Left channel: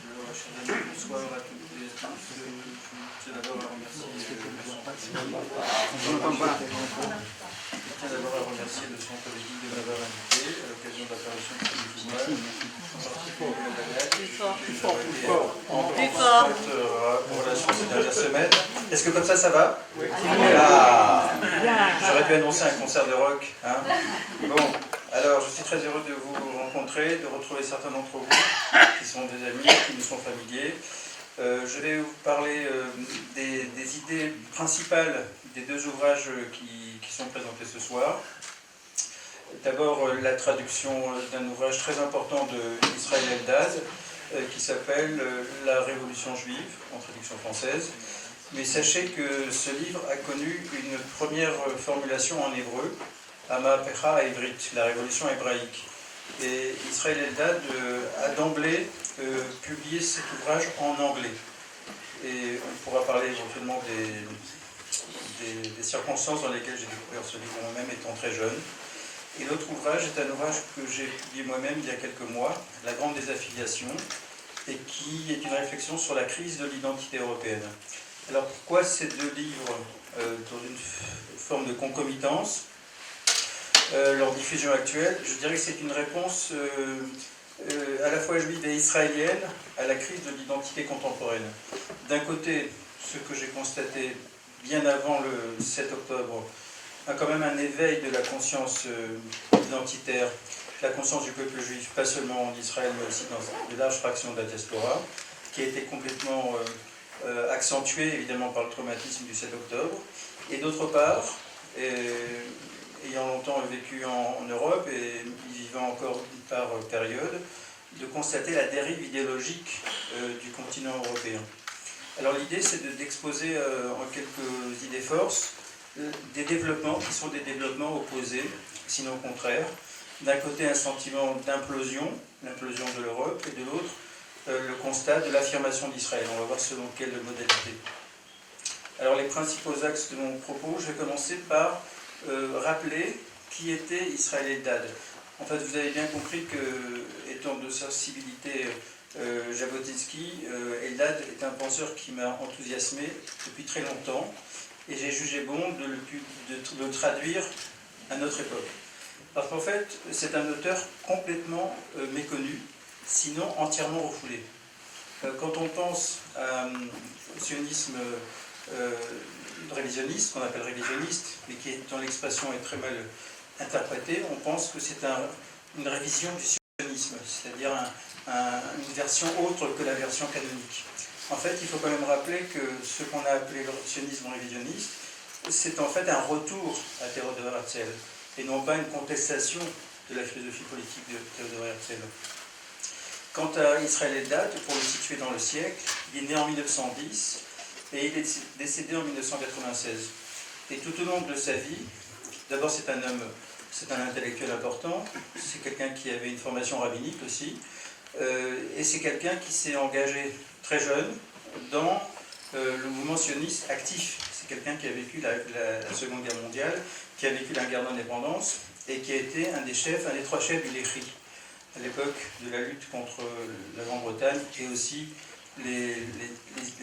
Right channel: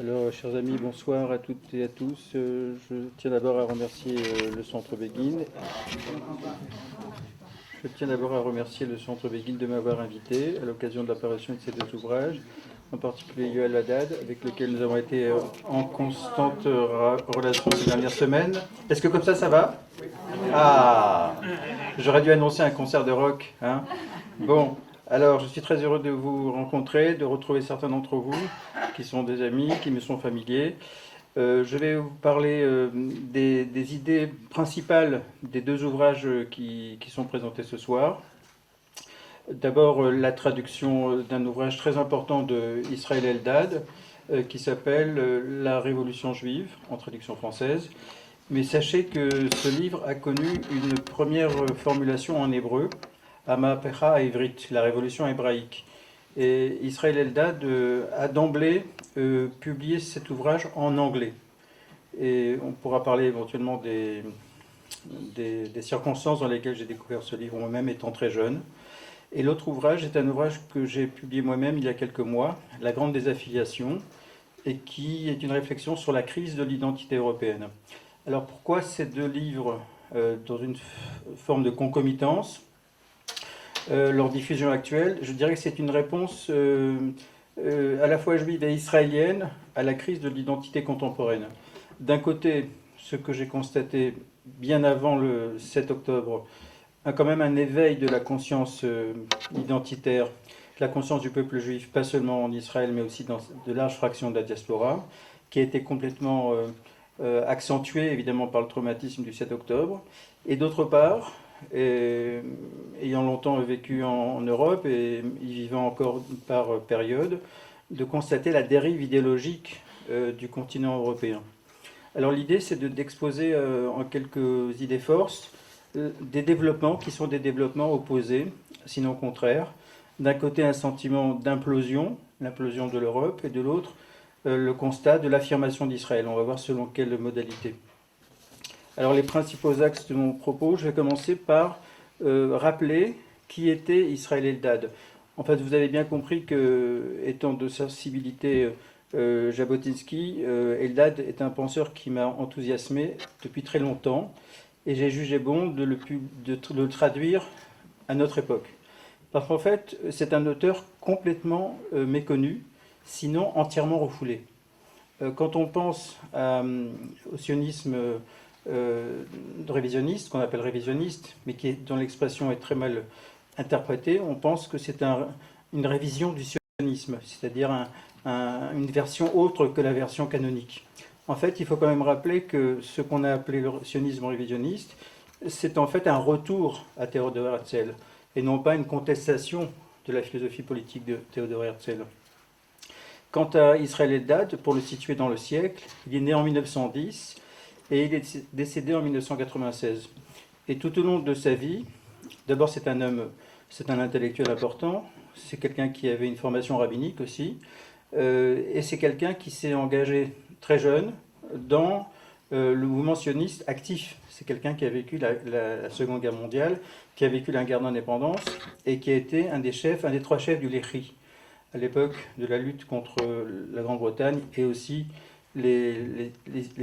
Alors, chers amis, bonsoir à toutes et à tous. Je tiens d'abord à remercier le Centre Béguine. Je tiens d'abord à remercier le Centre Béguine de m'avoir invité à l'occasion de l'apparition de ces deux ouvrages, en particulier Yuval Haddad, avec lequel nous avons été en constante relation ces dernières semaines. Est-ce que comme ça va? Ah, j'aurais dû annoncer un concert de rock. Hein. Bon, alors je suis très heureux de vous rencontrer, de retrouver certains d'entre vous qui sont des amis, qui nous sont familiers. Je vais vous parler des idées principales des deux ouvrages qui sont présentés ce soir. D'abord, la traduction d'un ouvrage très important de Israël Eldad qui s'appelle La Révolution juive, en traduction française. Mais sachez que ce livre a connu une première formulation en hébreu, Hamapecha Ivrit, la révolution hébraïque. Et Israël Eldad a d'emblée publié cet ouvrage en anglais. Et on pourra parler éventuellement des circonstances dans lesquelles j'ai découvert ce livre moi-même étant très jeune. Et l'autre ouvrage est un ouvrage que j'ai publié moi-même il y a quelques mois, La Grande Désaffiliation, et qui est une réflexion sur la crise de l'identité européenne. Alors pourquoi ces deux livres dans une forme de concomitance leur diffusion actuelle? Je dirais que c'est une réponse à la fois juive et israélienne à la crise de l'identité contemporaine. D'un côté, ce que j'ai constaté bien avant le 7 octobre, a quand même un éveil de la conscience identitaire, la conscience du peuple juif, pas seulement en Israël, mais aussi dans de larges fractions de la diaspora, qui a été complètement accentuée évidemment par le traumatisme du 7 octobre. Et d'autre part, ayant longtemps vécu en Europe et y vivant encore par période, de constater la dérive idéologique du continent européen. Alors l'idée, c'est d'exposer en quelques idées forces des développements qui sont des développements opposés, sinon contraires. D'un côté, un sentiment d'implosion, l'implosion de l'Europe, et de l'autre, le constat de l'affirmation d'Israël. On va voir selon quelle modalité. Alors les principaux axes de mon propos, je vais commencer par rappeler qui était Israël Eldad. En fait, vous avez bien compris que, étant de sensibilité Jabotinsky, Eldad est un penseur qui m'a enthousiasmé depuis très longtemps, et j'ai jugé bon de le traduire à notre époque. Parce qu'en fait, c'est un auteur complètement méconnu, sinon entièrement refoulé. Quand on pense au sionisme révisionniste, qu'on appelle révisionniste, mais dont l'expression est très mal interprétée, on pense que c'est une révision du sionisme, c'est-à-dire une version autre que la version canonique. En fait, il faut quand même rappeler que ce qu'on a appelé le sionisme révisionniste, c'est en fait un retour à Théodore Herzl, et non pas une contestation de la philosophie politique de Théodore Herzl. Quant à Israël Eldad, pour le situer dans le siècle, il est né en 1910 et il est décédé en 1996. Et tout au long de sa vie, d'abord c'est un intellectuel important, c'est quelqu'un qui avait une formation rabbinique aussi, et c'est quelqu'un qui s'est engagé très jeune dans le mouvement sioniste actif. C'est quelqu'un qui a vécu la Seconde Guerre mondiale, qui a vécu la guerre d'indépendance et qui a été un des trois chefs du Lehi à l'époque de la lutte contre la Grande-Bretagne et aussi les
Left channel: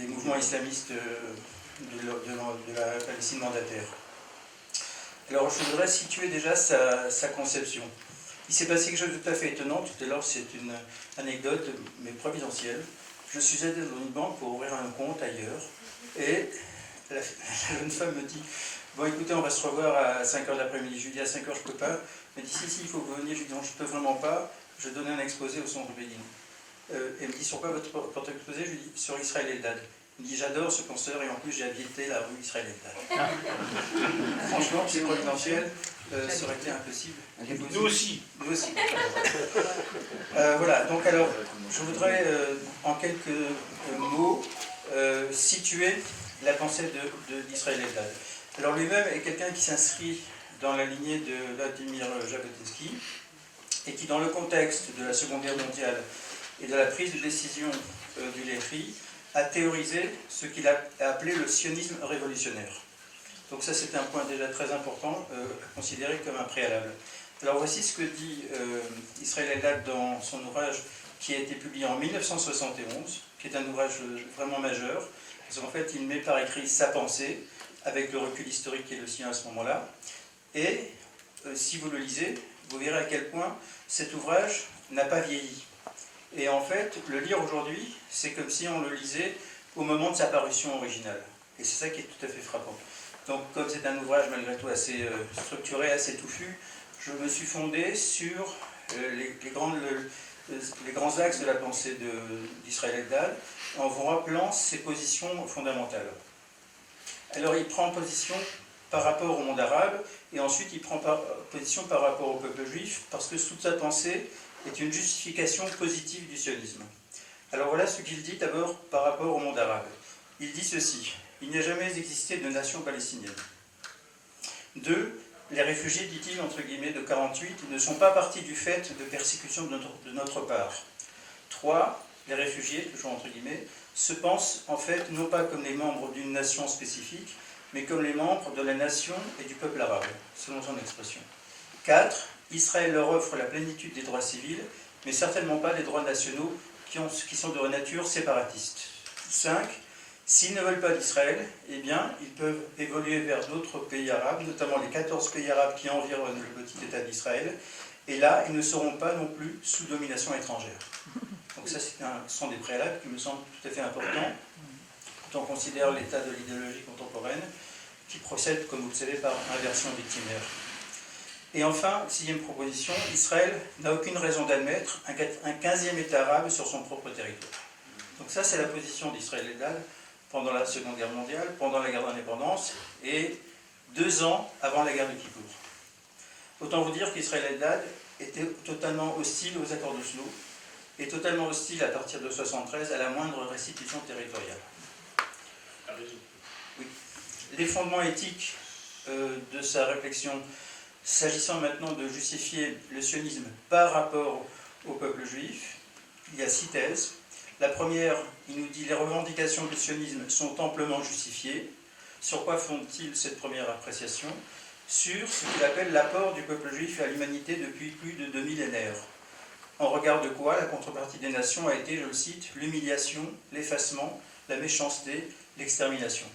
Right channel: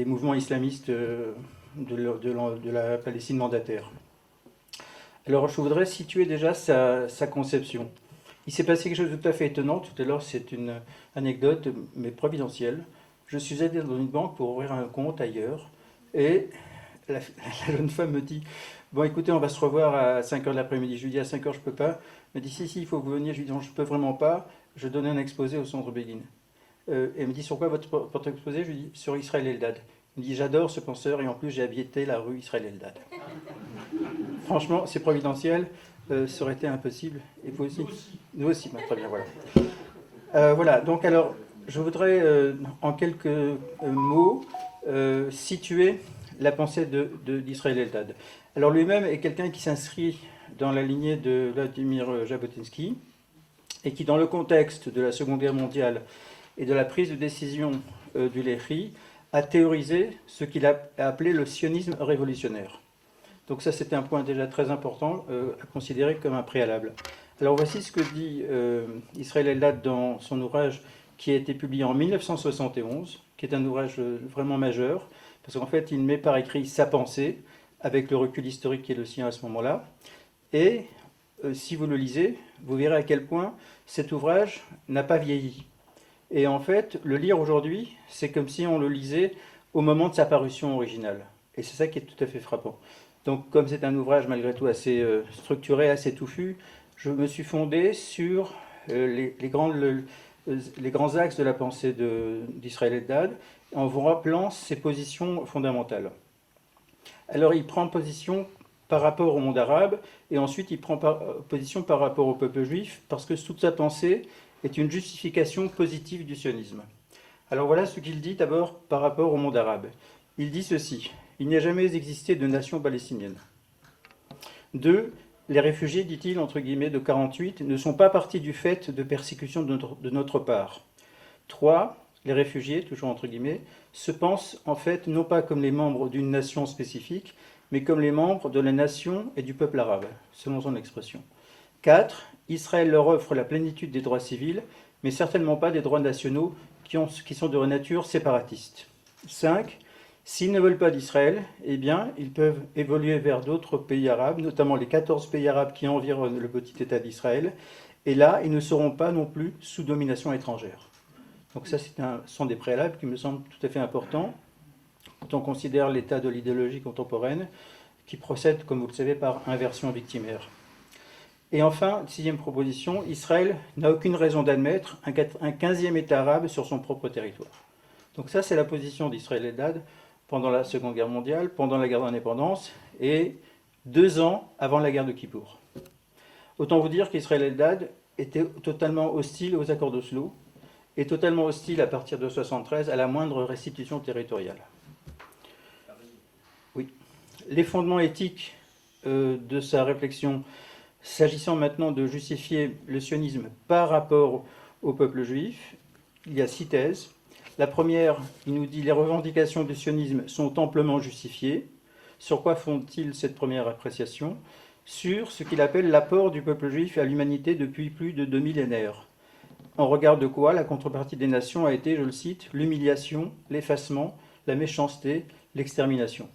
mouvements islamistes de la Palestine mandataire. Alors je voudrais situer déjà sa conception. Il s'est passé quelque chose de tout à fait étonnant. Tout à l'heure, c'est une anecdote, mais providentielle. Je suis allé dans une banque pour ouvrir un compte ailleurs, et la jeune femme me dit « Bon, écoutez, on va se revoir à 5h de l'après-midi. » Je lui dis « À 5h, je ne peux pas. » Elle me dit « Si, il faut que vous veniez. » Je lui dis « Non, je ne peux vraiment pas. Je donnais un exposé au Centre Béguine. » Elle me dit « Sur quoi votre porte-exposé ?» Je lui dis « Sur Israël Eldad. » Il me dit « J'adore ce penseur, et en plus, j'ai habité la rue Israël Eldad. » Franchement, c'est providentiel. Ça aurait été impossible. Nous aussi. Nous aussi. Enfin, voilà. Voilà, donc alors, je voudrais en quelques mots situer la pensée d'Israël Eldad. Alors lui-même est quelqu'un qui s'inscrit dans la lignée de Vladimir Jabotinsky et qui, dans le contexte de la Seconde Guerre mondiale et de la prise de décision du Lehi, a théorisé ce qu'il a appelé le sionisme révolutionnaire. Donc ça, c'est un point déjà très important à considérer comme un préalable. Alors voici ce que dit Israël Eldad dans son ouvrage qui a été publié en 1971, qui est un ouvrage vraiment majeur, parce qu'en fait, il met par écrit sa pensée, avec le recul historique qui est le sien à ce moment-là. Et si vous le lisez, vous verrez à quel point cet ouvrage n'a pas vieilli. Et en fait, le lire aujourd'hui, c'est comme si on le lisait au moment de sa parution originale. Et c'est ça qui est tout à fait frappant. Donc, comme c'est un ouvrage malgré tout assez structuré, assez touffu, je me suis fondé sur les grands axes de la pensée d'Israël Eldad, en vous rappelant ses positions fondamentales. Alors, il prend position par rapport au monde arabe, et ensuite il prend position par rapport au peuple juif, parce que toute sa pensée est une justification positive du sionisme. Alors voilà ce qu'il dit d'abord par rapport au monde arabe. Il dit ceci: il n'y a jamais existé de nation palestinienne. 2. Les réfugiés, dit-il, entre guillemets, de 48, ne sont pas partis du fait de persécution de notre part. 3. Les réfugiés, toujours entre guillemets, se pensent en fait non pas comme les membres d'une nation spécifique, mais comme les membres de la nation et du peuple arabe, selon son expression. 4. Israël leur offre la plénitude des droits civils, mais certainement pas des droits nationaux qui sont de nature séparatiste. 5. S'ils ne veulent pas d'Israël, eh bien, ils peuvent évoluer vers d'autres pays arabes, notamment les 14 pays arabes qui environnent le petit État d'Israël, et là, ils ne seront pas non plus sous domination étrangère. Donc ça, ce sont des préalables qui me semblent tout à fait importants quand on considère l'état de l'idéologie contemporaine, qui procède, comme vous le savez, par inversion victimaire. Et enfin, 6e proposition, Israël n'a aucune raison d'admettre un 15e État arabe sur son propre territoire. Donc ça, c'est la position d'Israël Eldad pendant la Seconde Guerre mondiale, pendant la guerre d'indépendance, et 2 ans avant la guerre de Kippour. Autant vous dire qu'Israël Eldad était totalement hostile aux accords d'Oslo, et totalement hostile à partir de 1973 à la moindre restitution territoriale. Oui. Les fondements éthiques de sa réflexion, s'agissant maintenant de justifier le sionisme par rapport au peuple juif, il y a 6 thèses. La première, il nous dit: les revendications du sionisme sont amplement justifiées. Sur quoi font-ils cette première appréciation? Sur ce qu'il appelle l'apport du peuple juif à l'humanité depuis plus de 2 millénaires. En regard de quoi la contrepartie des nations a été, je le cite, l'humiliation, l'effacement, la méchanceté, l'extermination.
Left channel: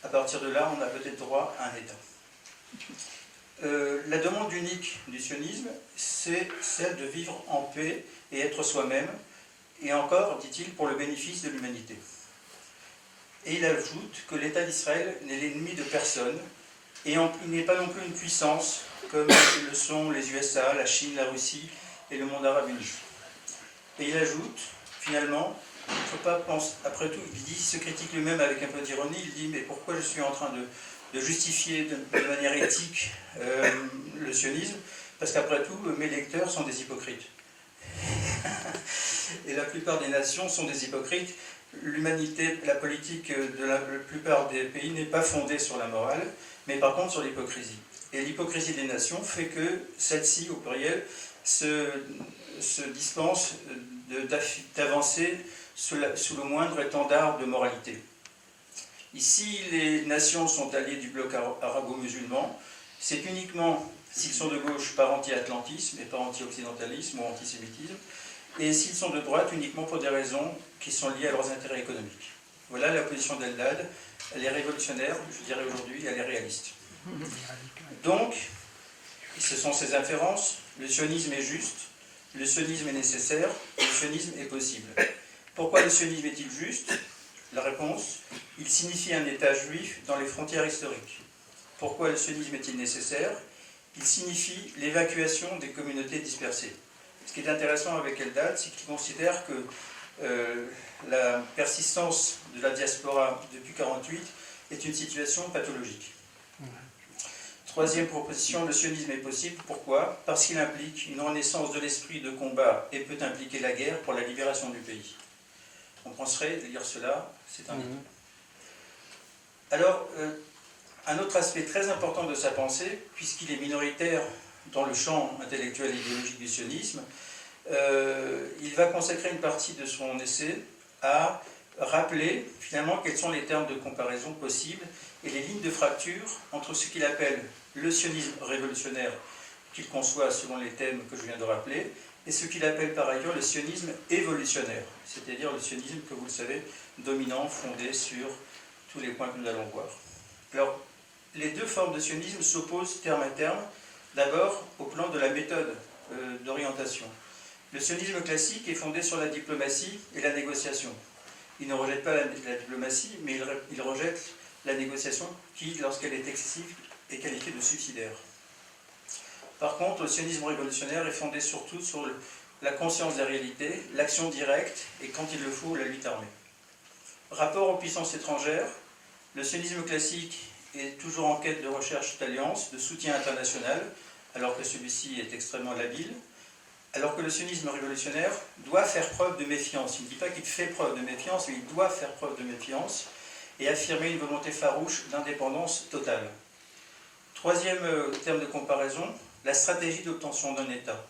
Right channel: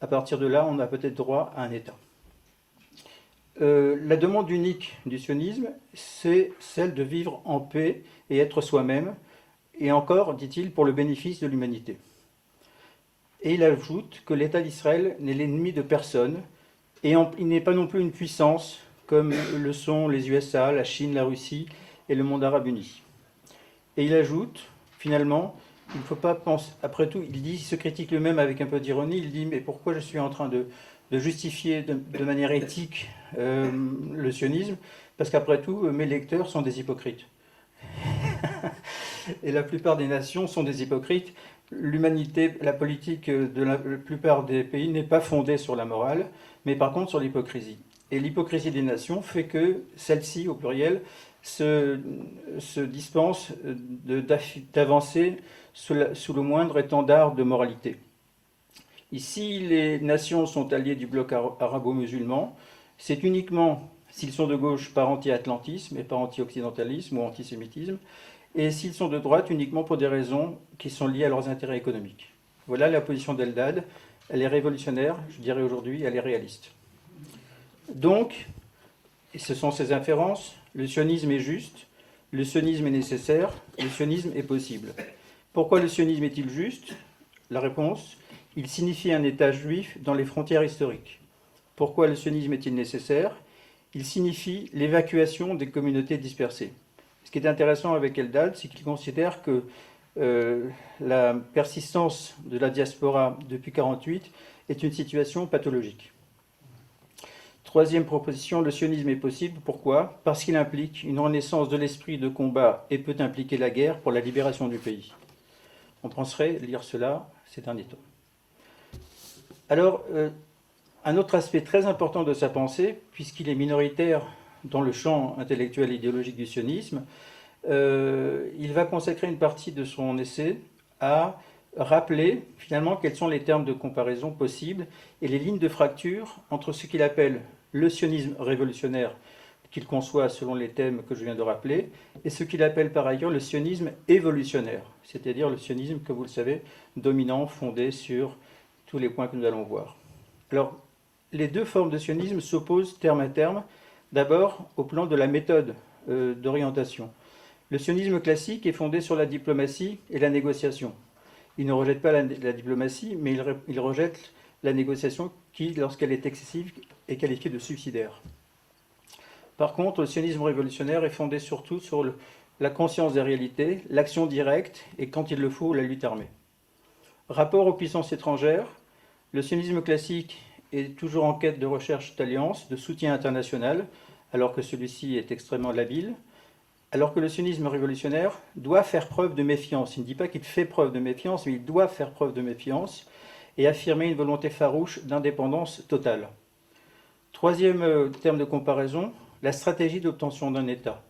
À partir de là, on a peut-être droit à un État. La demande unique du sionisme, c'est celle de vivre en paix et être soi-même, et encore, dit-il, pour le bénéfice de l'humanité. Et il ajoute que l'État d'Israël n'est l'ennemi de personne, et il n'est pas non plus une puissance, comme le sont les USA, la Chine, la Russie et le monde arabe uni. Et il ajoute, finalement, il ne faut pas penser, après tout, il se critique lui-même avec un peu d'ironie, il dit: mais pourquoi je suis en train de justifier de manière éthique le sionisme? Parce qu'après tout, mes lecteurs sont des hypocrites. Et la plupart des nations sont des hypocrites. L'humanité, la politique de la plupart des pays n'est pas fondée sur la morale, mais par contre sur l'hypocrisie. Et l'hypocrisie des nations fait que celles-ci, au pluriel, se dispensent d'avancer sous le moindre étendard de moralité. Ici, les nations sont alliées du bloc arabo-musulman. C'est uniquement s'ils sont de gauche par anti-atlantisme et par anti-occidentalisme ou antisémitisme, et s'ils sont de droite uniquement pour des raisons qui sont liées à leurs intérêts économiques. Voilà la position d'Eldad. Elle est révolutionnaire, je dirais aujourd'hui, elle est réaliste. Donc, et ce sont ses inférences, le sionisme est juste, le sionisme est nécessaire, le sionisme est possible. Pourquoi le sionisme est-il juste? La réponse: il signifie un État juif dans les frontières historiques. Pourquoi le sionisme est-il nécessaire? Il signifie l'évacuation des communautés dispersées. Ce qui est intéressant avec Eldad, c'est qu'il considère que la persistance de la diaspora depuis 1948 est une situation pathologique. 3e proposition, le sionisme est possible. Pourquoi? Parce qu'il implique une renaissance de l'esprit de combat et peut impliquer la guerre pour la libération du pays. On penserait lire cela, c'est un mythe. Alors, un autre aspect très important de sa pensée, puisqu'il est minoritaire dans le champ intellectuel et idéologique du sionisme, il va consacrer une partie de son essai à rappeler finalement quels sont les termes de comparaison possibles et les lignes de fracture entre ce qu'il appelle le sionisme révolutionnaire, qu'il conçoit selon les thèmes que je viens de rappeler, et ce qu'il appelle par ailleurs le sionisme évolutionnaire, c'est-à-dire le sionisme, que vous le savez, dominant, fondé sur tous les points que nous allons voir. Alors, les deux formes de sionisme s'opposent terme à terme, d'abord au plan de la méthode d'orientation. Le sionisme classique est fondé sur la diplomatie et la négociation. Il ne rejette pas la diplomatie, mais il rejette la négociation qui, lorsqu'elle est excessive, est qualifiée de suicidaire. Par contre, le sionisme révolutionnaire est fondé surtout sur la conscience des réalités, l'action directe et, quand il le faut, la lutte armée. Rapport aux puissances étrangères, le sionisme classique est toujours en quête de recherche d'alliance, de soutien international, alors que celui-ci est extrêmement labile, alors que le sionisme révolutionnaire doit faire preuve de méfiance. Il ne dit pas qu'il fait preuve de méfiance, mais il doit faire preuve de méfiance et affirmer une volonté farouche d'indépendance totale. Troisième terme de comparaison, la stratégie d'obtention d'un État.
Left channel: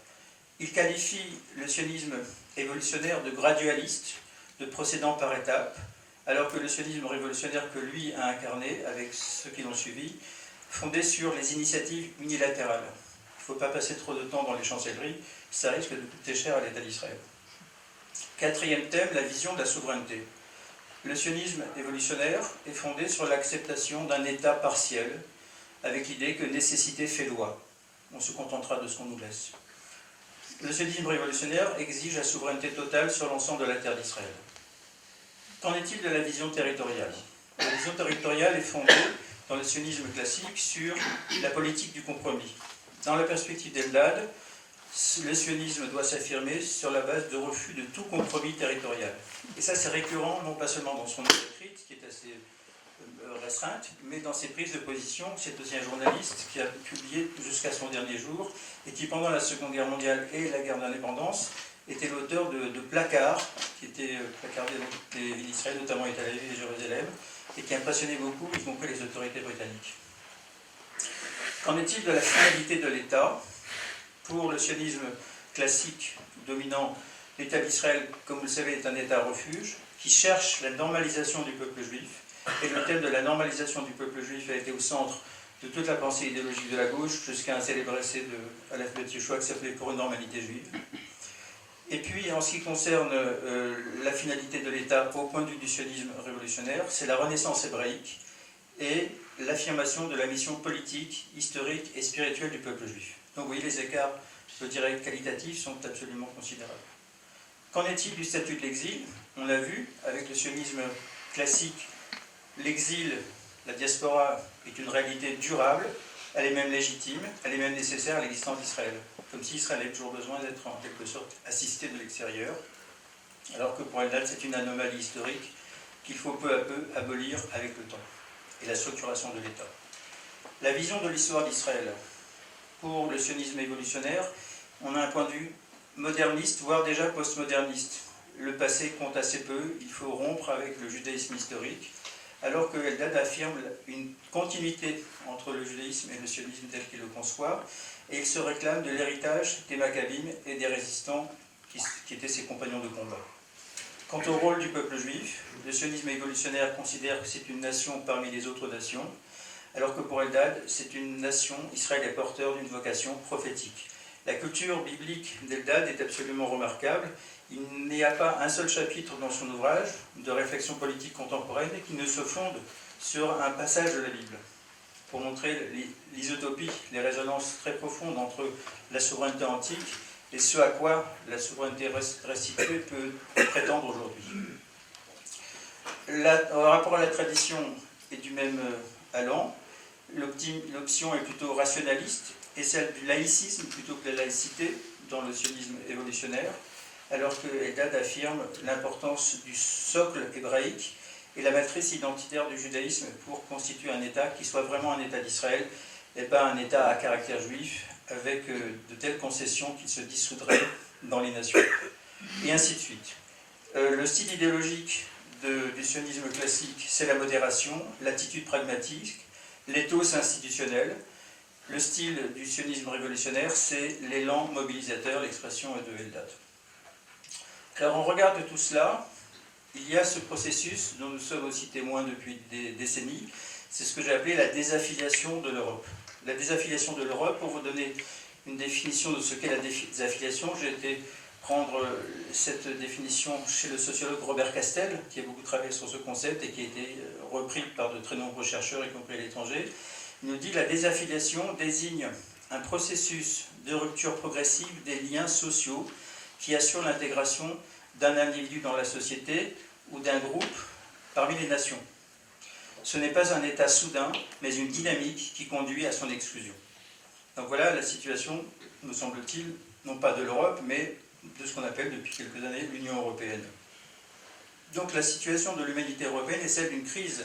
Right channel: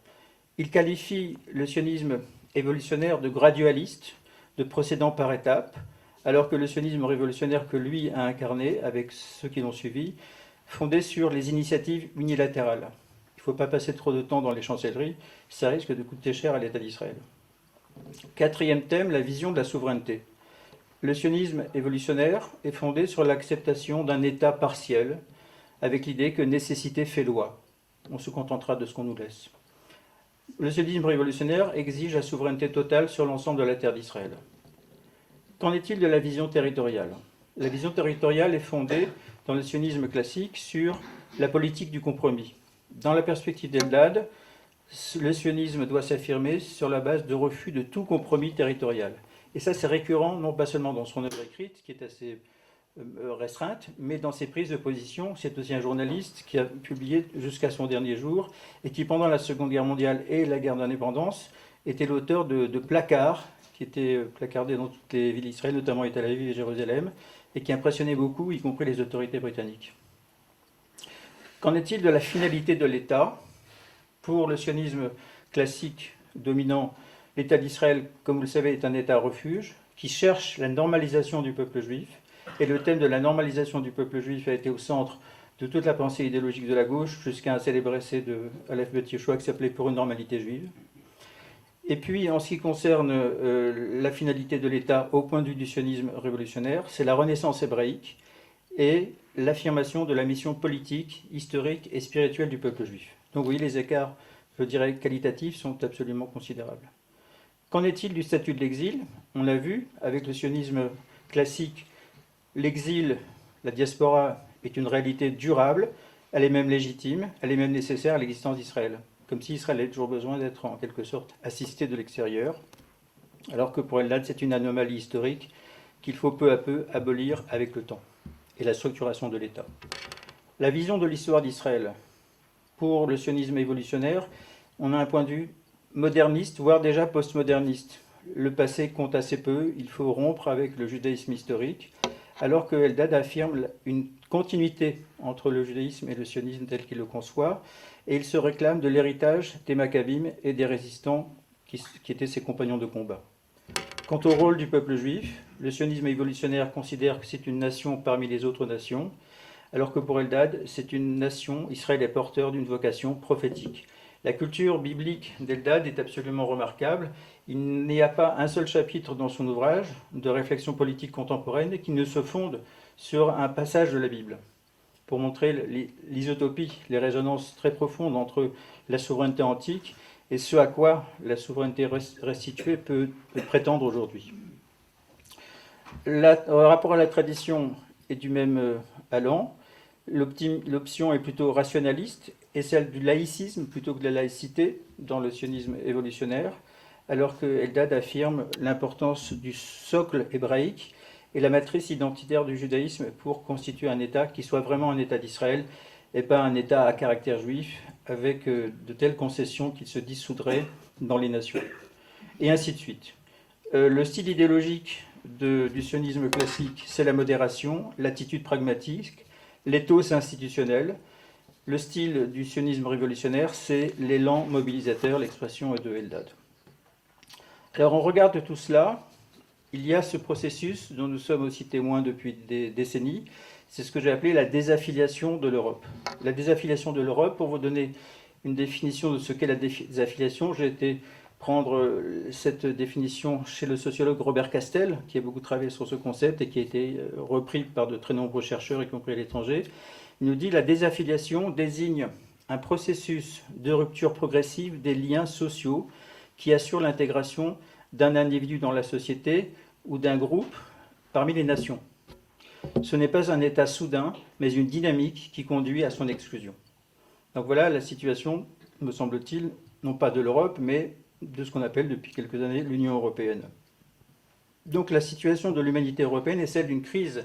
Il qualifie le sionisme évolutionnaire de gradualiste, de procédant par étapes, alors que le sionisme révolutionnaire que lui a incarné, avec ceux qui l'ont suivi, fondé sur les initiatives unilatérales. Il ne faut pas passer trop de temps dans les chancelleries, ça risque de coûter cher à l'État d'Israël. Quatrième thème, la vision de la souveraineté. Le sionisme évolutionnaire est fondé sur l'acceptation d'un État partiel, avec l'idée que nécessité fait loi. On se contentera de ce qu'on nous laisse. Le sionisme révolutionnaire exige la souveraineté totale sur l'ensemble de la terre d'Israël. Qu'en est-il de la vision territoriale? La vision territoriale est fondée dans le sionisme classique sur la politique du compromis. Dans la perspective d'Eldad, le sionisme doit s'affirmer sur la base de refus de tout compromis territorial. Et ça, c'est récurrent, non pas seulement dans son œuvre écrite, qui est assez restreinte, mais dans ses prises de position. C'est aussi un journaliste qui a publié jusqu'à son dernier jour, et qui, pendant la Seconde Guerre mondiale et la guerre d'indépendance, était l'auteur de placards, qui étaient placardés dans toutes les villes d'Israël, notamment à Tel Aviv et Jérusalem, et qui impressionnaient beaucoup, y compris les autorités britanniques. Qu'en est-il de la finalité de l'État? Pour le sionisme classique dominant, l'État d'Israël, comme vous le savez, est un État refuge qui cherche la normalisation du peuple juif. Et le thème de la normalisation du peuple juif a été au centre de toute la pensée idéologique de la gauche, jusqu'à un célèbre essai de Aleph Bet Yehoshua qui s'appelait Pour une normalité juive. Et puis, en ce qui concerne la finalité de l'État au point de vue du sionisme révolutionnaire, c'est la renaissance hébraïque et l'affirmation de la mission politique, historique et spirituelle du peuple juif. Donc oui, les écarts, je dirais, qualitatifs sont absolument considérables. Qu'en est-il du statut de l'exil? On l'a vu, avec le sionisme classique, l'exil, la diaspora, est une réalité durable, elle est même légitime, elle est même nécessaire à l'existence d'Israël. Comme si Israël avait toujours besoin d'être en quelque sorte assisté de l'extérieur, alors que pour Eldad, c'est une anomalie historique qu'il faut peu à peu abolir avec le temps et la structuration de l'État. La vision de l'histoire d'Israël. Pour le sionisme évolutionnaire, on a un point de vue moderniste, voire déjà postmoderniste. Le passé compte assez peu, il faut rompre avec le judaïsme historique, alors que Eldad affirme une continuité entre le judaïsme et le sionisme tel qu'il le conçoit, et il se réclame de l'héritage des Maccabim et des résistants qui étaient ses compagnons de combat. Quant au rôle du peuple juif, le sionisme évolutionnaire considère que c'est une nation parmi les autres nations, alors que pour Eldad, c'est une nation, Israël est porteur d'une vocation prophétique. La culture biblique d'Eldad est absolument remarquable. Il n'y a pas un seul chapitre dans son ouvrage de réflexion politique contemporaine qui ne se fonde sur un passage de la Bible, pour montrer l'isotopie, les résonances très profondes entre la souveraineté antique et ce à quoi la souveraineté restituée peut prétendre aujourd'hui. Le rapport à la tradition est du même allant. L'option est plutôt rationaliste et celle du laïcisme plutôt que de la laïcité dans le sionisme évolutionnaire, alors que Eldad affirme l'importance du socle hébraïque et la matrice identitaire du judaïsme pour constituer un État qui soit vraiment un État d'Israël et pas un État à caractère juif avec de telles concessions qu'il se dissoudrait dans les nations. Et ainsi de suite. Le style idéologique du sionisme classique, c'est la modération, l'attitude pragmatique, l'éthos institutionnel. Le style du sionisme révolutionnaire, c'est l'élan mobilisateur, l'expression est de Eldad. Alors on regarde tout cela, il y a ce processus dont nous sommes aussi témoins depuis des décennies, c'est ce que j'ai appelé la désaffiliation de l'Europe. La désaffiliation de l'Europe, pour vous donner une définition de ce qu'est la désaffiliation. J'ai été prendre cette définition chez le sociologue Robert Castel, qui a beaucoup travaillé sur ce concept et qui a été repris par de très nombreux chercheurs, y compris à l'étranger. Il nous dit que la désaffiliation désigne un processus de rupture progressive des liens sociaux qui assure l'intégration d'un individu dans la société ou d'un groupe parmi les nations. Ce n'est pas un état soudain, mais une dynamique qui conduit à son exclusion. Donc voilà la situation, me semble-t-il, non pas de l'Europe, mais de ce qu'on appelle depuis quelques années l'Union européenne. Donc la situation de l'humanité européenne est celle d'une crise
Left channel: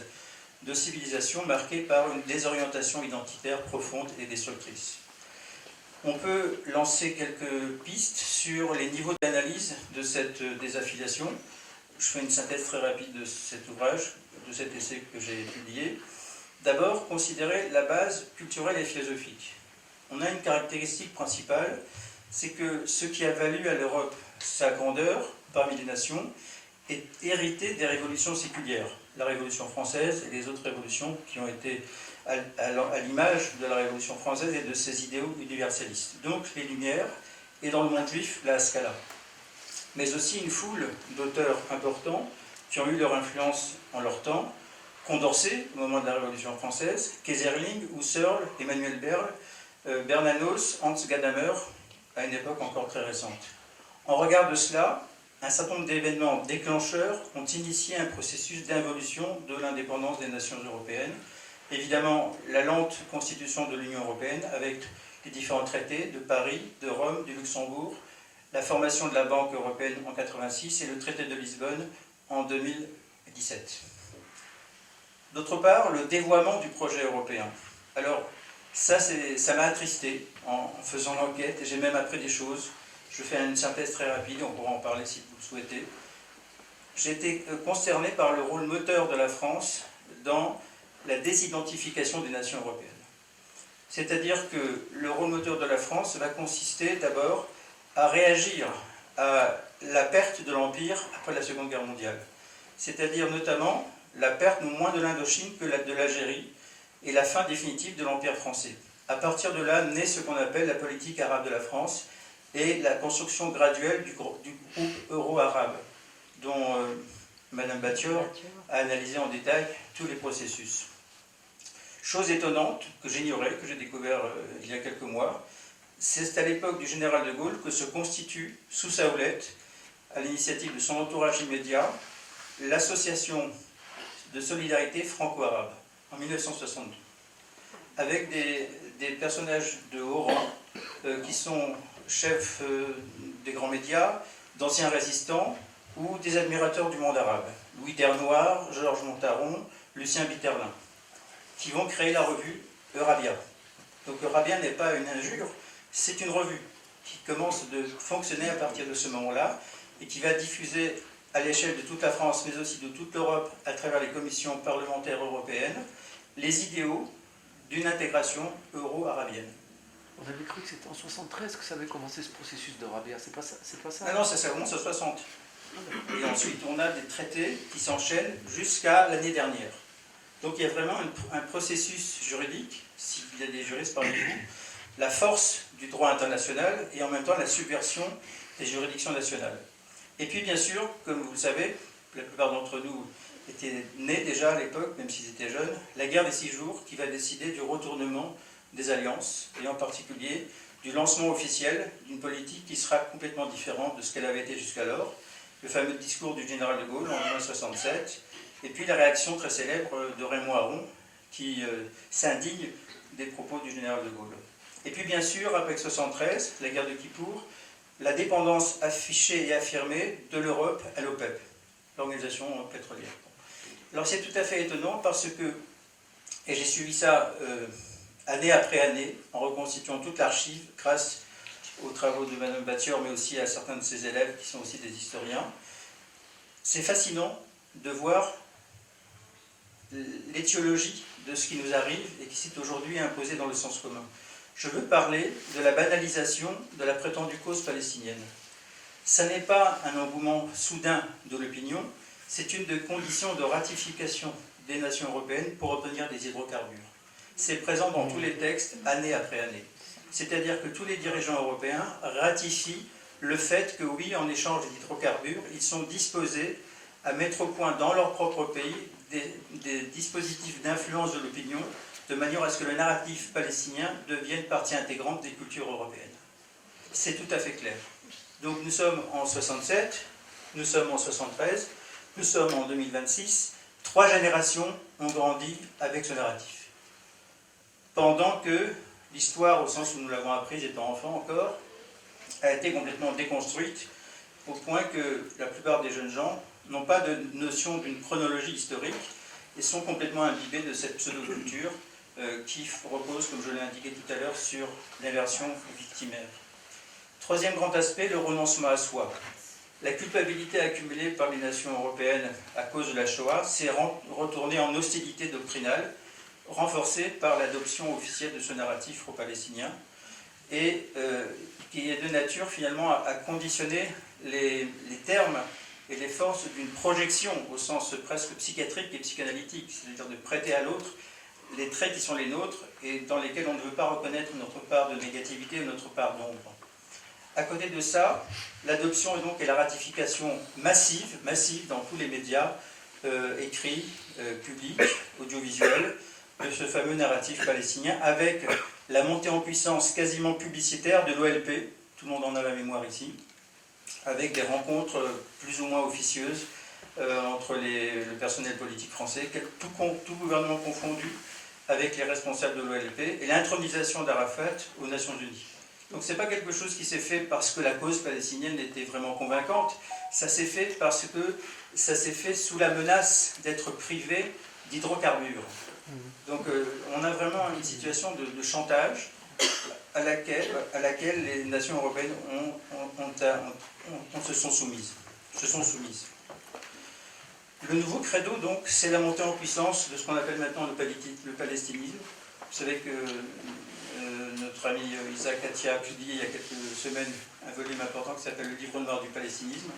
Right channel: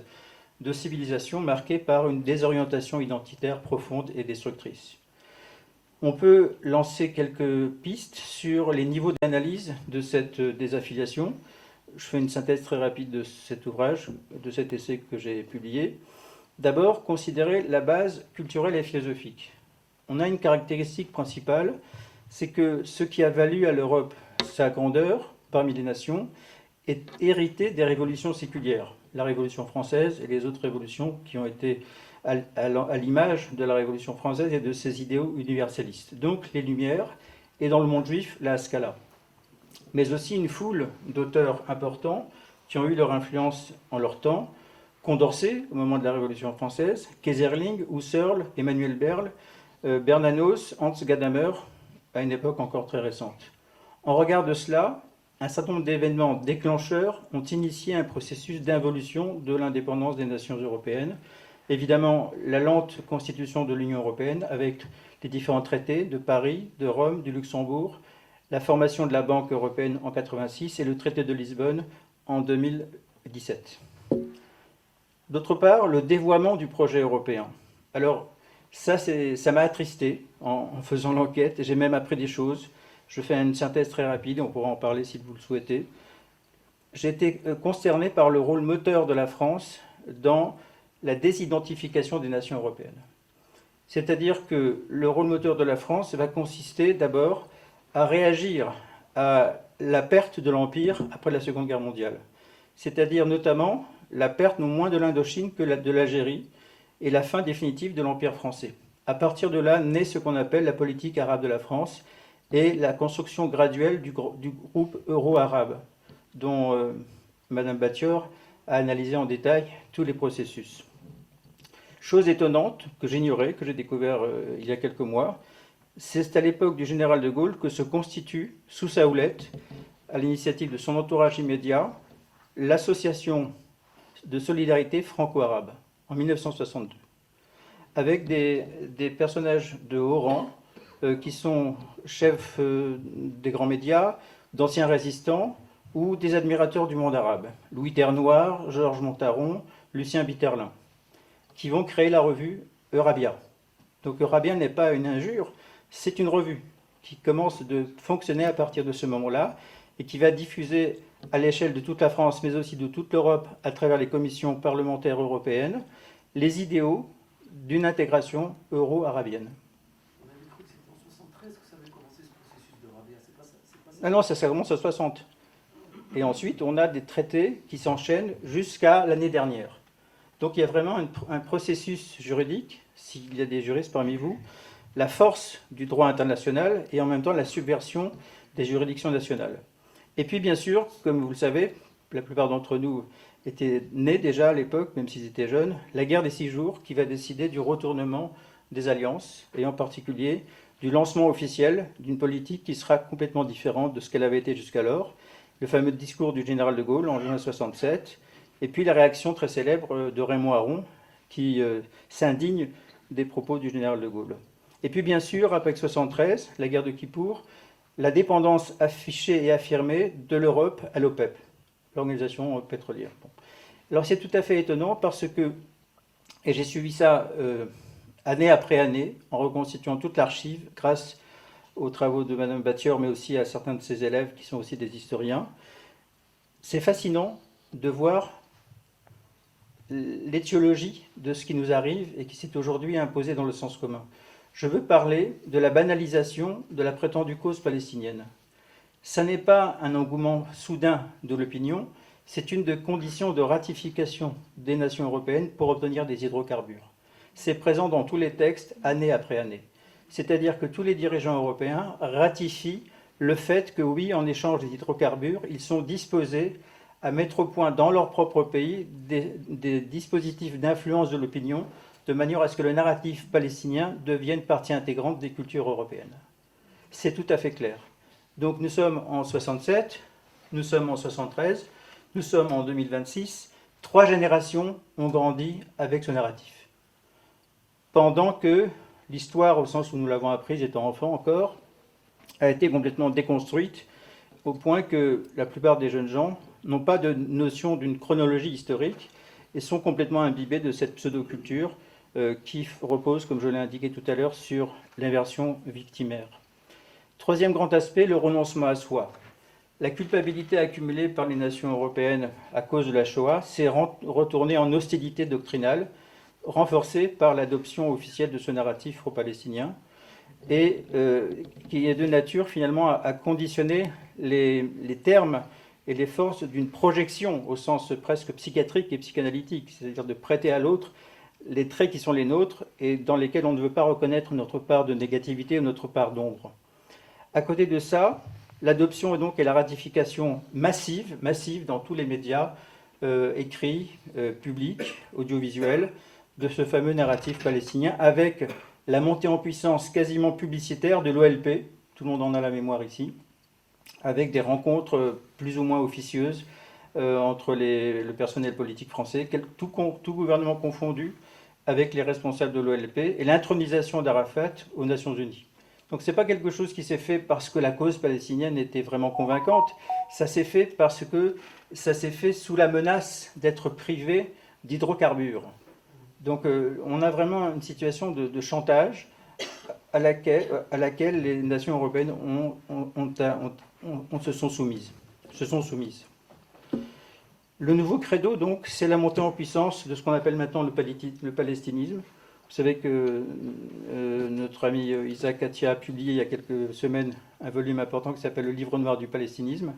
de civilisation marquée par une désorientation identitaire profonde et destructrice. On peut lancer quelques pistes sur les niveaux d'analyse de cette désaffiliation. Je fais une synthèse très rapide de cet ouvrage, de cet essai que j'ai publié. D'abord, considérer la base culturelle et philosophique. On a une caractéristique principale, c'est que ce qui a valu à l'Europe sa grandeur parmi les nations est hérité des révolutions séculières. La Révolution française et les autres révolutions qui ont été à l'image de la Révolution française et de ses idéaux universalistes. Donc les Lumières, et dans le monde juif, la Scala. Mais aussi une foule d'auteurs importants qui ont eu leur influence en leur temps. Condorcet, au moment de la Révolution française, Keyserling, Husserl, Emmanuel Berle, Bernanos, Hans Gadamer, à une époque encore très récente. En regard de cela, un certain nombre d'événements déclencheurs ont initié un processus d'involution de l'indépendance des nations européennes. Évidemment, la lente constitution de l'Union européenne avec les différents traités de Paris, de Rome, du Luxembourg, la formation de la Banque européenne en 1986 et le traité de Lisbonne en 2017. D'autre part, le dévoiement du projet européen. Alors, ça m'a attristé en faisant l'enquête et j'ai même appris des choses. Je fais une synthèse très rapide, on pourra en parler si vous le souhaitez. J'ai été consterné par le rôle moteur de la France dans la désidentification des nations européennes. C'est-à-dire que le rôle moteur de la France va consister d'abord à réagir à la perte de l'Empire après la Seconde Guerre mondiale. C'est-à-dire notamment la perte non moins de l'Indochine que de l'Algérie et la fin définitive de l'Empire français. À partir de là, naît ce qu'on appelle la politique arabe de la France et la construction graduelle du groupe euro-arabe, dont Mme Battior a analysé en détail tous les processus. Chose étonnante que j'ignorais, que j'ai découvert il y a quelques mois, c'est à l'époque du général de Gaulle que se constitue, sous sa houlette, à l'initiative de son entourage immédiat, l'association de solidarité franco-arabe, en 1962, avec des personnages de haut rang qui sont chefs des grands médias, d'anciens résistants ou des admirateurs du monde arabe. Louis Ternoir, Georges Montaron, Lucien Bitterlin, qui vont créer la revue Eurabia. Donc Eurabia n'est pas une injure, c'est une revue qui commence de fonctionner à partir de ce moment-là et qui va diffuser à l'échelle de toute la France, mais aussi de toute l'Europe, à travers les commissions parlementaires européennes, les idéaux d'une intégration euro-arabienne. On avait cru que c'était en 1973 que ça avait commencé ce processus d'Eurabia, c'est pas ça? Ah non, ça commence en 60. Et ensuite, on a des traités qui s'enchaînent jusqu'à l'année dernière. Donc il y a vraiment un processus juridique, s'il y a des juristes parmi vous, la force du droit international et en même temps la subversion des juridictions nationales. Et puis bien sûr, comme vous le savez, la plupart d'entre nous étaient nés déjà à l'époque, même s'ils étaient jeunes, la guerre des 6 jours qui va décider du retournement des alliances, et en particulier du lancement officiel d'une politique qui sera complètement différente de ce qu'elle avait été jusqu'alors, le fameux discours du général de Gaulle en 1967, et puis la réaction très célèbre de Raymond Aron, qui s'indigne des propos du général de Gaulle. Et puis bien sûr, après 1973, la guerre de Kippour, la dépendance affichée et affirmée de l'Europe à l'OPEP, l'organisation pétrolière. Alors c'est tout à fait étonnant parce que, et j'ai suivi ça année après année, en reconstituant toute l'archive, grâce aux travaux de Mme Battior, mais aussi à certains de ses élèves qui sont aussi des historiens, c'est fascinant de voir l'étiologie de ce qui nous arrive et qui s'est aujourd'hui imposé dans le sens commun. Je veux parler de la banalisation de la prétendue cause palestinienne. Ça n'est pas un engouement soudain de l'opinion, c'est une des conditions de ratification des nations européennes pour obtenir des hydrocarbures. C'est présent dans tous les textes, année après année. C'est-à-dire que tous les dirigeants européens ratifient le fait que oui, en échange des hydrocarbures, ils sont disposés à mettre au point dans leur propre pays des dispositifs d'influence de l'opinion, de manière à ce que le narratif palestinien devienne partie intégrante des cultures européennes. C'est tout à fait clair. Donc nous sommes en 67, nous sommes en 73, nous sommes en 2026. 3 générations ont grandi avec ce narratif. Pendant que l'histoire, au sens où nous l'avons apprise étant enfant encore, a été complètement déconstruite, au point que la plupart des jeunes gens n'ont pas de notion d'une chronologie historique et sont complètement imbibés de cette pseudo-culture qui repose, comme je l'ai indiqué tout à l'heure, sur l'inversion victimaire. Troisième grand aspect, le renoncement à soi. La culpabilité accumulée par les nations européennes à cause de la Shoah s'est retournée en hostilité doctrinale, renforcée par l'adoption officielle de ce narratif pro-palestinien, et qui est de nature finalement à conditionner les termes et les forces d'une projection au sens presque psychiatrique et psychanalytique, c'est-à-dire de prêter à l'autre les traits qui sont les nôtres et dans lesquels on ne veut pas reconnaître notre part de négativité ou notre part d'ombre. À côté de ça, l'adoption donc et la ratification massive dans tous les médias écrits, publics, audiovisuels, de ce fameux narratif palestinien, avec la montée en puissance quasiment publicitaire de l'OLP, tout le monde en a la mémoire ici, avec des rencontres plus ou moins officieuses entre le personnel politique français, tout gouvernement confondu, avec les responsables de l'OLP, et l'intronisation d'Arafat aux Nations Unies. Donc ce n'est pas quelque chose qui s'est fait parce que la cause palestinienne était vraiment convaincante, ça s'est fait parce que ça s'est fait sous la menace d'être privé d'hydrocarbures. Donc on a vraiment une situation de chantage à laquelle les nations européennes se sont soumises. Le nouveau credo, donc, c'est la montée en puissance de ce qu'on appelle maintenant le palestinisme. Vous savez que notre ami Isaac Katia a publié il y a quelques semaines un volume important qui s'appelle Le Livre noir du palestinisme,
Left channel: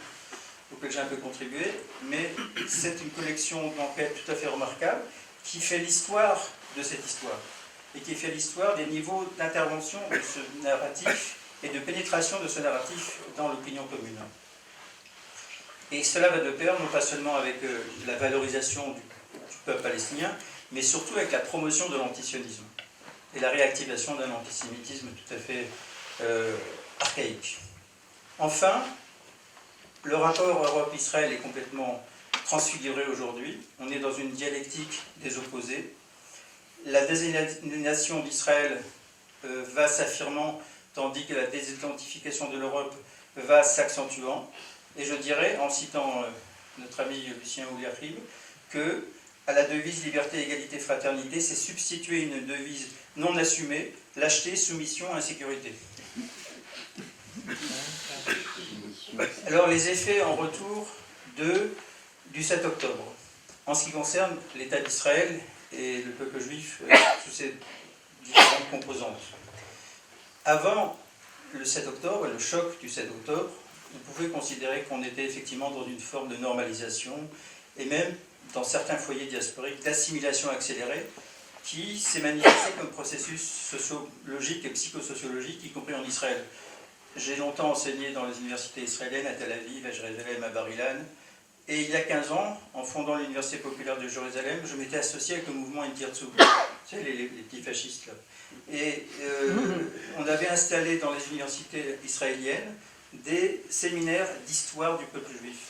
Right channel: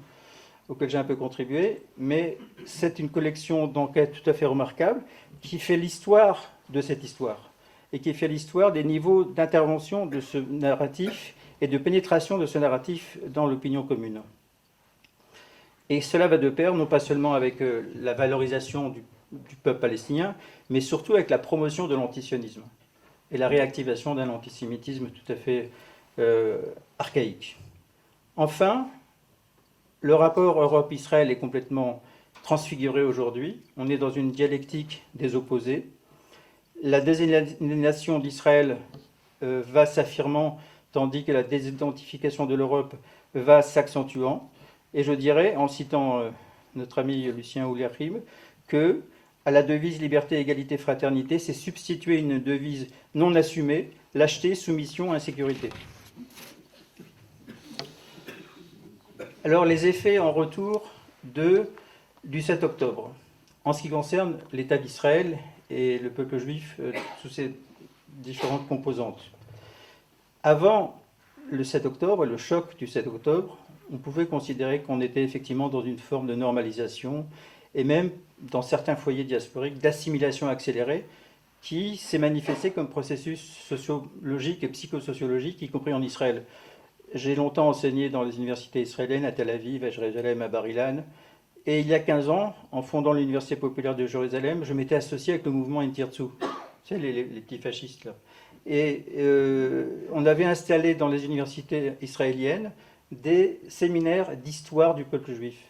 auquel j'ai un peu contribué, mais c'est une collection d'enquêtes tout à fait remarquable qui fait l'histoire de cette histoire et qui fait l'histoire des niveaux d'intervention de ce narratif et de pénétration de ce narratif dans l'opinion commune. Et cela va de pair, non pas seulement avec la valorisation du peuple palestinien, mais surtout avec la promotion de l'antisionisme et la réactivation d'un antisémitisme tout à fait archaïque. Enfin, le rapport Europe-Israël est complètement transfiguré aujourd'hui. On est dans une dialectique des opposés. La désignation d'Israël va s'affirmant, tandis que la désidentification de l'Europe va s'accentuant. Et je dirais, en citant notre ami Lucien Ouliachim, que à la devise liberté, égalité, fraternité, s'est substituée une devise non assumée, lâcheté, soumission, insécurité. Alors les effets en retour du 7 octobre, en ce qui concerne l'État d'Israël et le peuple juif sous ses différentes composantes. Avant le 7 octobre, le choc du 7 octobre, on pouvait considérer qu'on était effectivement dans une forme de normalisation et même dans certains foyers diasporiques d'assimilation accélérée qui s'est manifesté comme processus sociologique et psychosociologique, y compris en Israël. J'ai longtemps enseigné dans les universités israéliennes, à Tel Aviv, à Jérusalem, à Bar-Ilan, et il y a 15 ans, en fondant l'Université populaire de Jérusalem, je m'étais associé avec le mouvement Intirtzu, tu sais, les petits fascistes là. Et on avait installé dans les universités israéliennes des séminaires d'histoire du peuple juif.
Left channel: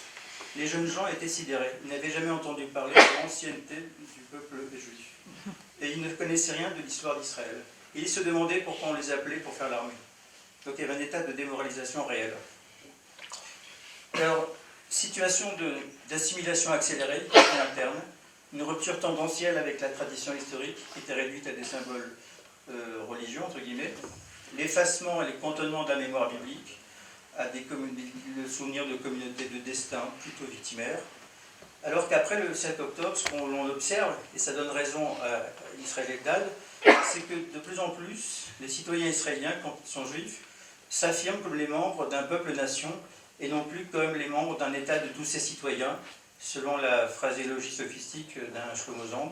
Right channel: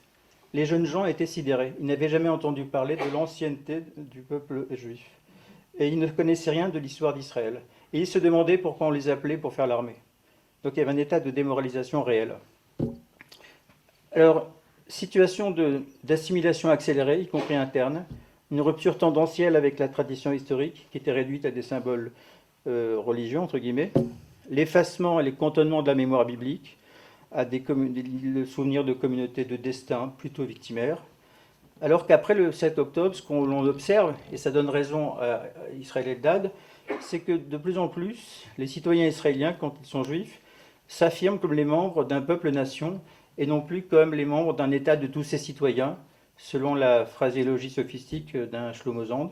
Les jeunes gens étaient sidérés, ils n'avaient jamais entendu parler de l'ancienneté du peuple juif. Et ils ne connaissaient rien de l'histoire d'Israël. Et ils se demandaient pourquoi on les appelait pour faire l'armée. Donc il y avait un état de démoralisation réel. Alors, situation d'assimilation accélérée, y compris interne, une rupture tendancielle avec la tradition historique qui était réduite à des symboles religieux, entre guillemets, l'effacement et le cantonnement de la mémoire biblique, à le souvenir de communautés de destin plutôt victimaires, alors qu'après le 7 octobre, ce qu'on observe, et ça donne raison à Israël Eldad, c'est que de plus en plus, les citoyens israéliens, quand ils sont juifs, s'affirment comme les membres d'un peuple-nation et non plus comme les membres d'un État de tous ses citoyens, selon la phraséologie sophistique d'un Shlomo Zand,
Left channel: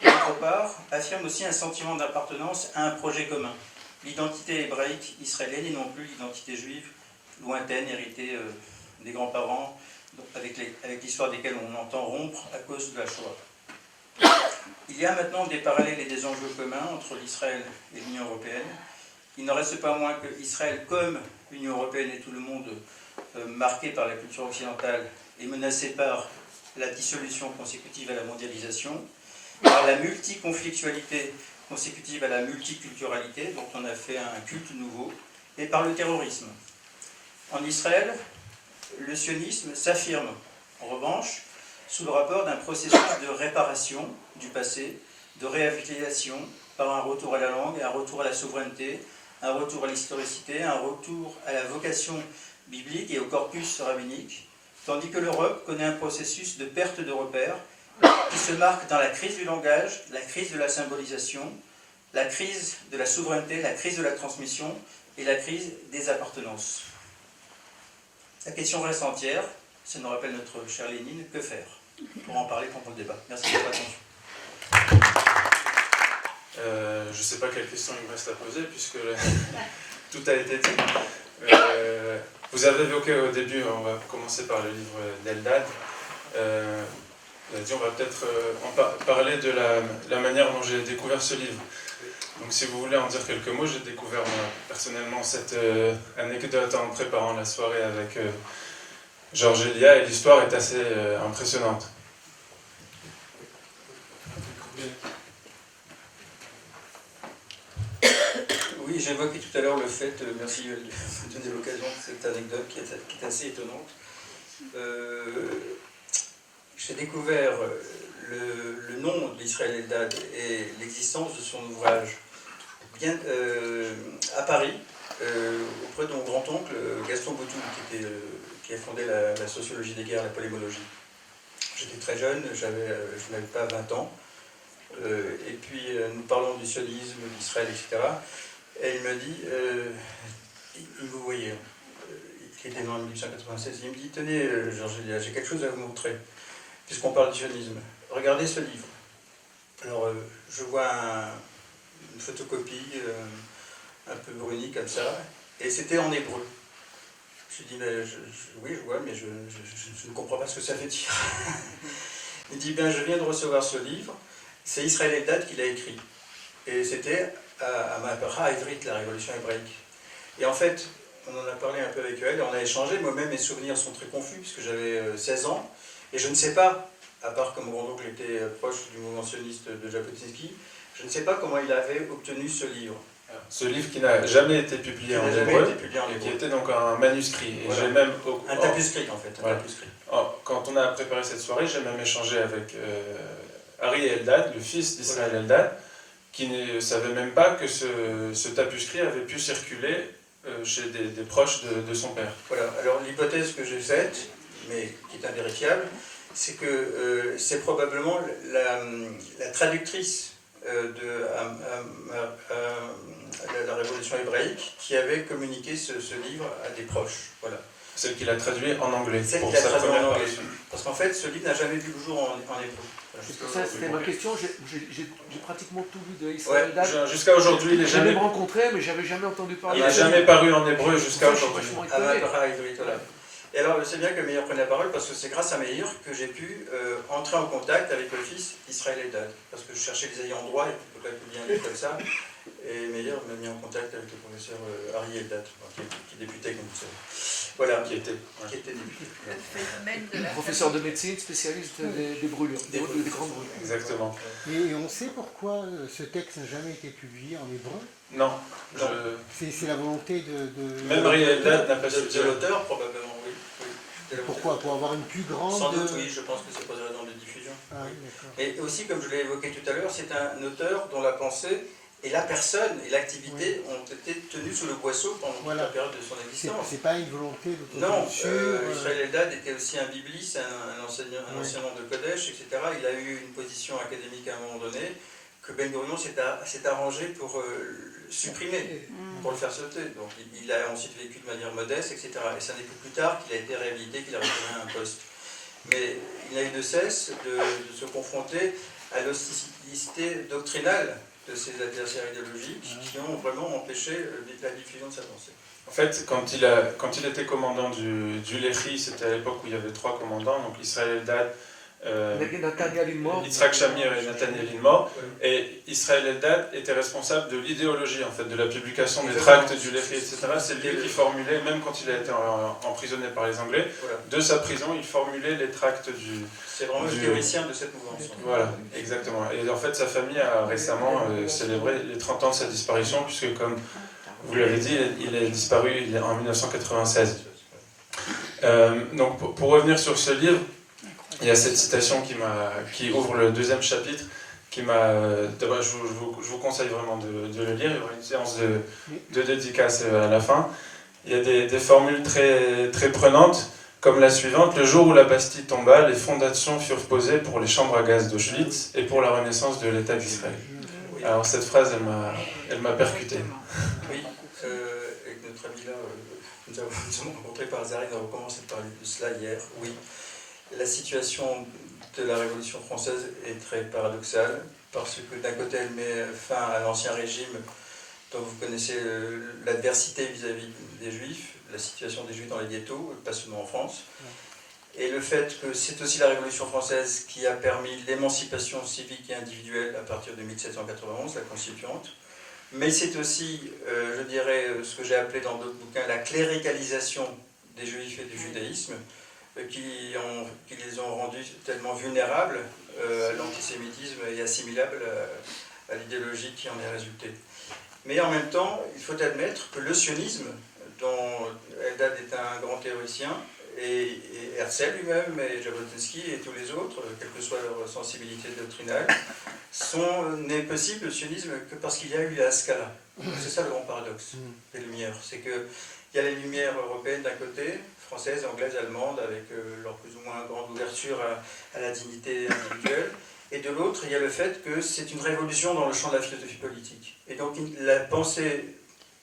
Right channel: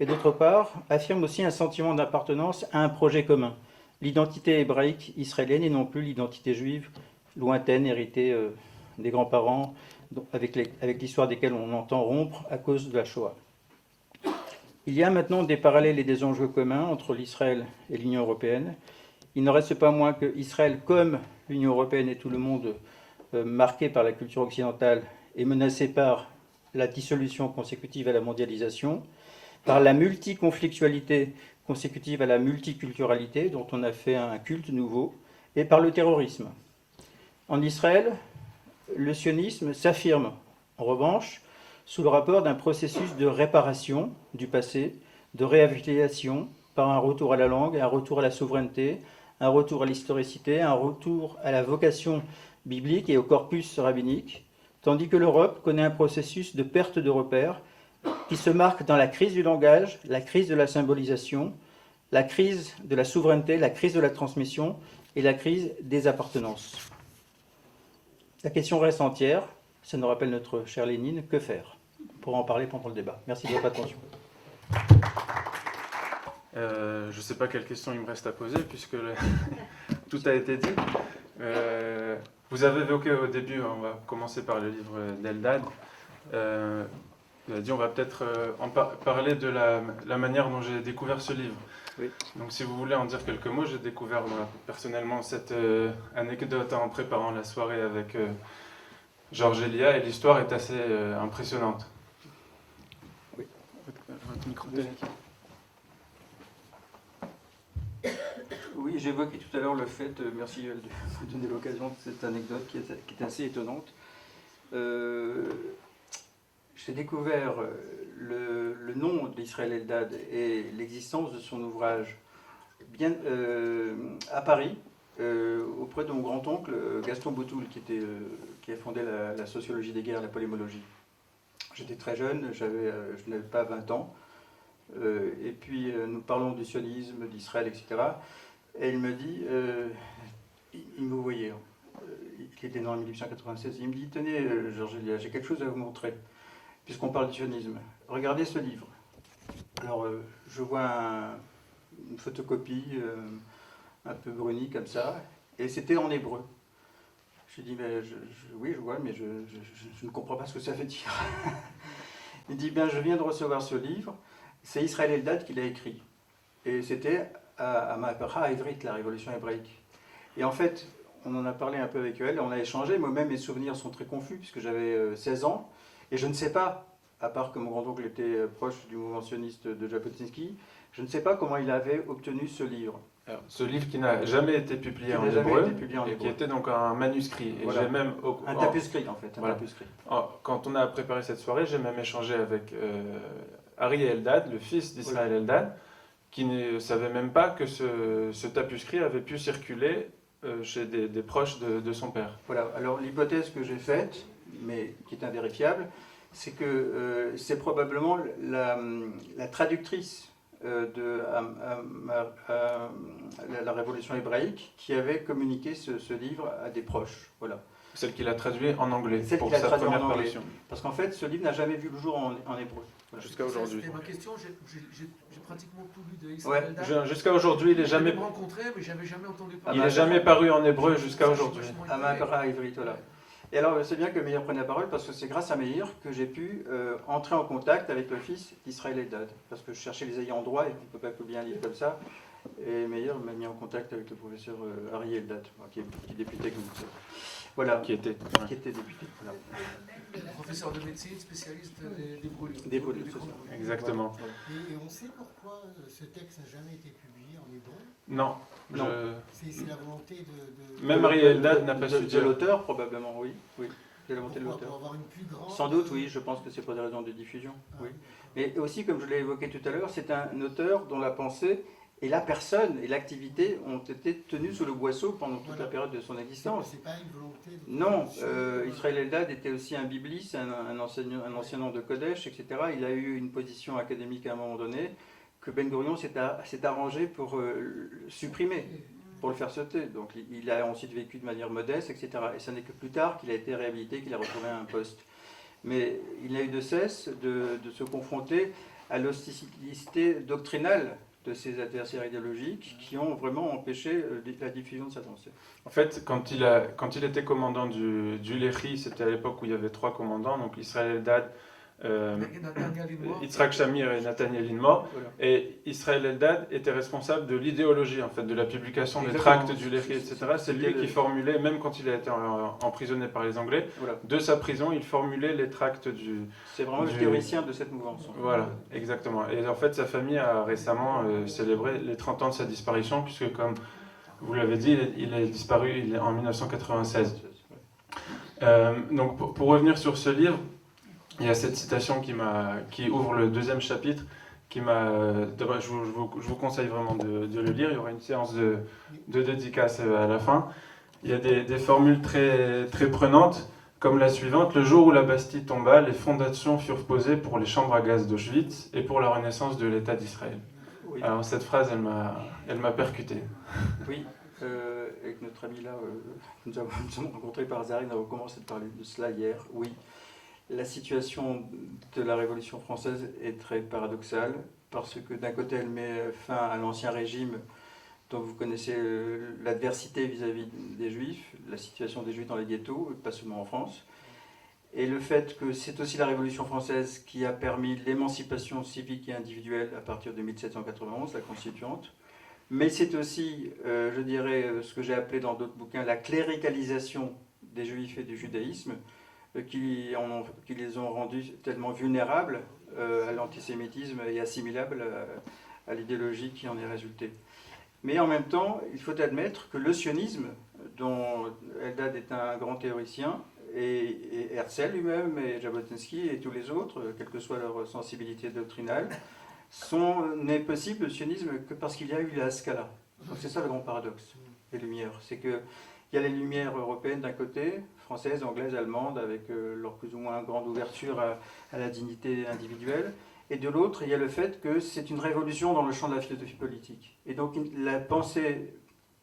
et d'autre part, affirment aussi un sentiment d'appartenance à un projet commun, l'identité hébraïque israélienne et non plus l'identité juive lointaine, héritée des grands-parents, avec l'histoire desquels on entend rompre à cause de la Shoah. Il y a maintenant des parallèles et des enjeux communs entre l'Israël et l'Union européenne. Il n'en reste pas moins que Israël, comme l'Union européenne et tout le monde marqué par la culture occidentale, est menacé par la dissolution consécutive à la mondialisation, par la multiconflictualité consécutive à la multiculturalité, dont on a fait un culte nouveau, et par le terrorisme. En Israël, le sionisme s'affirme, en revanche, sous le rapport d'un processus de réparation du passé, de réhabilitation par un retour à la langue, un retour à la souveraineté, un retour à l'historicité, un retour à la vocation biblique et au corpus rabbinique, tandis que l'Europe connaît un processus de perte de repères qui se marque dans la crise du langage, la crise de la symbolisation, la crise de la souveraineté, la crise de la transmission et la crise des appartenances. La question reste entière, ça nous rappelle notre cher Lénine, que faire? On pourra en parler pendant le débat. Merci de votre attention. Je ne sais pas quelle question il me reste à poser puisque tout a été dit. Vous avez évoqué au début, on va commencer par le livre d'Eldad. Vous avez dit on va peut-être parler de la manière dont j'ai découvert ce livre. Oui. Donc si vous voulez en dire quelques mots, j'ai découvert personnellement cette anecdote en préparant la soirée avec Georges Elia et l'histoire est assez impressionnante. Oui, j'évoquais tout à l'heure le fait, merci de me donner l'occasion de cette anecdote qui est assez étonnante. J'ai découvert le nom d'Israël Eldad et l'existence de son ouvrage à Paris, auprès de mon grand-oncle Gaston Boutoul, qui a fondé la sociologie des guerres, la polémologie. J'étais très jeune, je n'avais pas 20 ans, et puis nous parlons du sionisme, d'Israël, etc. Et il me dit, il me voyait, il était né en 1896, il me dit, tenez Georges Elia, j'ai quelque chose à vous montrer, puisqu'on parle du sionisme. Regardez ce livre. Alors je vois une photocopie un peu brunie comme ça, et c'était en hébreu. Je lui dis, oui, je vois, mais je ne comprends pas ce que ça veut dire. Il dit, bien, je viens de recevoir ce livre, c'est Israël Eldad qui l'a écrit. Et c'était à Mahapara Ivrit, la révolution hébraïque. Et en fait, on en a parlé un peu avec elle, on a échangé, moi-même mes souvenirs sont très confus, puisque j'avais 16 ans, et je ne sais pas, à part que mon grand-oncle était proche du mouvement sioniste de Jabotinsky, je ne sais pas comment il avait obtenu ce livre. Ce livre qui n'a jamais été publié en hébreu, et qui était donc un manuscrit. Et voilà. j'ai même, un tapuscrit en fait. Voilà. Quand on a préparé cette soirée, j'ai même échangé avec Ari Eldad, le fils d'Israël Eldad, qui ne savait même pas que ce tapuscrit avait pu circuler chez des proches de son père. Voilà. Alors l'hypothèse que j'ai faite, mais qui est invérifiable, c'est que c'est probablement la traductrice de la révolution hébraïque qui avait communiqué ce livre à des proches. Voilà. Celle qu'il a traduit en anglais pour sa première parution. Parce qu'en fait, ce livre n'a jamais vu le jour en hébreu. Voilà, ça, c'était ma question. J'ai pratiquement tout lu de Israël Eldad. Jusqu'à aujourd'hui, il est jamais... J'ai même rencontré, mais j'avais jamais entendu parler. Il n'a jamais paru en hébreu jusqu'à aujourd'hui. Voilà. Et alors, c'est bien que Meir prenne la parole, parce que c'est grâce à Meir que j'ai pu entrer en contact avec le fils d'Israël Eldad. Parce que je cherchais les ayants droit, et tu ne peux pas publier un livre comme ça. Et Meir m'a mis en contact avec le professeur Ari Eldad, qui débutait avec nous. Voilà, qui était débuté. Voilà. Professeur de médecine, spécialiste des brûlures, des grandes brûlures. Exactement. Et on sait pourquoi ce texte n'a jamais été publié en hébreu? Non. C'est la volonté de... Même Ari Eldad n'a pas su de l'auteur, probablement, oui. Pourquoi? Pour avoir une plus grande... Sans doute, oui, je pense que c'est pour des raisons de diffusion. Oui. Mais aussi, comme je l'ai évoqué tout à l'heure, c'est un auteur dont la pensée et la personne et l'activité ont été tenues sous le boisseau pendant toute la période de son existence. C'est pas une volonté de... Non, Israël Eldad était aussi un bibliste, un enseignant de Kodesh, etc. Il a eu une position académique à un moment donné que Ben Gurion s'est arrangé pour supprimer, pour le faire sauter. Donc il a ensuite vécu de manière modeste, etc. Et ce n'est que plus tard qu'il a été réhabilité, qu'il a retrouvé un poste. Mais il n'a eu de cesse de se confronter à l'hostilité doctrinale de ses adversaires idéologiques qui ont vraiment empêché la diffusion de sa pensée. En fait, quand il était commandant du Lehi, c'était à l'époque où il y avait 3 commandants, donc Israël Eldad, Nathaniel Ilmor. Yitzhak Shamir et Nathaniel Ilmor. Et Israël Eldad était responsable de l'idéologie, en fait, de la publication des tracts du Lehi, etc. C'est lui qui formulait, même quand il a été emprisonné par les Anglais, de sa prison, il formulait les tracts du... C'est vraiment le théoricien de cette mouvance. Voilà, exactement. Et en fait, sa famille a récemment célébré les 30 ans de sa disparition, puisque comme vous l'avez dit, il est disparu en 1996. Donc, pour revenir sur ce livre, il y a cette citation qui ouvre le 2e chapitre, je vous conseille vraiment de le lire. Il y aura une séance de dédicace à la fin. Il y a des formules très, très prenantes, comme la suivante: le jour où la Bastille tomba, les fondations furent posées pour les chambres à gaz d'Auschwitz et pour la renaissance de l'État d'Israël. Oui. Alors cette phrase, elle m'a percuté. Oui, avec notre ami là, nous avons rencontré par hasard, nous avons commencé à parler de cela hier. Oui, la situation de la Révolution française est très paradoxale, parce que d'un côté elle met fin à l'ancien régime dont vous connaissez l'adversité vis-à-vis des Juifs, la situation des Juifs dans les ghettos, pas seulement en France, et le fait que c'est aussi la Révolution française qui a permis l'émancipation civique et individuelle à partir de 1791, la Constituante, mais c'est aussi, je dirais, ce que j'ai appelé dans d'autres bouquins, la cléricalisation des Juifs et du judaïsme, qui les ont rendus tellement vulnérables à l'antisémitisme et assimilables à l'idéologie qui en est résultée. Mais en même temps, il faut admettre que le sionisme, dont Eldad est un grand théoricien, et Herzl lui-même, et Jabotinsky et tous les autres, quelle que soit leur sensibilité doctrinale, n'est possible le sionisme que parce qu'il y a eu la Haskalah. C'est ça le grand paradoxe des Lumières. C'est qu'il y a les Lumières européennes d'un côté, françaises, anglaises, allemandes, avec leur plus ou moins grande ouverture à la dignité individuelle, et de l'autre, il y a le fait que c'est une révolution dans le champ de la philosophie politique. Et donc la pensée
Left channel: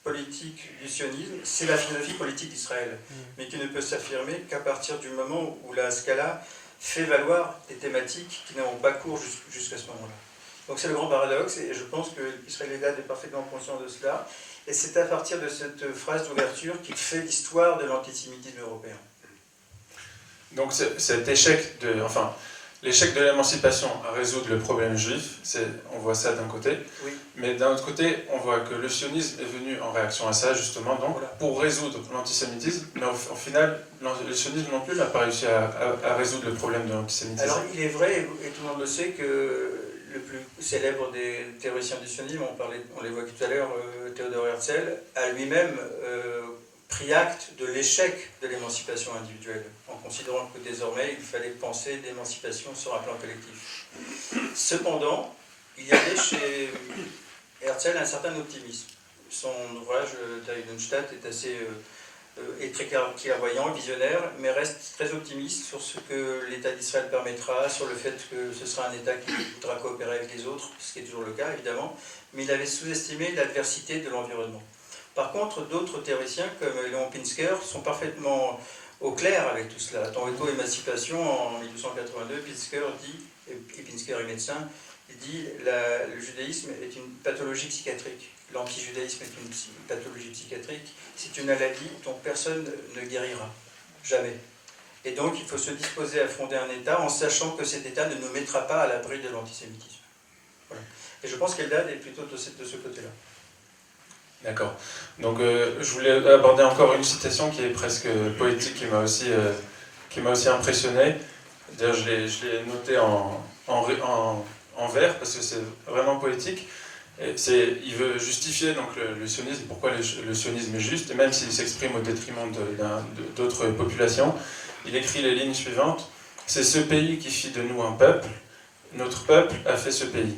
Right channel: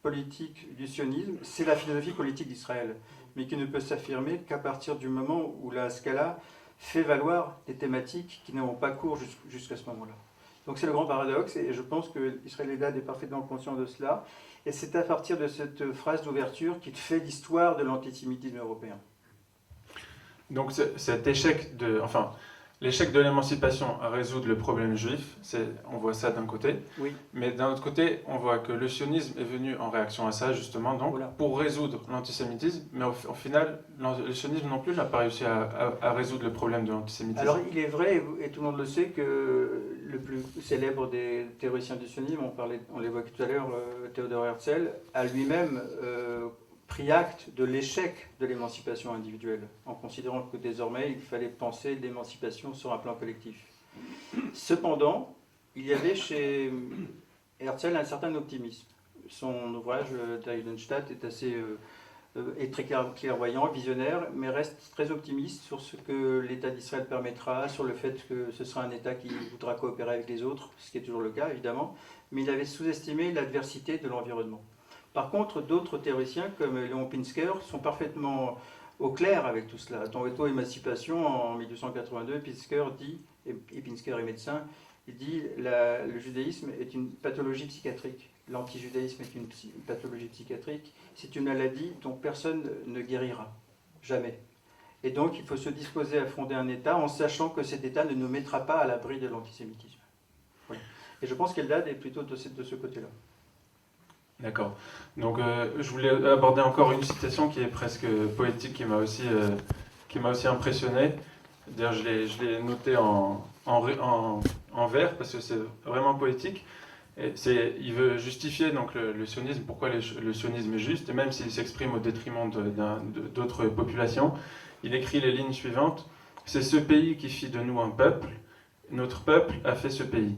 politique du sionisme, c'est la philosophie politique d'Israël, mais qui ne peut s'affirmer qu'à partir du moment où la Haskalah fait valoir des thématiques qui n'ont pas cours jusqu'à ce moment-là. Donc c'est le grand paradoxe, et je pense que Israël Eldad est parfaitement conscient de cela, et c'est à partir de cette phrase d'ouverture qu'il fait l'histoire de l'antisémitisme européen. Donc cet échec l'échec de l'émancipation à résoudre le problème juif, on voit ça d'un côté, oui. Mais d'un autre côté, on voit que le sionisme est venu en réaction à ça, justement, donc, voilà, pour résoudre l'antisémitisme, mais au final, le sionisme non plus n'a pas réussi à résoudre le problème de l'antisémitisme. Alors il est vrai, et tout le monde le sait, que le plus célèbre des théoriciens du sionisme, on l'évoquait tout à l'heure, Theodor Herzl, a lui-même pris acte de l'échec de l'émancipation individuelle, en considérant que désormais il fallait penser d'émancipation sur un plan collectif. Cependant, il y avait chez Herzl un certain optimisme. Son ouvrage, Der Judenstaat, est assez est très clairvoyant, visionnaire, mais reste très optimiste sur ce que l'État d'Israël permettra, sur le fait que ce sera un État qui voudra coopérer avec les autres, ce qui est toujours le cas évidemment, mais il avait sous-estimé l'adversité de l'environnement. Par contre, d'autres théoriciens, comme Léon Pinsker, sont parfaitement au clair avec tout cela. Dans Auto-émancipation, en 1882, Pinsker dit, et Pinsker est médecin, il dit le judaïsme est une pathologie psychiatrique. L'antijudaïsme est une pathologie psychiatrique. C'est une maladie dont personne ne guérira. Jamais. Et donc, il faut se disposer à fonder un État en sachant que cet État ne nous mettra pas à l'abri de l'antisémitisme. Voilà. Et je pense qu'Eldad est plutôt de ce côté-là. D'accord. Donc, je voulais aborder encore une citation qui est presque poétique, qui m'a aussi impressionné. D'ailleurs, je l'ai noté en vers, parce que c'est vraiment poétique. Il veut justifier donc, le sionisme, pourquoi le sionisme est juste, et même s'il s'exprime au détriment d'autres populations. Il écrit les lignes suivantes. « C'est ce pays qui fit de nous un peuple. Notre peuple a fait ce pays.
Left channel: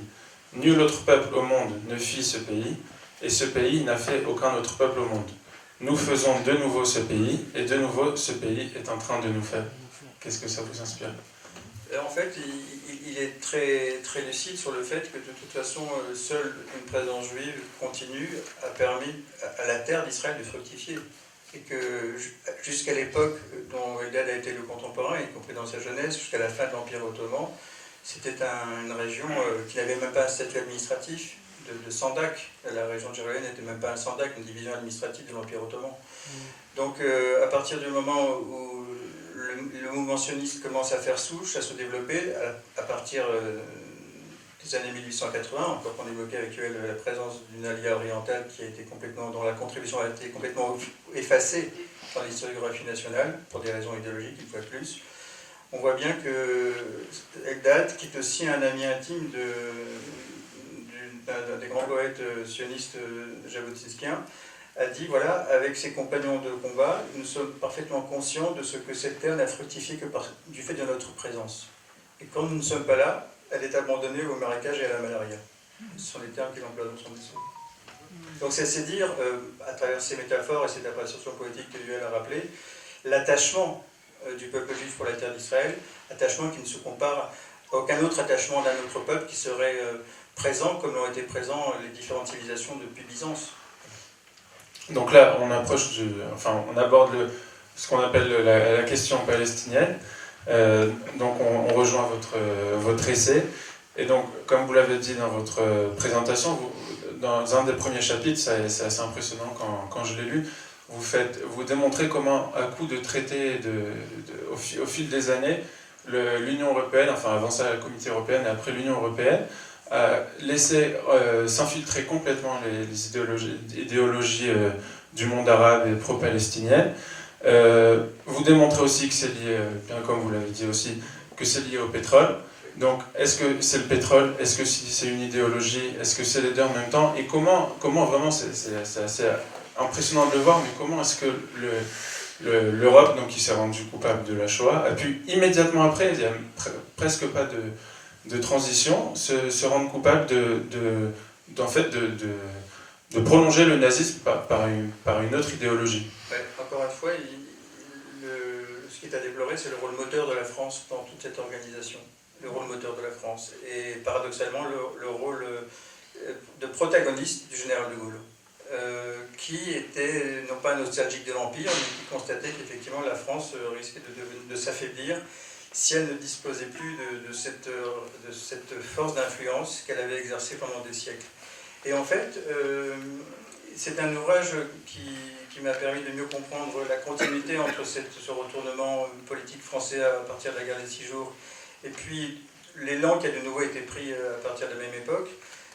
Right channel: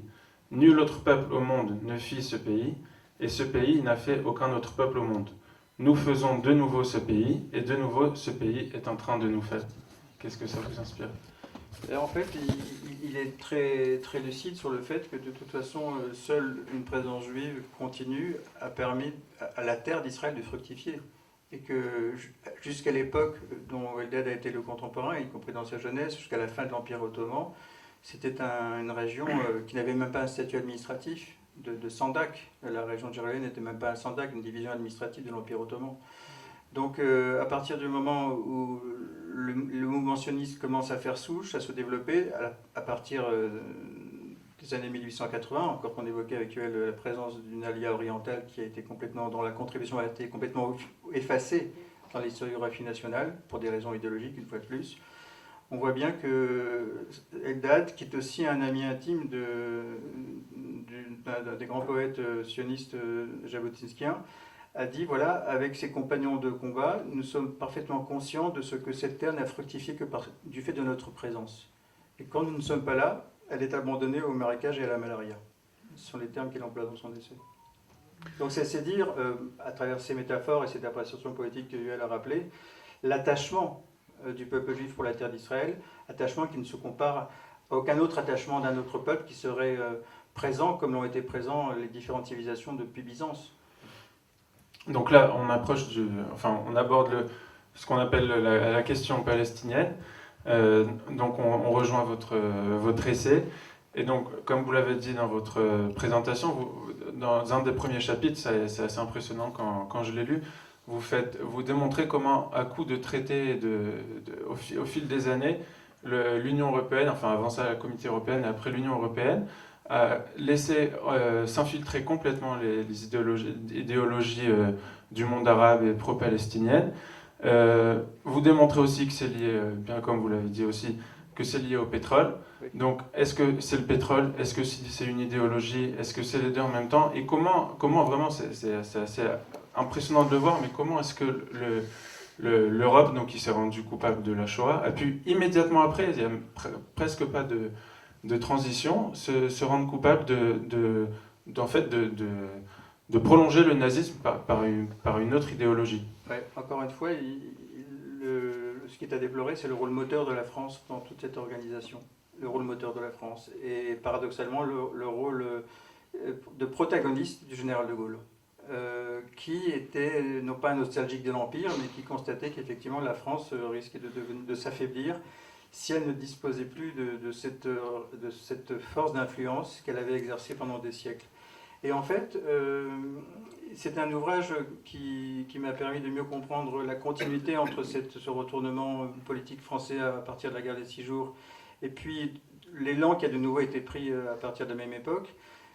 Nul autre peuple au monde ne fit ce pays. Et ce pays n'a fait aucun autre peuple au monde. Nous faisons de nouveau ce pays, et de nouveau ce pays est en train de nous faire. » Qu'est-ce que ça vous inspire ? En fait, il est très, très lucide sur le fait que de toute façon, seule une présence juive continue a permis à la terre d'Israël de fructifier. Et que jusqu'à l'époque dont Eldad a été le contemporain, y compris dans sa jeunesse, jusqu'à la fin de l'Empire ottoman, c'était une région qui n'avait même pas un statut administratif, de Sandak. La région de Jérusalem n'était même pas un Sandak, une division administrative de l'Empire ottoman. Donc à partir du moment où le mouvement sioniste commence à faire souche, à se développer, à partir des années 1880, encore qu'on évoquait avec elle la présence d'une alia orientale dont la contribution a été complètement effacée dans l'historiographie nationale, pour des raisons idéologiques, une fois de plus, on voit bien que Eldad, qui est aussi un ami intime d'un des grands poètes sionistes jabotinskiens, a dit, voilà, avec ses compagnons de combat, nous sommes parfaitement conscients de ce que cette terre n'a fructifié que du fait de notre présence. Et quand nous ne sommes pas là, elle est abandonnée au marécage et à la malaria. Ce sont les termes qu'il emploie dans son dessin. Donc c'est assez dire, à travers ces métaphores et cette appréciation poétique que Yuel a rappelé, l'attachement du peuple juif pour la terre d'Israël, attachement qui ne se compare à aucun autre attachement d'un autre peuple qui serait présent comme l'ont été présents les différentes civilisations depuis Byzance. Donc là, on aborde ce qu'on appelle la question palestinienne. Donc on rejoint votre essai. Et donc, comme vous l'avez dit dans votre présentation, dans un des premiers chapitres, c'est assez impressionnant quand je l'ai lu, vous démontrez comment, à coup de traités au fil des années, l'Union européenne, enfin avant ça la Communauté européenne, après l'Union européenne, a laissé s'infiltrer complètement les idéologies du monde arabe et pro-palestinienne. Vous démontrez aussi que c'est lié, bien comme vous l'avez dit aussi, que c'est lié au pétrole. Donc, est-ce que c'est le pétrole? Est-ce que c'est une idéologie? Est-ce que c'est les deux en même temps? Et comment vraiment, c'est assez impressionnant de le voir, mais comment est-ce que l'Europe, donc qui s'est rendue coupable de la Shoah, a pu immédiatement après, il n'y a presque pas de transition, se rendre coupable de prolonger le nazisme par une autre idéologie? Ouais, encore une fois, ce qui est à déplorer, c'est le rôle moteur de la France dans toute cette organisation. Le rôle moteur de la France. Et paradoxalement, le rôle de protagoniste du général de Gaulle, qui était non pas nostalgique de l'Empire, mais qui constatait qu'effectivement la France risquait de s'affaiblir si elle ne disposait plus de cette force d'influence qu'elle avait exercée pendant des siècles. Et en fait, c'est un ouvrage qui m'a permis de mieux comprendre la continuité entre ce retournement politique français à partir de la guerre des 6 jours et puis l'élan qui a de nouveau été pris à partir de la même époque.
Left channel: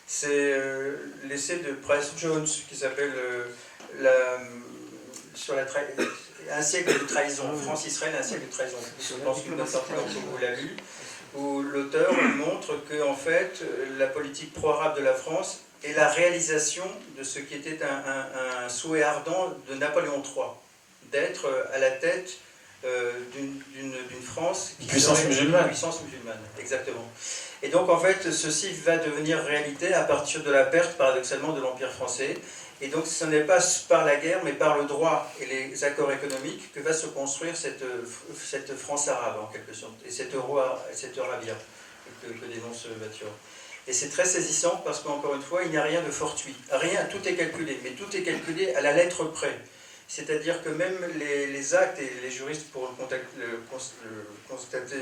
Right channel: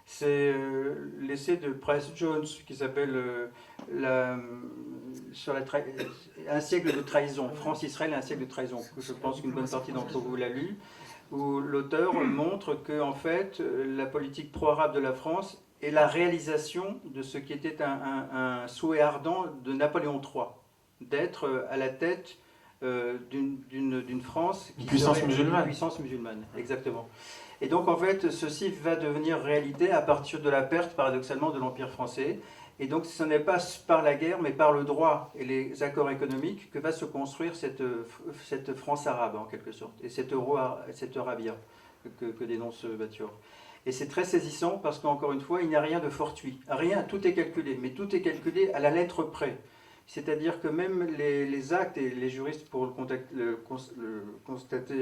C'est l'essai de Price Jones qui s'appelle Un siècle de trahison, France-Israël, un siècle de trahison. Je pense qu'une bonne partie d'entre vous l'a lu, où l'auteur montre que en fait, la politique pro-arabe de la France est la réalisation de ce qui était un souhait ardent de Napoléon III, d'être à la tête d'une France qui puissance musulmane. Une puissance musulmane, exactement. Et donc en fait, ceci va devenir réalité à partir de la perte, paradoxalement, de l'Empire français. Et donc ce n'est pas par la guerre, mais par le droit et les accords économiques que va se construire cette France arabe, en quelque sorte, et cette Eurabia que dénonce Bathior. Et c'est très saisissant parce qu'encore une fois, il n'y a rien de fortuit. Rien, tout est calculé, mais tout est calculé à la lettre près. C'est-à-dire que même les actes, et les juristes pourront le constater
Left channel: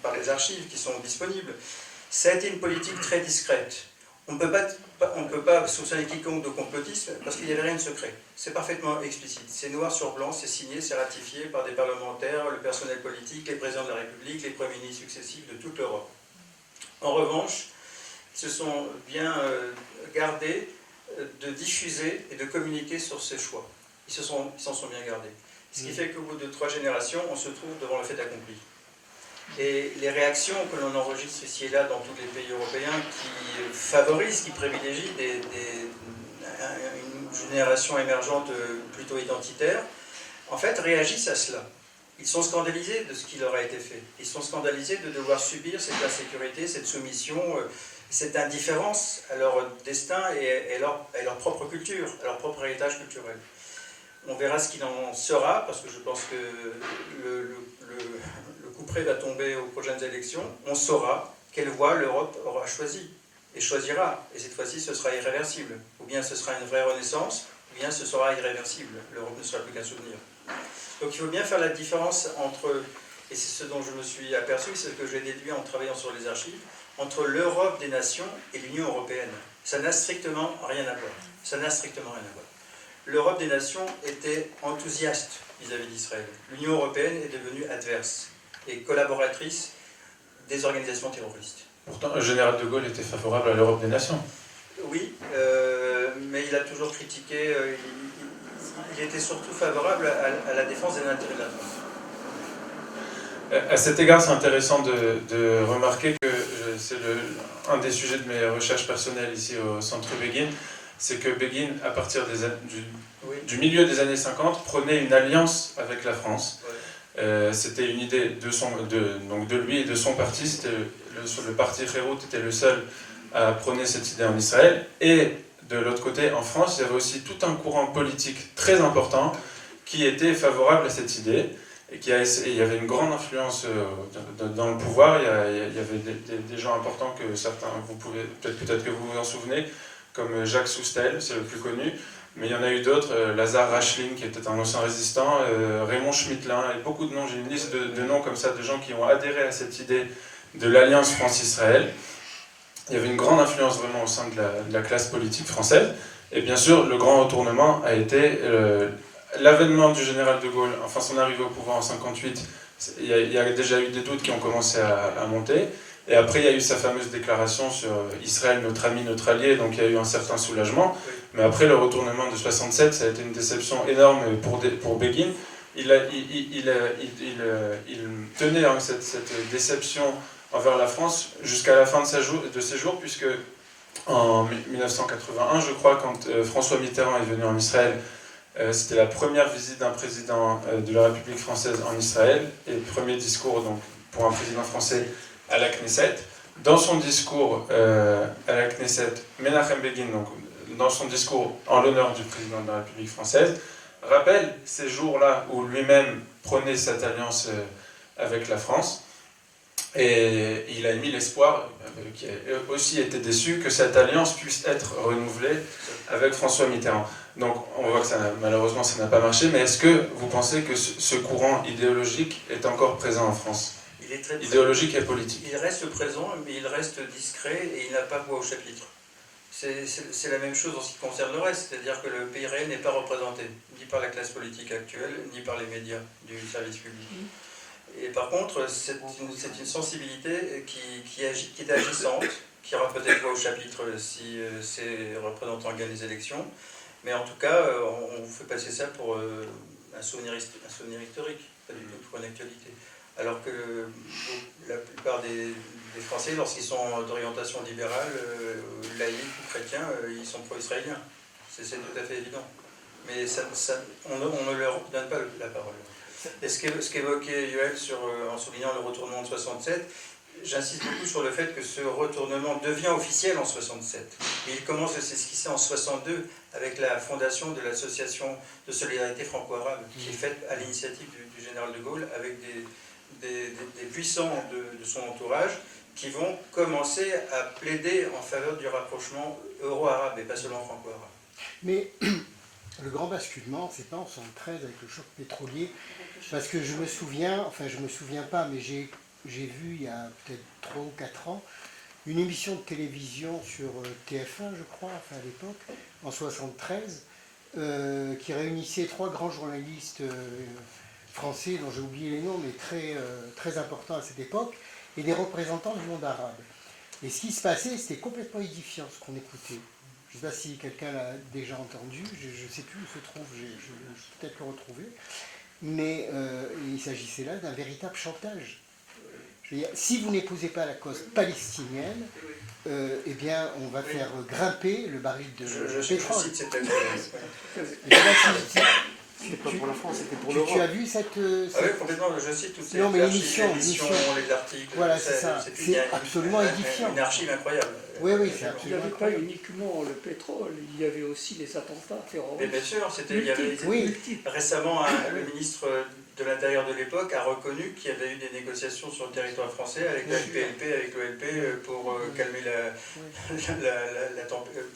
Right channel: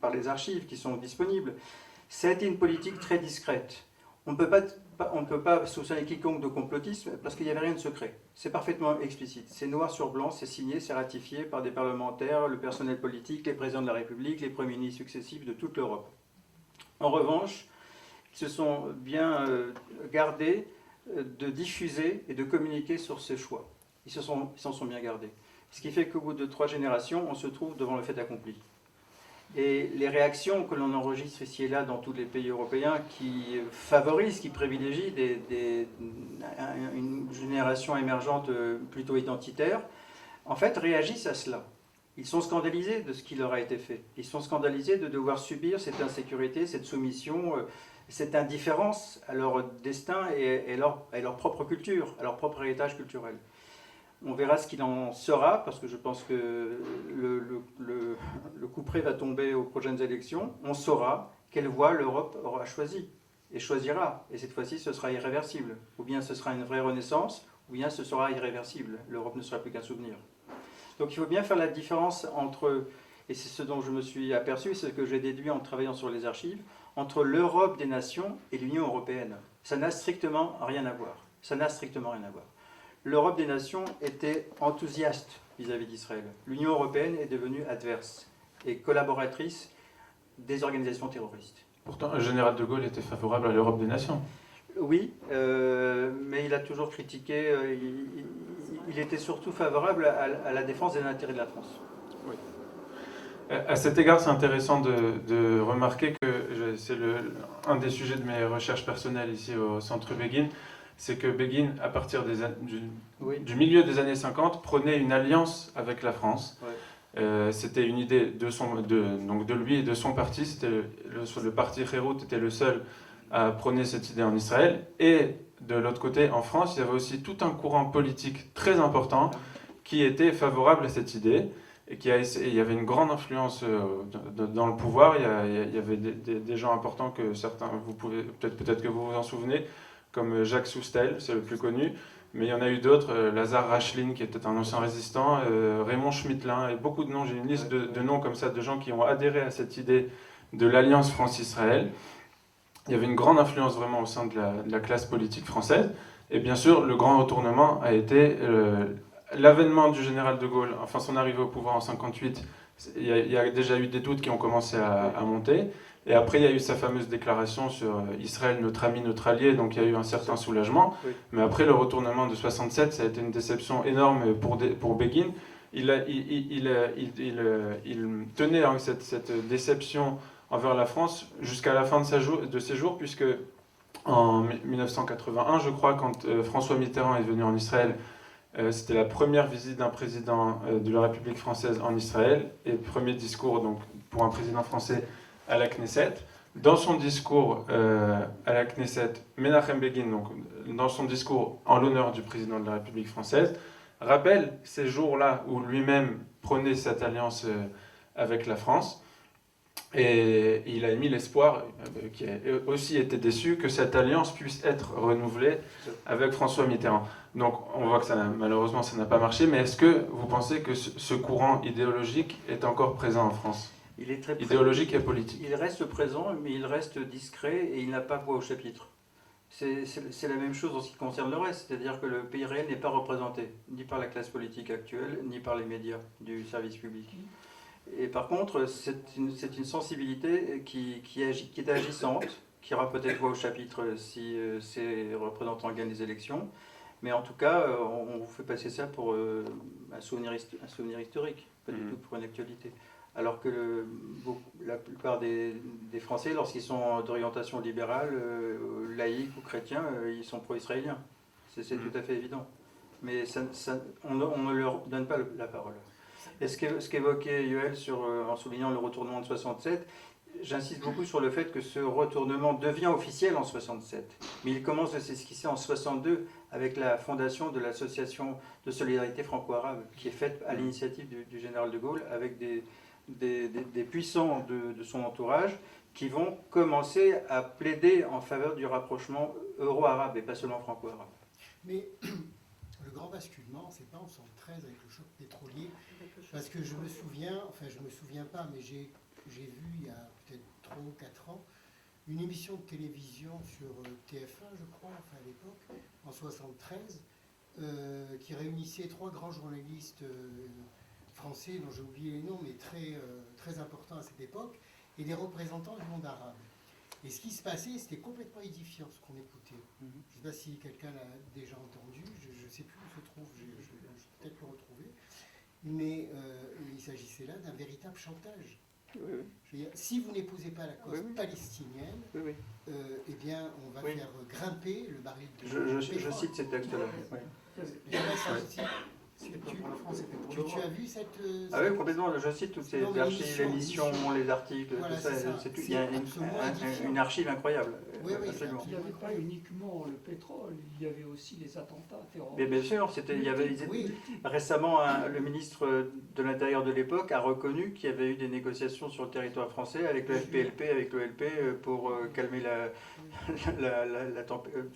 par les archives qui sont disponibles, ça a été une politique très discrète. On ne peut pas soupçonner quiconque de complotisme parce qu'il n'y avait rien de secret. C'est parfaitement explicite. C'est noir sur blanc, c'est signé, c'est ratifié par des parlementaires, le personnel politique, les présidents de la République, les premiers ministres successifs de toute l'Europe. En revanche, ils se sont bien gardés de diffuser et de communiquer sur ces choix. Ils s'en sont bien gardés. Ce qui fait qu'au bout de 3 générations, on se trouve devant le fait accompli. Et les réactions que l'on enregistre ici et là dans tous les pays européens qui favorisent, qui privilégient une génération émergente plutôt identitaire, en fait réagissent à cela. Ils sont scandalisés de ce qui leur a été fait. Ils sont scandalisés de devoir subir cette insécurité, cette soumission, cette indifférence à leur destin et à leur propre culture, à leur propre héritage culturel. On verra ce qu'il en sera, parce que je pense que le couperet va tomber aux prochaines élections. On saura quelle voie l'Europe aura choisi et choisira. Et cette fois-ci, ce sera irréversible. Ou bien ce sera une vraie renaissance, ou bien ce sera irréversible. L'Europe ne sera plus qu'un souvenir. Donc il faut bien faire la différence entre, et c'est ce dont je me suis aperçu, c'est ce que j'ai déduit en travaillant sur les archives, entre l'Europe des nations et l'Union européenne. Ça n'a strictement rien à voir. Ça n'a strictement rien à voir. L'Europe des nations était enthousiaste vis-à-vis d'Israël. L'Union européenne est devenue adverse et collaboratrice des organisations terroristes. Pourtant, le général de Gaulle était favorable à l'Europe des nations. Oui, mais il a toujours critiqué, il était surtout favorable à la défense des intérêts de la France. À cet égard, c'est intéressant de remarquer que c'est un des sujets de mes recherches personnelles ici au Centre Begin, c'est que Begin, à partir du milieu des années 50, prenait une alliance avec la France. Ouais. C'était une idée de lui et de son parti. Le parti Kherut était le seul à prôner cette idée en Israël. Et de l'autre côté, en France, il y avait aussi tout un courant politique très important qui était favorable à cette idée. Et il y avait une grande influence dans le pouvoir. Il y avait des gens importants que certains, vous pouvez peut-être que vous vous en souvenez, comme Jacques Soustel, c'est le plus connu, mais il y en a eu d'autres, Lazare Rachling, qui était un ancien résistant, Raymond Schmittlin, et beaucoup de noms, j'ai une liste de noms comme ça, de gens qui ont adhéré à cette idée de l'Alliance France-Israël. Il y avait une grande influence vraiment au sein de la classe politique française, et bien sûr, le grand retournement a été l'avènement du général de Gaulle, enfin son arrivée au pouvoir en 1958, il y a déjà eu des doutes qui ont commencé à monter. Et après, il y a eu sa fameuse déclaration sur Israël, notre ami, notre allié, donc il y a eu un certain soulagement. Mais après, le retournement de 67, ça a été une déception énorme pour Begin. Il tenait cette déception envers la France jusqu'à la fin de ses jours, puisque en 1981, je crois, quand François Mitterrand est venu en Israël, c'était la première visite d'un président de la République française en Israël, et le premier discours donc, pour un président français à la Knesset. Dans son discours à la Knesset, Menachem Begin, donc, dans son discours en l'honneur du président de la République française, rappelle ces jours-là où lui-même prenait cette alliance avec la France. Et il a émis l'espoir, qui a aussi été déçu, que cette alliance puisse être renouvelée avec François Mitterrand. Donc on voit que malheureusement ça n'a pas marché, mais est-ce que vous pensez que ce courant idéologique est encore présent en France ? Il est très idéologique et politique. Il reste présent, mais il reste discret et il n'a pas voix au chapitre. C'est la même chose en ce qui concerne le reste, c'est-à-dire que le pays réel n'est pas représenté, ni par la classe politique actuelle, ni par les médias du service public. Et par contre, c'est une sensibilité qui est agissante, qui aura peut-être voix au chapitre si ces représentants gagnent les élections, mais en tout cas, on vous fait passer ça pour un souvenir historique, pas du tout pour une actualité. Alors que la plupart des Français, lorsqu'ils sont d'orientation libérale, laïque ou chrétien, ils sont pro-israéliens. C'est tout à fait évident. Mais on ne leur donne pas la parole. Et ce qu'évoquait Yoel en soulignant le retournement de 67, j'insiste beaucoup sur le fait que ce retournement devient officiel en 67. Mais il commence à s'esquisser en 62 avec la fondation de l'association de solidarité franco-arabe, qui est faite à l'initiative du général de Gaulle avec des puissants de son entourage qui vont commencer à plaider en faveur du rapprochement euro-arabe et pas seulement franco-arabe. Mais le grand basculement, c'est pas en 1973 avec le choc pétrolier, parce que je me souviens pas, mais j'ai vu il y a peut-être 3 ou 4 ans une émission de télévision sur TF1, je crois, à l'époque, en 1973, qui réunissait 3 grands journalistes français, dont j'ai oublié les noms, mais très importants à cette époque, et des représentants du monde arabe. Et ce qui se passait, c'était complètement édifiant, ce qu'on écoutait. Je ne sais pas si quelqu'un l'a déjà entendu, je ne sais plus où se trouve, je vais peut-être le retrouver, mais il s'agissait là d'un véritable chantage. Je veux dire, si vous n'épousez pas la cause palestinienne, eh bien, on va faire grimper le baril de pétrole. Je cite cette C'était pas pour la France, c'était pour l'Europe. Tu as vu cette... Ah oui, complètement, je cite toutes ces l'émission, les articles, voilà, c'est ça. C'est absolument édifiant. Une archive incroyable. Oui, c'est absolument. Il n'y avait pas uniquement le pétrole, il y avait aussi les attentats terroristes. Mais bien sûr, il y avait récemment le ministre de l'Intérieur de l'époque a reconnu qu'il y avait eu des négociations sur le territoire français avec le FPLP pour calmer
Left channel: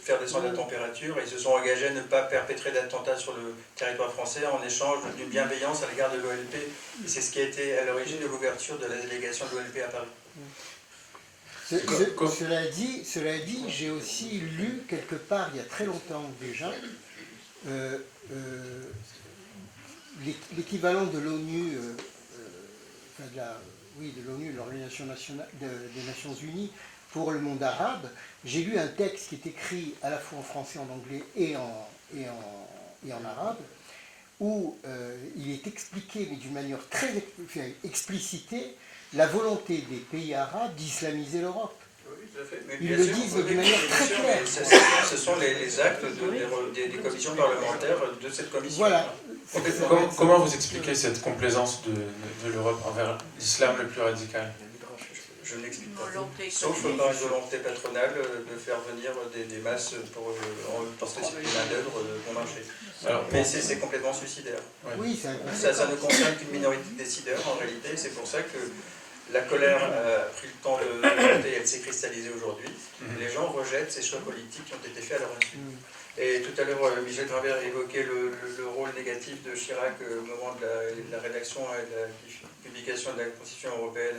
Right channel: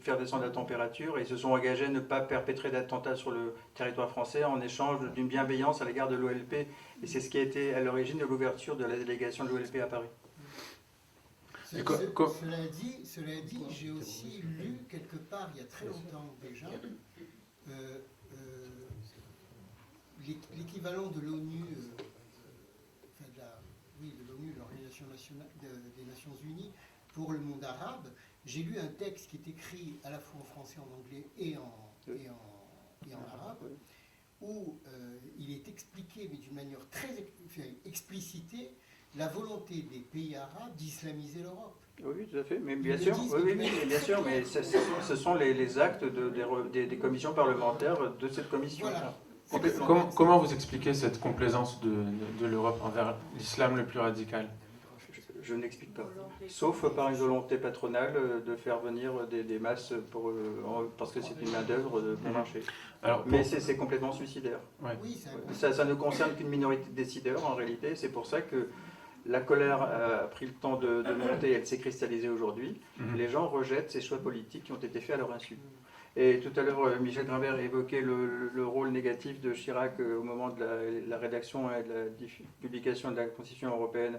faire descendre la température, et ils se sont engagés à ne pas perpétrer d'attentats sur le territoire français en échange d'une bienveillance à l'égard de l'OLP, et c'est ce qui a été à l'origine de l'ouverture de la délégation de l'OLP à Paris. Cela dit, j'ai aussi lu quelque part, il y a très longtemps déjà, l'équivalent de l'ONU, de l'ONU, l'Organisation des Nations Unies pour le monde arabe. J'ai lu un texte qui est écrit à la fois en français, en anglais et en arabe, où il est expliqué, mais d'une manière très explicitée, la volonté des pays arabes d'islamiser l'Europe. Oui, tout à fait. Mais Ils bien le sûr, disent oui, d'une oui, manière bien très sûr, claire. mais ce sont les actes des commissions parlementaires de cette commission. Voilà. Comment vous expliquez cette complaisance de l'Europe envers l'islam le plus radical? Je ne l'explique pas. Sauf par une volonté patronale de faire venir des masses parce que c'est une main-d'œuvre bon marché. Mais c'est complètement suicidaire. Ouais. Oui, Ça ne concerne qu'une minorité de décideurs en réalité. C'est pour ça que la colère a pris le temps de monter et elle s'est cristallisée aujourd'hui. Les gens rejettent ces choix politiques qui ont été faits à leur insu. Et tout à l'heure, Michel Grimbert évoquait le rôle négatif de Chirac au moment de la rédaction et de la publication de la Constitution européenne,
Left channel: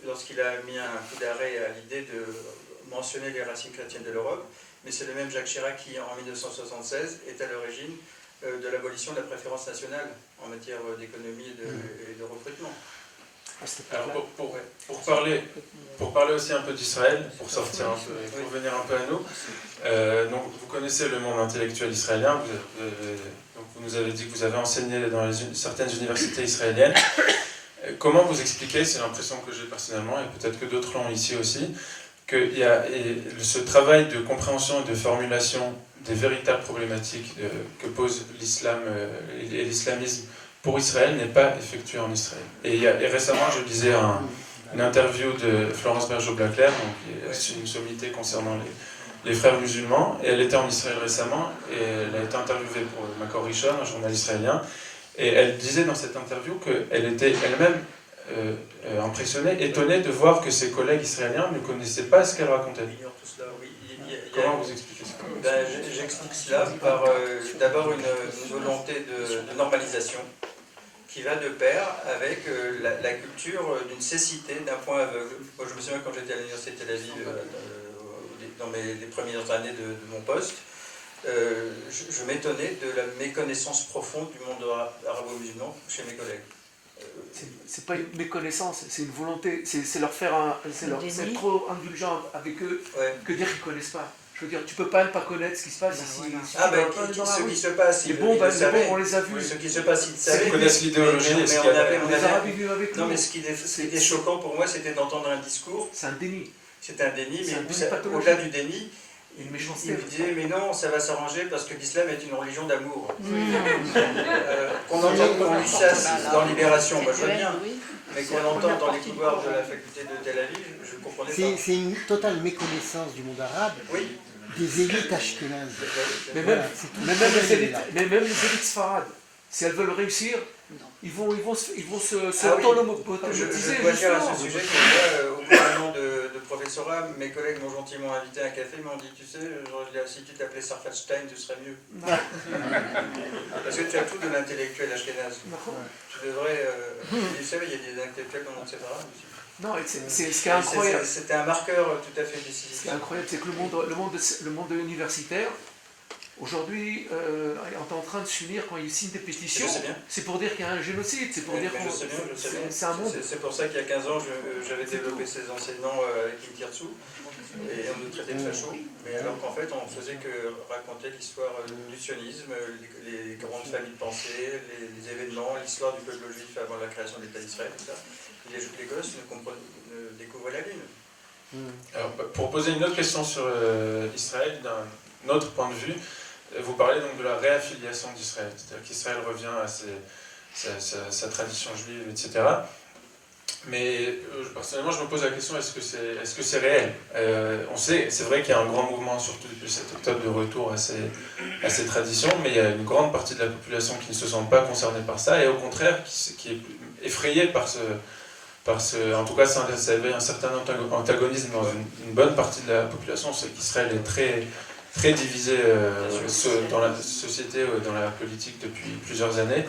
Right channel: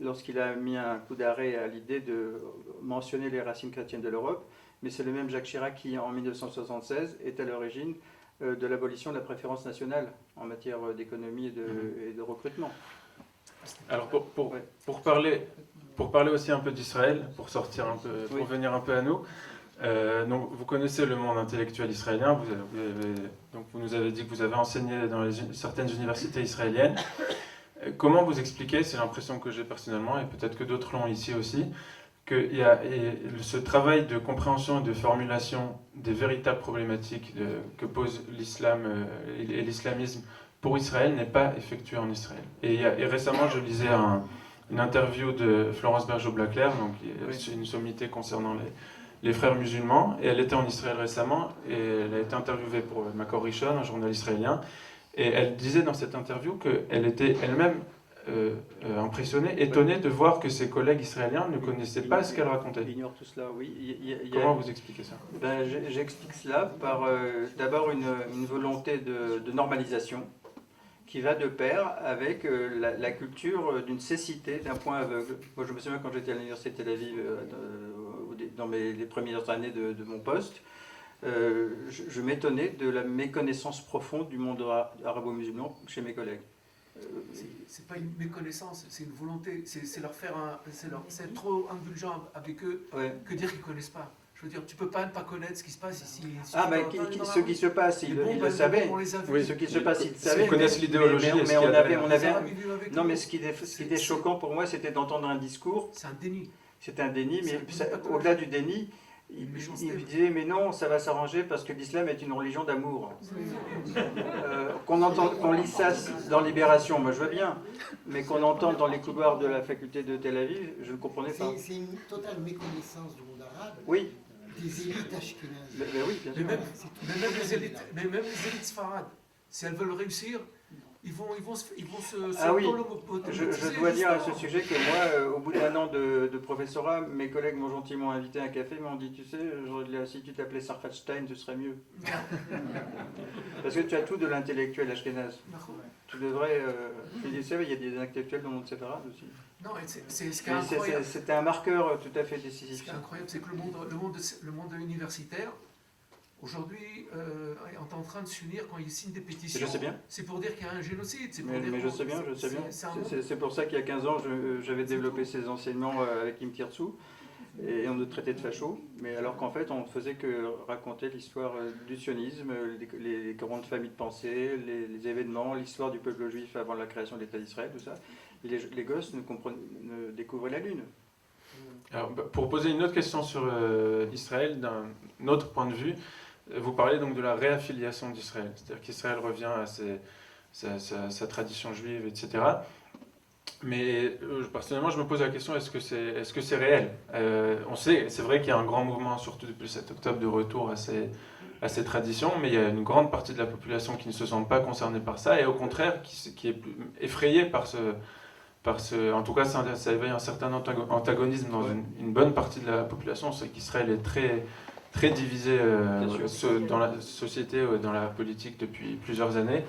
lorsqu'il a mis un coup d'arrêt à l'idée de mentionner les racines chrétiennes de l'Europe. Mais c'est le même Jacques Chirac qui, en 1976, est à l'origine de l'abolition de la préférence nationale en matière d'économie et de recrutement. Alors pour parler aussi un peu d'Israël, pour sortir un peu, pour venir un peu à nous, donc vous connaissez le monde intellectuel israélien, donc vous nous avez dit que vous avez enseigné dans certaines universités israéliennes. Comment vous expliquez, c'est l'impression que j'ai personnellement, et peut-être que d'autres l'ont ici aussi, qu'il y a ce travail de compréhension et de formulation des véritables problématiques que pose l'islam et l'islamisme pour Israël n'est pas effectué en Israël. Et récemment, je lisais une interview de Florence Bergeau-Blaclair, donc une sommité concernant les frères musulmans, et elle était en Israël récemment, et elle a été interviewée pour Makor Rishon, un journal israélien, et elle disait dans cette interview qu'elle était elle-même impressionnée, étonnée de voir que ses collègues israéliens ne connaissaient pas ce qu'elle racontait. Il ignore tout cela, oui. Comment vous expliquez ça? J'explique cela par d'abord une volonté de normalisation qui va de pair avec la culture d'une cécité, d'un point aveugle. Moi, je me souviens quand j'étais à l'université de Tel Aviv, dans les premières années de mon poste, je m'étonnais de la méconnaissance profonde du monde arabo-musulman chez mes collègues. C'est pas une méconnaissance, c'est une volonté, c'est leur faire c'est trop indulgent avec eux que dire qu'ils connaissent pas. Je veux dire, tu peux pas ne pas connaître ce qui se passe ici. Ce qui se passe, ils le savaient. On les a vus. Oui, ce qui se passe, ils savaient. Ils connaissent l'idéologie. Mais on avait. Non, mais ce qui était choquant pour moi, c'était d'entendre un discours. C'est un déni. C'est un déni, mais au-delà du déni, il me disait mais non, ça va s'arranger parce que l'islam est une religion d'amour. Qu'on entende qu'on lit ça dans Libération, moi je veux bien. Mais qu'on entende dans les couloirs de la faculté de Tel Aviv, je ne comprenais pas. C'est une totale méconnaissance du monde arabe, des élites ashkénazes. Mais même les élites sfarades, si elles veulent réussir, ils vont se Je dois dire à ce sujet que moi, au bout d'un an de professorat, mes collègues m'ont gentiment invité à un café, m'ont dit, tu sais, si tu t'appelais Sarfat Stein, tu serais mieux. Parce que tu as tout de l'intellectuel ashkénaze. Tu devrais... vous savez, il y a des intellectuels dans le monde séparat aussi. Non, c'est ce qui est incroyable. C'était un marqueur tout à fait décisif. Ce qui est incroyable, c'est que le monde universitaire, aujourd'hui, est en train de s'unir quand il signe des pétitions. C'est pour dire qu'il y a un génocide. C'est pour dire je sais bien, je sais bien. C'est un monde. C'est pour ça qu'il y a 15 ans, j'avais développé ces enseignements avec Intirtsu. Et on nous traitait de fachos, mais alors qu'en fait on faisait que raconter l'histoire du sionisme, les grandes familles de pensée, les événements, l'histoire du peuple juif avant la création de l'État d'Israël, tout ça. Et les gosses ne découvraient la Lune. Alors, pour poser une autre question sur Israël, d'un autre point de vue, vous parlez donc de la réaffiliation d'Israël, c'est-à-dire qu'Israël revient à sa tradition juive, etc. Mais personnellement, je me pose la question, est-ce que c'est réel? On sait, c'est vrai qu'il y a un grand mouvement, surtout depuis 7 octobre, de retour à ces traditions, mais il y a une grande partie de la population qui ne se sent pas concernée par ça, et au contraire, qui est effrayée par en tout cas, ça éveille un certain antagonisme dans une bonne partie de la population, c'est qu'Israël est très, très divisé dans la société, dans la politique depuis plusieurs années.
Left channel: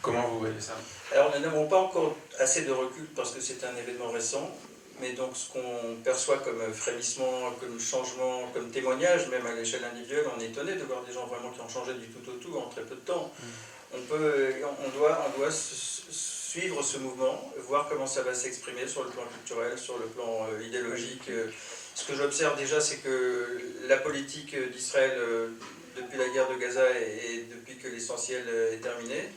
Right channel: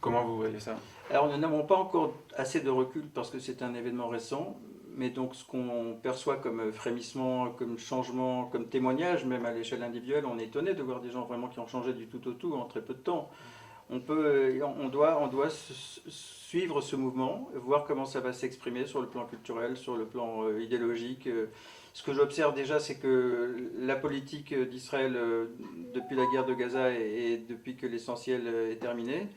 Comment vous voyez ça? Alors nous n'avons pas encore assez de recul parce que c'est un événement récent, mais donc ce qu'on perçoit comme frémissement, comme changement, comme témoignage, même à l'échelle individuelle, on est étonné de voir des gens vraiment qui ont changé du tout au tout en très peu de temps. On doit suivre ce mouvement, voir comment ça va s'exprimer sur le plan culturel, sur le plan idéologique. Ce que j'observe déjà, c'est que la politique d'Israël, depuis la guerre de Gaza et depuis que l'essentiel est terminé,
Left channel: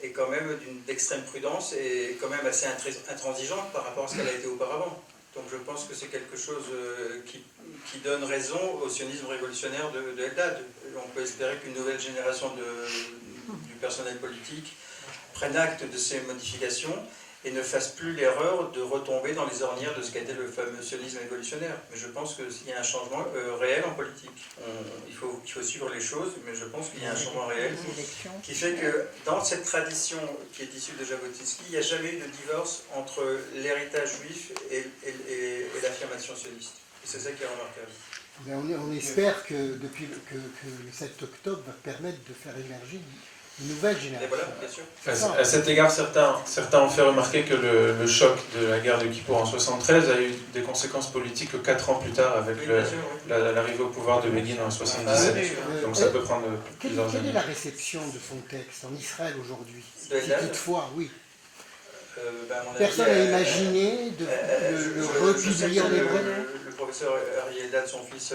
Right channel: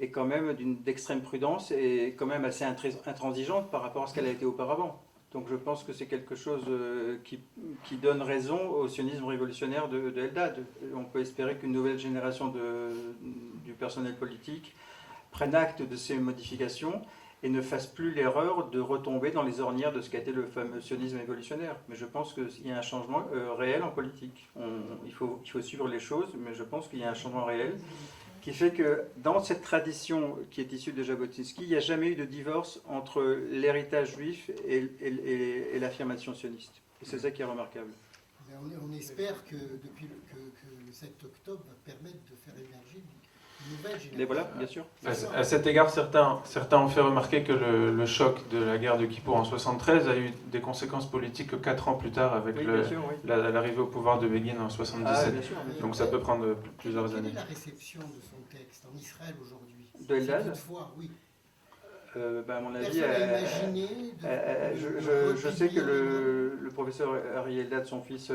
est quand même d'extrême prudence et quand même assez intransigeante par rapport à ce qu'elle a été auparavant. Donc je pense que c'est quelque chose qui donne raison au sionisme révolutionnaire de Eldad. On peut espérer qu'une nouvelle génération du personnel politique prenne acte de ces modifications et ne fasse plus l'erreur de retomber dans les ornières de ce qu'a été le fameux sionisme révolutionnaire. Mais je pense qu'il y a un changement réel en politique. Il faut suivre les choses, mais je pense qu'il y a un changement réel qui fait que dans cette tradition qui est issue de Jabotinsky, il n'y a jamais eu de divorce entre l'héritage juif et l'affirmation sioniste. Et c'est ça qui est remarquable. On espère que le 7 octobre va permettre de faire émerger une nouvelle génération. Et voilà, bien sûr. À cet égard, certains ont fait remarquer que le choc de la guerre de Kippour en 1973 a eu des conséquences politiques que 4 ans plus tard avec l'arrivée au pouvoir de Begin en 1977. Donc ça peut prendre plusieurs années. Quelle est la réception de son texte en Israël aujourd'hui? Toutefois, oui. Personne n'a imaginé de republier en hébreu. Le professeur Ari Eldad, son fils,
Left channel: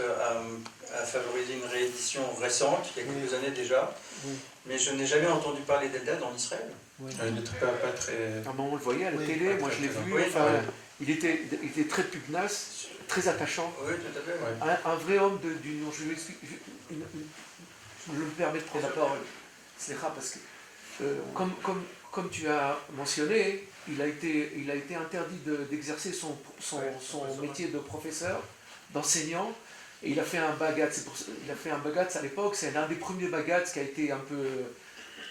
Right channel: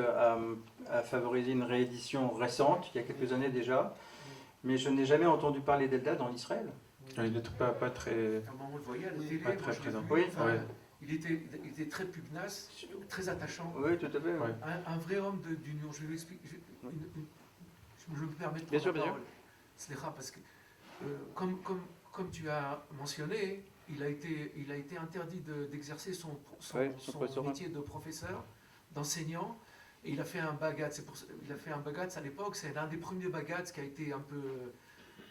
a favorisé une réédition récente, il y a quelques années déjà. Mais je n'ai jamais entendu parler d'Eldad en Israël. Il n'était pas très... On le voyait à la télé, moi je l'ai vu. Il était très pugnace, très attachant. Oui, tout à fait. Un vrai homme d'union. Je me permets de prendre la parole. C'est rare parce que, comme tu as mentionné, il a été interdit d'exercer son métier de professeur, d'enseignant. Et il a fait un bagatz. À l'époque, c'est l'un des premiers bagatz qui a été un peu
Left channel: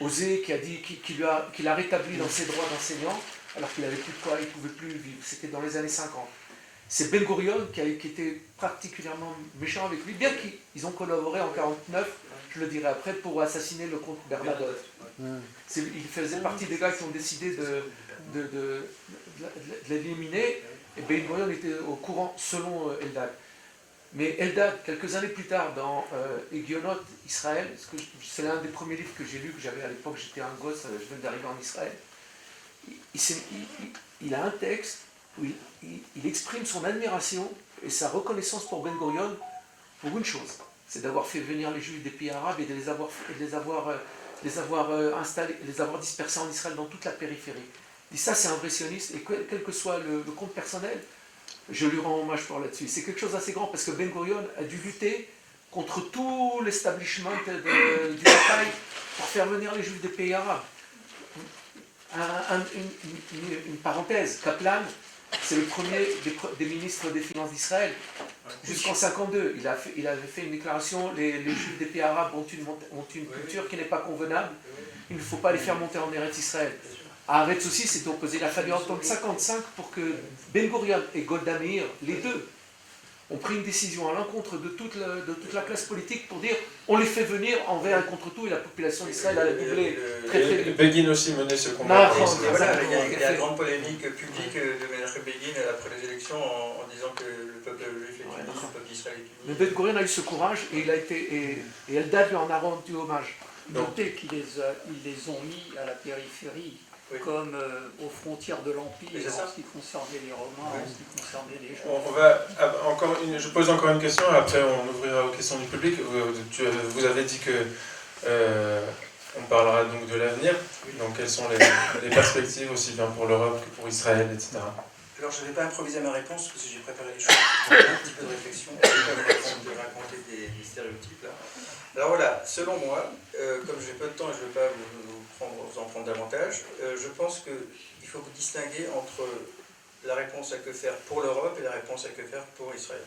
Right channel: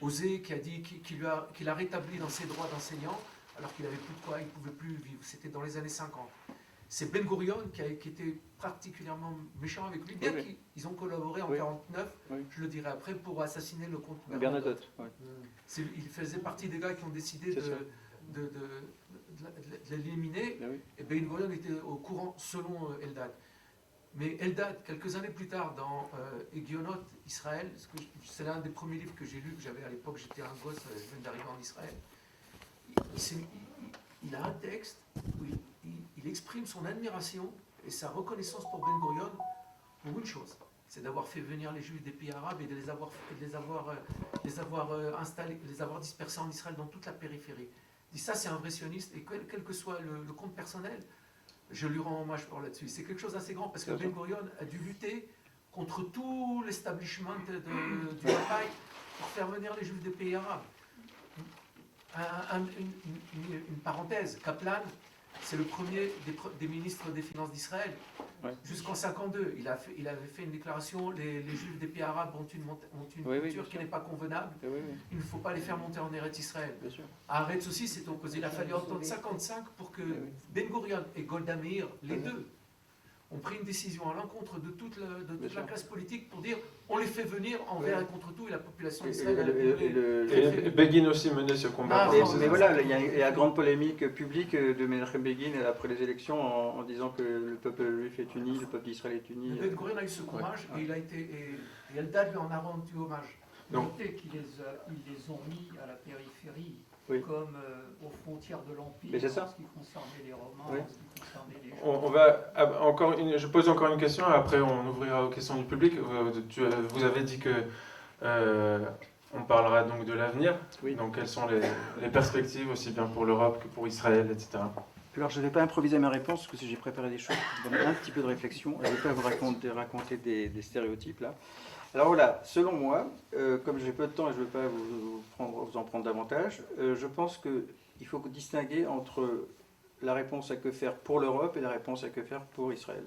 osé, qui a dit qu'il a rétabli dans ses droits d'enseignant, alors qu'il n'avait plus de quoi, il ne pouvait plus vivre. C'était dans les années 50. C'est Ben Gurion qui était particulièrement méchant avec lui, bien qu'ils ont collaboré en 1949, je le dirai après, pour assassiner le comte Bernadotte. Il faisait partie des gars qui ont décidé de l'éliminer, et Ben Gurion était au courant selon Eldad. Mais Eldad, quelques années plus tard, dans Hegionot, Israël, c'est l'un des premiers livres que j'ai lus, que j'avais à l'époque, j'étais un gosse, je venais d'arriver en Israël. Il a un texte où il exprime son admiration et sa reconnaissance pour Ben Gurion pour une chose, c'est d'avoir fait venir les Juifs des pays arabes et de les avoir dispersés en Israël dans toute la périphérie. Et ça, c'est un vrai sioniste, et quel que soit le compte personnel, je lui rends hommage pour là-dessus. C'est quelque chose d'assez grand parce que Ben Gurion a dû lutter contre tout l'establishment du bataille pour faire venir les Juifs des pays arabes. Une parenthèse, Kaplan, c'est le premier des ministres des Finances d'Israël. Jusqu'en 1952, il avait fait une déclaration, les Juifs des pays arabes ont une culture qui n'est pas convenable, il ne faut pas les faire monter en Eretz Israël. À Eretz aussi, c'était opposé. Il a fallu attendre 1955 pour que Ben Gurion et Golda Meir, les deux, ont pris une décision à l'encontre de toute la classe politique pour dire on les fait venir envers et contre tout, et la population d'Israël a brûlé très vite. Begin aussi menait ce combat. Il y a la grande polémique publique de Menachem Begin après les élections en disant que le peuple juif est uni, le peuple d'Israël est uni. Mais Ben Gurion a eu ce courage et Eldad lui en a rendu hommage. Notez qu'ils les ont mis à la périphérie. Comme aux frontières de l'Empire, en ce qui concernait les Romains, en ce qui concernait les gens. Je pose encore une question, et après on ouvrira aux questions du public. Vous avez dit que on parlera donc de l'avenir, donc quelles sont les perspectives aussi bien pour l'Europe que pour Israël, etc. Alors je ne vais pas improviser ma réponse parce que j'ai préparé les choses, donc un petit peu de réflexion, je vais vous raconter des stéréotypes là. Alors voilà, selon moi, comme j'ai peu de temps et je ne vais pas vous en prendre davantage, je pense qu'il faut distinguer entre la réponse à que faire pour l'Europe et la réponse à que faire pour Israël.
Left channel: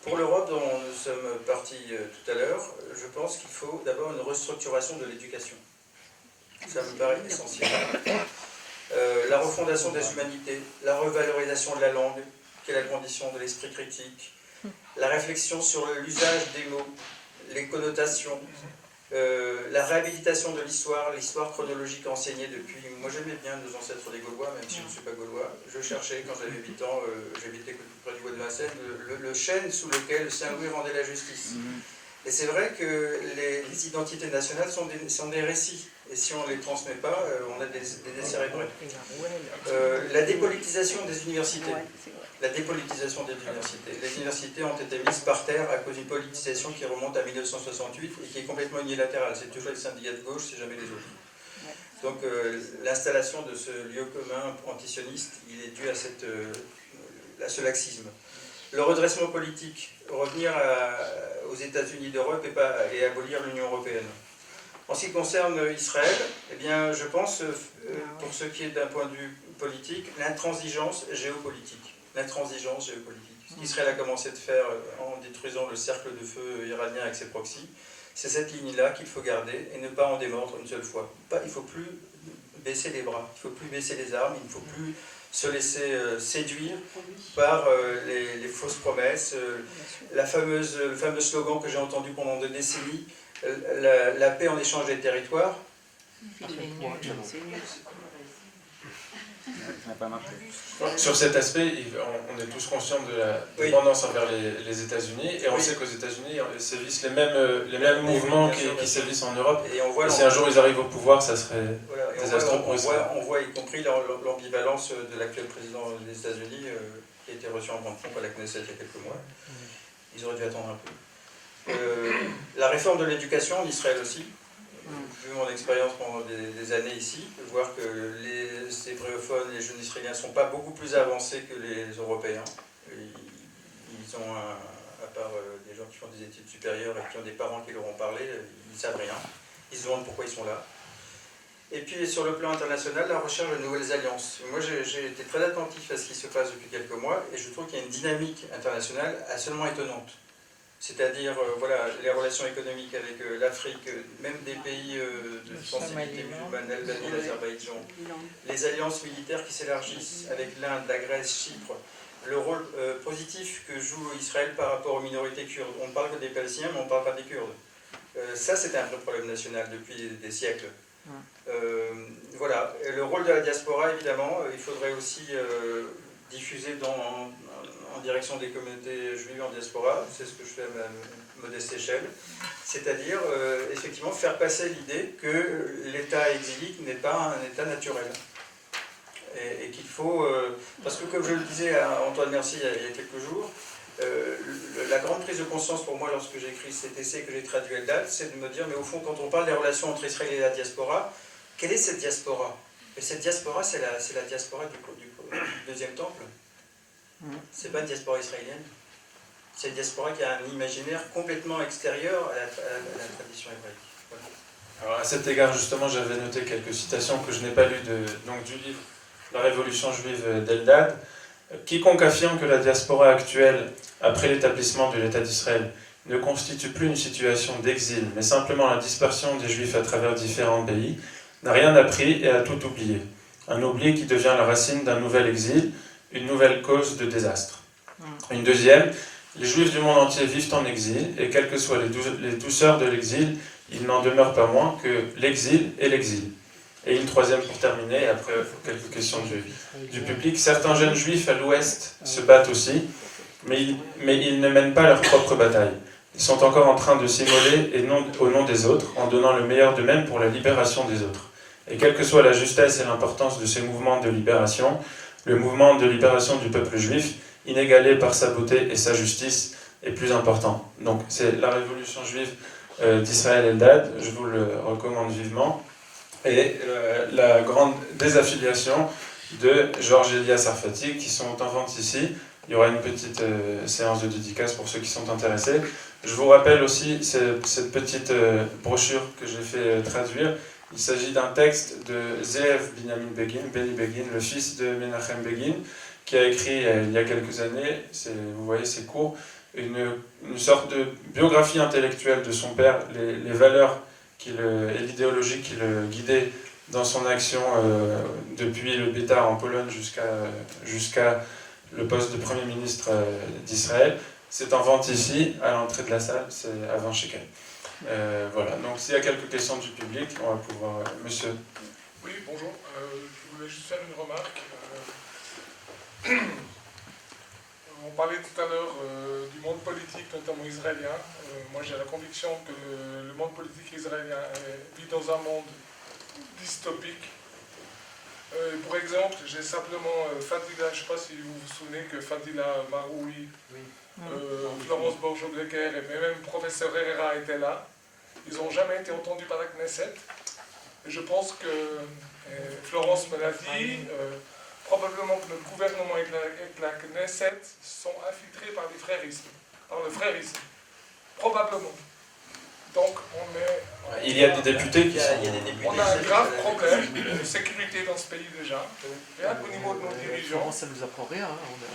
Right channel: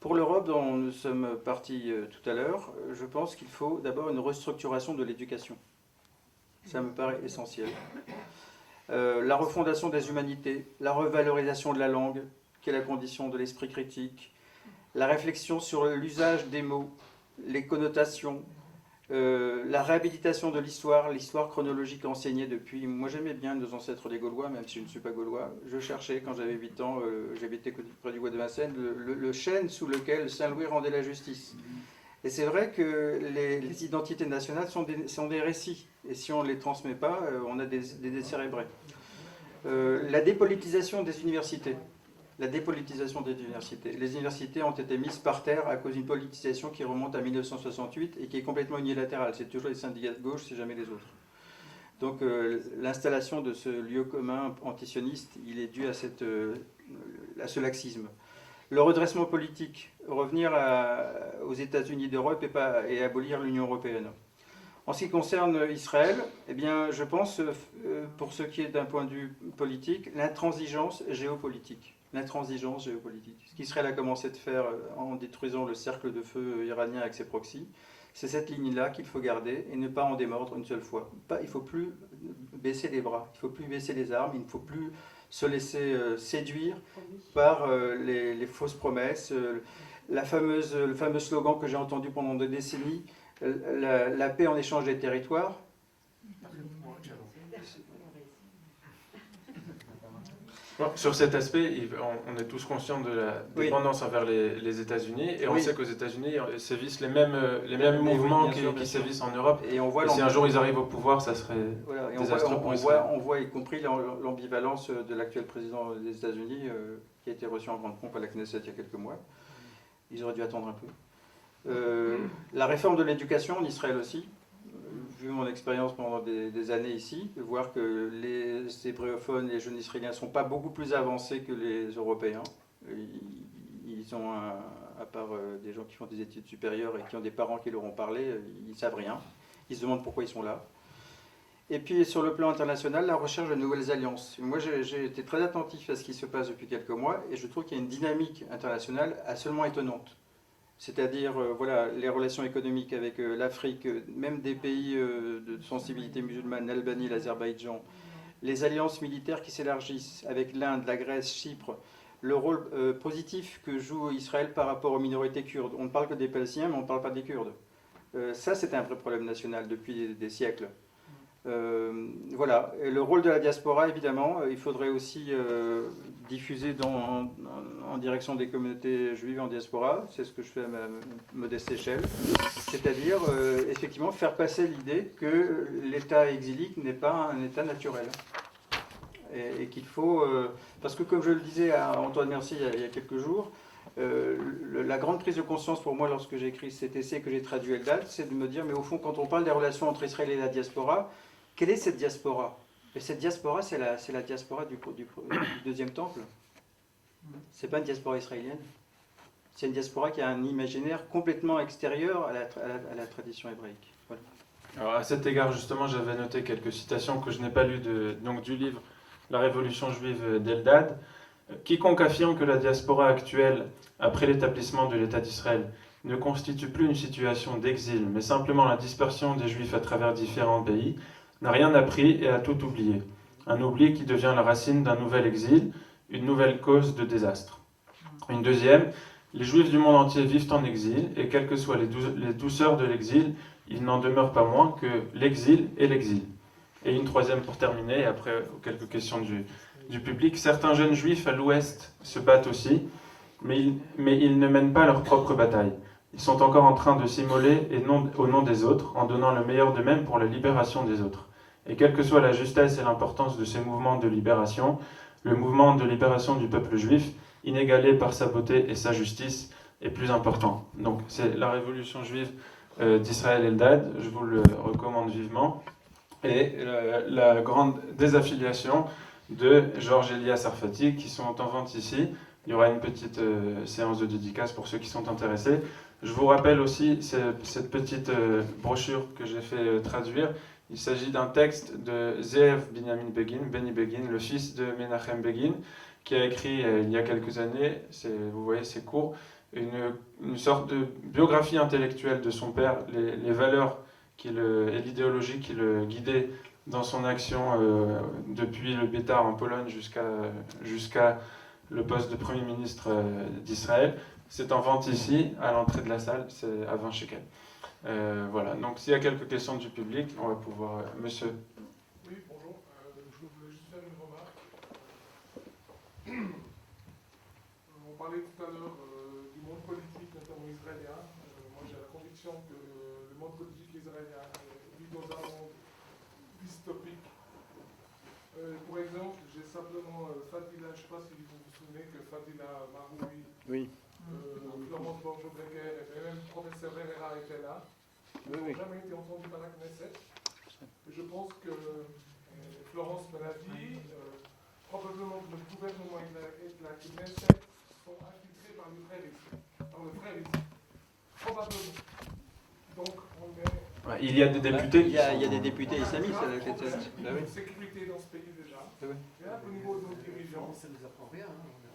Pour l'Europe, dont nous sommes partis tout à l'heure, je pense qu'il faut d'abord une restructuration de l'éducation. Ça me paraît essentiel. La refondation des humanités, la revalorisation de la langue, qui est la condition de l'esprit critique, la réflexion sur l'usage des mots, les connotations, La réhabilitation de l'histoire chronologique enseignée depuis... Moi j'aimais bien nos ancêtres les Gaulois, même si je ne suis pas Gaulois. Je cherchais, quand j'avais 8 ans, j'habitais près du bois de Vincennes, le chêne sous lequel Saint-Louis rendait la justice. Et c'est vrai que les identités nationales sont des récits. Et si on ne les transmet pas, on a des décérébrés. La dépolitisation des universités. La dépolitisation des universités. Les universités ont été mises par terre à cause d'une politisation qui remonte à 1968 et qui est complètement unilatérale. C'est toujours les syndicats de gauche, c'est jamais les autres. Donc l'installation de ce lieu commun antisioniste, il est dû à ce laxisme. Le redressement politique, revenir aux États-Unis d'Europe et abolir l'Union européenne. En ce qui concerne Israël, eh bien, je pense, pour ce qui est d'un point de vue politique, l'intransigeance géopolitique. L'intransigeance géopolitique. Ce qu'Israël a commencé de faire en détruisant le cercle de feu iranien avec ses proxys, c'est cette ligne-là qu'il faut garder et ne pas en démordre une seule fois. Il ne faut plus baisser les bras, il ne faut plus baisser les armes, il ne faut plus se laisser séduire par les fausses promesses. Le fameux slogan que j'ai entendu pendant 2 décennies, la paix en échange des territoires. Sur cet aspect, on est tous conscients de la dépendance envers les États-Unis, et on sait qu'aux États-Unis sévissent les mêmes mouvements qui sévissent en Europe. Et si un jour ils arrivent au pouvoir, ça serait désastreux pour Israël. On voit y compris l'ambivalence de l'actuel président des États-Unis, qui a été reçu en grande pompe à la Knesset il y a quelques mois. Ils auraient dû attendre un peu. La réforme de l'éducation en Israël aussi. Vu mon expérience pendant des années ici, de voir que les hébraeophones, les jeunes israéliens ne sont pas beaucoup plus avancés que les Européens. Ils ont, à part des gens qui font des études supérieures et qui ont des parents qui leur ont parlé, ils ne savent rien. Ils se demandent pourquoi ils sont là. Et puis sur le plan international, la recherche de nouvelles alliances. Moi j'ai été très attentif à ce qui se passe depuis quelques mois et je trouve qu'il y a une dynamique internationale absolument étonnante. C'est-à-dire voilà, les relations économiques avec l'Afrique, même des pays de sensibilité musulmane, l'Albanie, l'Azerbaïdjan, les alliances militaires qui s'élargissent avec l'Inde, la Grèce, Chypre, le rôle positif que joue Israël par rapport aux minorités kurdes. On ne parle que des Palestiniens, mais on ne parle pas des Kurdes. Ça, c'est un vrai problème national depuis des siècles. Voilà. Et le rôle de la diaspora, évidemment, il faudrait aussi diffuser en direction des communautés juives en diaspora, c'est ce que je fais à ma modeste échelle, c'est-à-dire effectivement faire passer l'idée que l'état exilique n'est pas un état naturel. Et qu'il faut... parce que comme je le disais à Antoine Mercier il y a quelques jours, la grande prise de conscience pour moi lorsque j'ai écrit cet essai que j'ai traduit à Eldad, c'est de me dire, mais au fond, quand on parle des relations entre Israël et la diaspora, quelle est cette diaspora? Et cette diaspora, c'est la diaspora du deuxième temple. C'est pas une diaspora israélienne. C'est une diaspora qui a un imaginaire complètement extérieur à la tradition hébraïque. Voilà. Alors à cet égard, justement, j'avais noté quelques citations que je n'ai pas lues du livre La Révolution juive d'Eldad. Quiconque affirme que la diaspora actuelle, après l'établissement de l'État d'Israël, ne constitue plus une situation d'exil, mais simplement la dispersion des Juifs à travers différents pays, n'a rien appris et a tout oublié. Un oubli qui devient la racine d'un nouvel exil, une nouvelle cause de désastre. Une deuxième, les Juifs du monde entier vivent en exil, et quelles que soient les douceurs de l'exil, il n'en demeure pas moins que l'exil est l'exil. Et une troisième pour terminer, et après quelques questions du public. Certains jeunes Juifs à l'Ouest se battent aussi, mais ils ne mènent pas leur propre bataille. Ils sont encore en train de s'immoler au nom des autres, en donnant le meilleur d'eux-mêmes pour la libération des autres. Et quelle que soit la justesse et l'importance de ces mouvements de libération, le mouvement de libération du peuple juif, inégalé par sa beauté et sa justice, est plus important. Donc c'est la révolution juive d'Israël Eldad, je vous le recommande vivement. Et la grande désaffiliation de Georges Elias Sarfati, qui sont en vente ici. Il y aura une petite séance de dédicace pour ceux qui sont intéressés. Je vous rappelle aussi cette petite brochure que j'ai fait traduire. Il s'agit d'un texte de Zeev Benny Begin, le fils de Menachem Begin, qui a écrit il y a quelques années, vous voyez c'est court, une sorte de biographie intellectuelle de son père, les valeurs et l'idéologie qui le guidait dans son action depuis le Bétar en Pologne jusqu'à le poste de Premier ministre d'Israël. C'est en vente ici, à l'entrée de la salle, c'est à 20 shekels. Voilà, donc s'il y a quelques questions du public, on va pouvoir... Monsieur. Oui, bonjour. Je voulais juste faire une remarque. On parlait tout à l'heure du monde politique, notamment israélien. Moi, j'ai la conviction que le monde politique israélien vit dans un monde dystopique. Pour exemple, j'ai simplement Fadila, je ne sais pas si vous vous souvenez que Fadila Maroui, Florence Borjo-Grecker et même professeur Herrera étaient là. Ils n'ont jamais été entendus par la Knesset. Et je pense que Florence me l'a dit, probablement que notre gouvernement et la Knesset sont infiltrés par le frérisme. Probablement. Donc on est... Il y a des députés qui sont... On a un grave problème de sécurité dans ce pays déjà. Rien qu'au niveau de nos dirigeants. Ça ne nous apprend rien.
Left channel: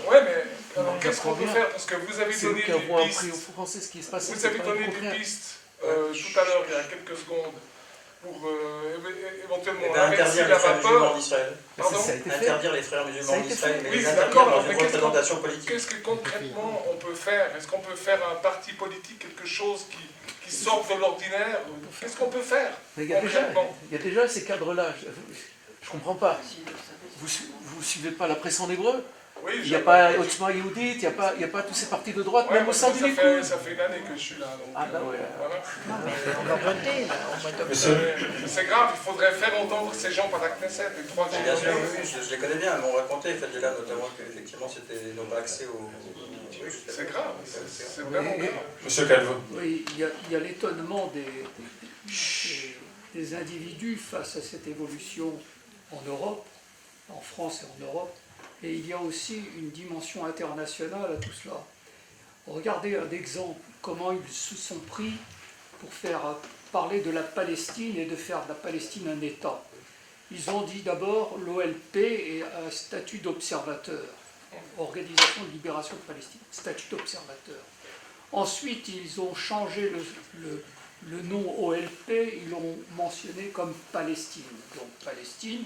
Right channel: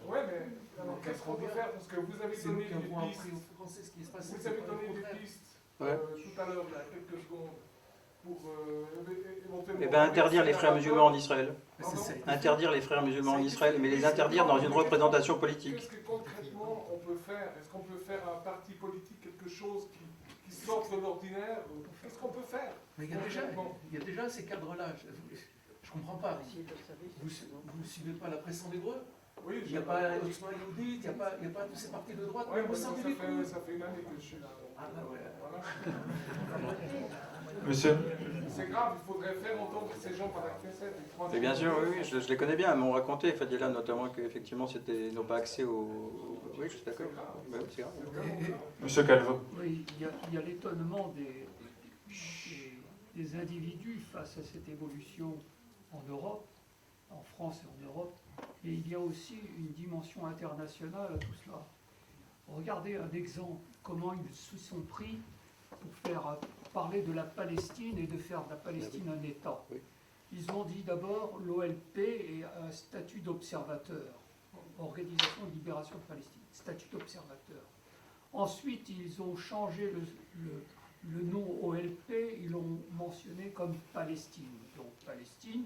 Ouais, mais alors qu'est-ce qu'on peut faire? Parce que vous avez donné des pistes. Vous avez donné des pistes tout à l'heure, il y a quelques secondes, pour éventuellement interdire les frères musulmans d'Israël. Pardon? Interdire les frères musulmans d'Israël, mais Oui, les interdire d'accord, dans une mais représentation politique. Qu'est-ce que concrètement on peut faire? Est-ce qu'on peut faire un parti politique, quelque chose qui sorte de l'ordinaire? Qu'est-ce qu'on peut faire Il y a déjà ces cadres-là. Je ne comprends pas. Vous ne suivez pas la presse en hébreu? Oui, il n'y a pas Otzma Yehudit, il n'y a pas tous ces partis de droite, même au sein du Likoud. Ça fait une année que je suis là. Donc, voilà. C'est grave, il faudrait faire entendre ces gens par la Knesset. Bien sûr, oui, je les connais bien. Ils m'ont raconté, Fadila notamment, qu'effectivement, ils n'ont pas accès aux... C'est grave, c'est vraiment grave. Monsieur Calvo. Oui, il y a l'étonnement des individus face à cette évolution en Europe, en France et en Europe. Et il y a aussi une dimension internationale à tout cela. Regardez un exemple, comment ils se sont pris pour faire parler de la Palestine et de faire de la Palestine un État. Ils ont dit d'abord l'OLP est un statut d'observateur, Organisation de Libération de Palestine, statut d'observateur. Ensuite, ils ont changé le nom OLP, ils l'ont mentionné comme Palestine. Donc Palestine.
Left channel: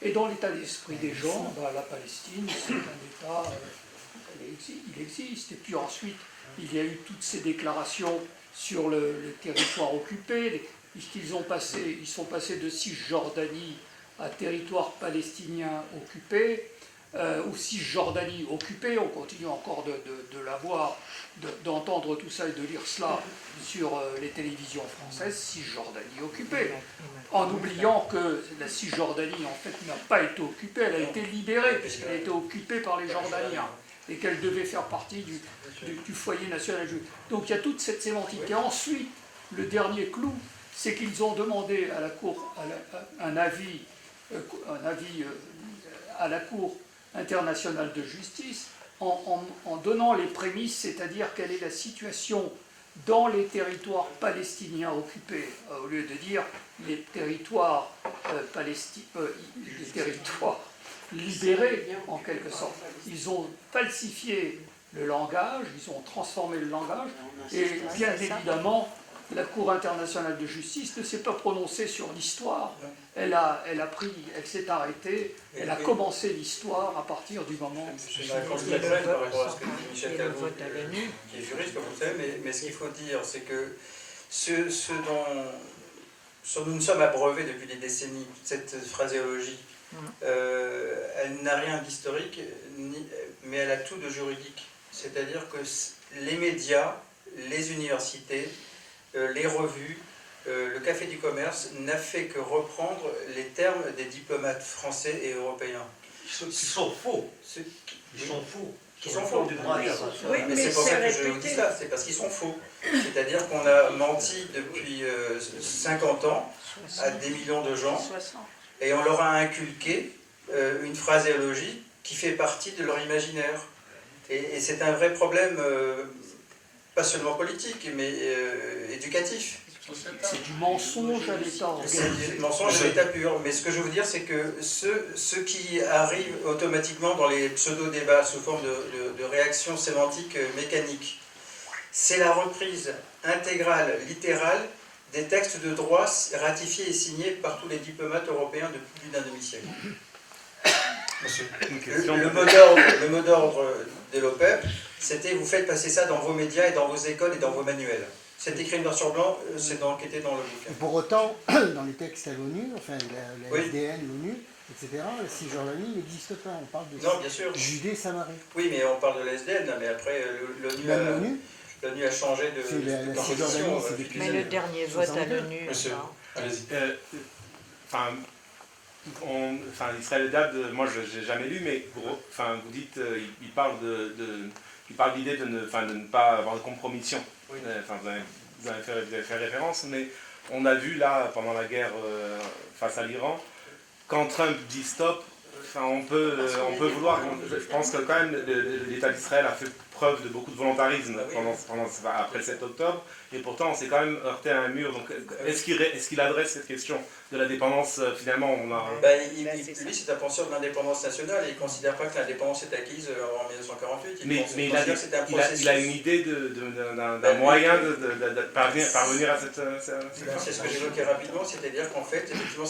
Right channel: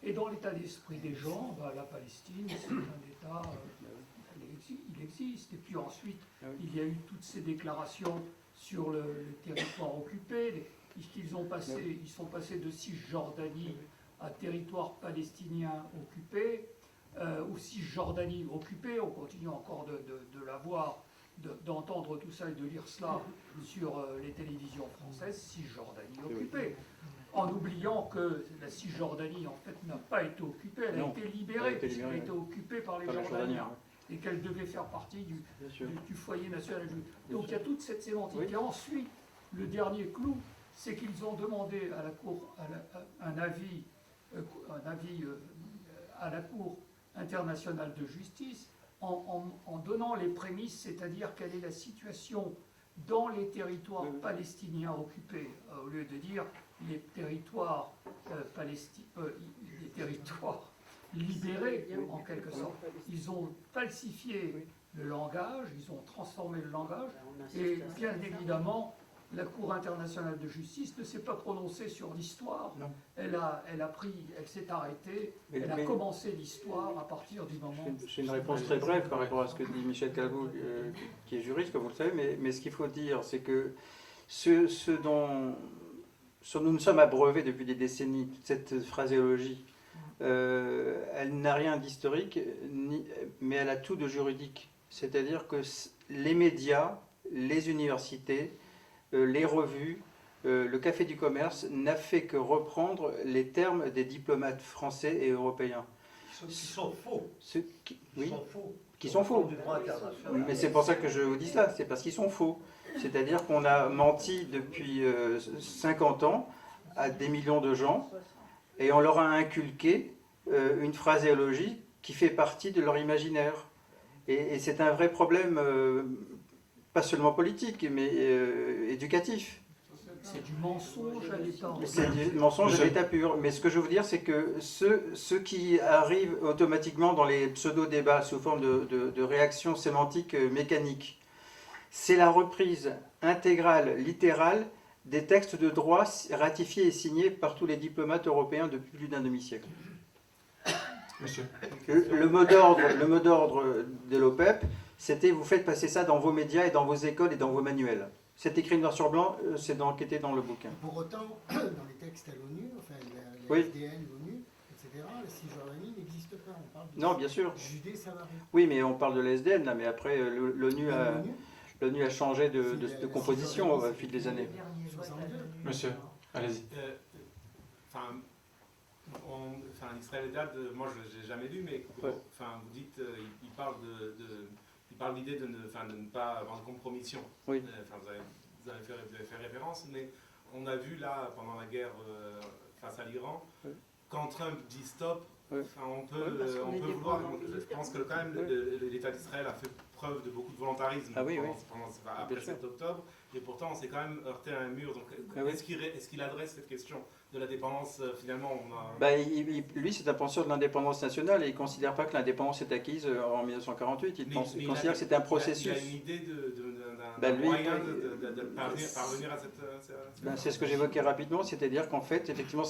Et dans l'état d'esprit des gens, la Palestine, c'est un État, il existe. Et puis ensuite, il y a eu toutes ces déclarations sur le territoire occupé. Ils sont passés de Cisjordanie à territoire palestinien occupé, ou Cisjordanie occupée. On continue encore de l'avoir, d'entendre tout ça et de lire cela sur les télévisions françaises, Cisjordanie occupée. En oubliant que la Cisjordanie, en fait, n'a pas été occupée, elle a été libérée, puisqu'elle a été occupée par les Jordaniens, et qu'elle devait faire partie du foyer national juif. Donc il y a toute cette sémantique. Et ensuite, le dernier clou, c'est qu'ils ont demandé à la Cour un avis à la Cour internationale de justice, en donnant les prémices, c'est-à-dire quelle est la situation dans les territoires palestiniens occupés, au lieu de dire les territoires les territoires libérés en quelque sorte. Ils ont falsifié le langage, ils ont transformé le langage, et bien évidemment, la Cour internationale de justice ne s'est pas prononcée sur l'histoire. Elle s'est arrêtée, elle a commencé l'histoire à partir du moment... Je suis très bref par rapport à ce que dit Michel Calvo, qui est juriste, comme vous le savez, mais ce qu'il faut dire, c'est que ce dont nous nous sommes abreuvés depuis des décennies, cette phraséologie, elle n'a rien d'historique, mais elle a tout de juridique. C'est-à-dire que les médias, les universités, les revues, le Café du Commerce n'a fait que reprendre les termes des diplomates français et européens. Qui sont faux. Qui sont faux. Oui, mais c'est pour ça que je vous dis ça, c'est parce qu'ils sont faux. C'est-à-dire qu'on a menti depuis 50 ans à des millions de gens et on leur a inculqué une phraséologie qui fait partie de leur imaginaire. Et c'est un vrai problème, pas seulement politique, mais éducatif. C'est du mensonge à l'état. C'est du mensonge à l'état pur. Mais ce que je veux dire, c'est que ceux qui arrivent automatiquement dans les pseudo-débats sous forme de réactions sémantiques mécaniques, c'est la reprise intégrale, littérale, des textes de droit ratifiés et signés par tous les diplomates européens depuis plus d'un demi-siècle. Le mot d'ordre de l'OPEP, c'était vous faites passer ça dans vos médias et dans vos écoles et dans vos manuels. C'est écrit noir sur blanc, c'est d'enquêter dans le bouquin. Pour autant, dans les textes à l'ONU, enfin la Oui. SDN, l'ONU, etc., la Cisjordanie n'existe pas. On parle de Non, bien sûr. Judée-Samarie. Oui, mais on parle de l'SDN, là, mais après, l'ONU a changé de la composition Cisjordanie, c'est depuis depuis des Mais le années. dernier vote à l'ONU. Monsieur, allez-y. Enfin, Israël Eldad, moi je n'ai jamais lu, mais vous dites, il parle il parle de l'idée de ne pas avoir de compromission. Oui. Vous avez fait référence, mais on a vu là, pendant la guerre face à l'Iran, quand Trump dit stop, on peut vouloir. Je pense que quand même l'État d'Israël a fait preuve de beaucoup de volontarisme après le 7 octobre, et pourtant on s'est quand même heurté à un mur. Donc est-ce qu'il adresse cette question de la dépendance finalement Lui, c'est un penseur de l'indépendance nationale et il ne considère pas que l'indépendance est acquise en 1948. Il considère que c'est un processus. Il a une idée d'un moyen de parvenir à cette... C'est ce que j'évoquais rapidement, c'est-à-dire qu'en fait, effectivement,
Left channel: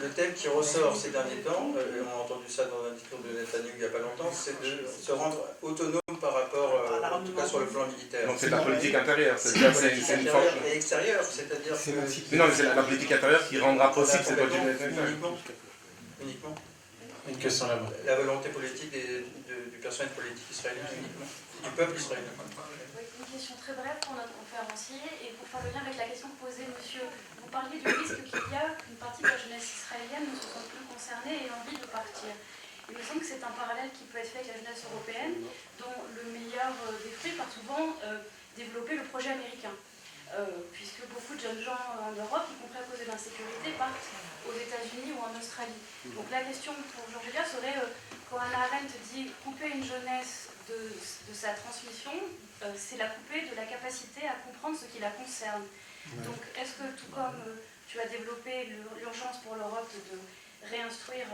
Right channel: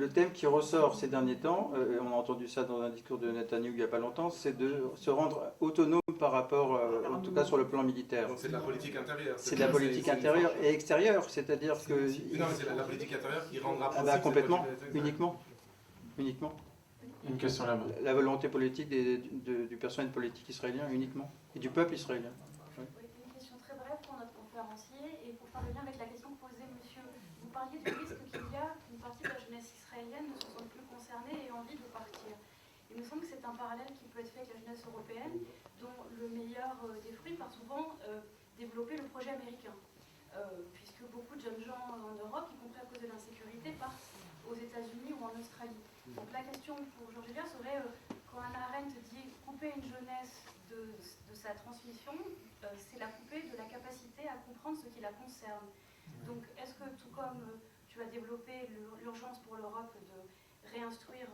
le thème qui ressort ces derniers temps, on a entendu ça dans un discours de Netanyahu il n'y a pas longtemps, c'est de se rendre autonome par rapport, en tout cas sur le plan militaire. Donc c'est la politique intérieure. C'est la politique intérieure et extérieure, c'est-à-dire que... Mais non, mais c'est la politique intérieure qui rendra possible cette politique uniquement. Une question là-bas. La volonté politique du personnel politique israélien uniquement, et du peuple israélien. Une question très brève pour notre conférencier et pour faire le lien avec la question posée, monsieur. Vous parliez du risque qu'il y a qu'une partie de la jeunesse israélienne ne se sente plus concernée et ait envie de partir. Il me semble que c'est un parallèle qui peut être fait avec la jeunesse européenne, dont le meilleur des fruits part souvent développer le projet américain. Puisque beaucoup de jeunes gens en Europe, y compris à cause de l'insécurité, partent aux États-Unis ou en Australie. Donc la question pour Jean-Julia serait, quand Hannah Arendt dit couper une jeunesse de sa transmission, c'est la couper de la capacité à comprendre ce qui la concerne. Donc est-ce que tout comme tu as développé l'urgence pour l'Europe de réinstruire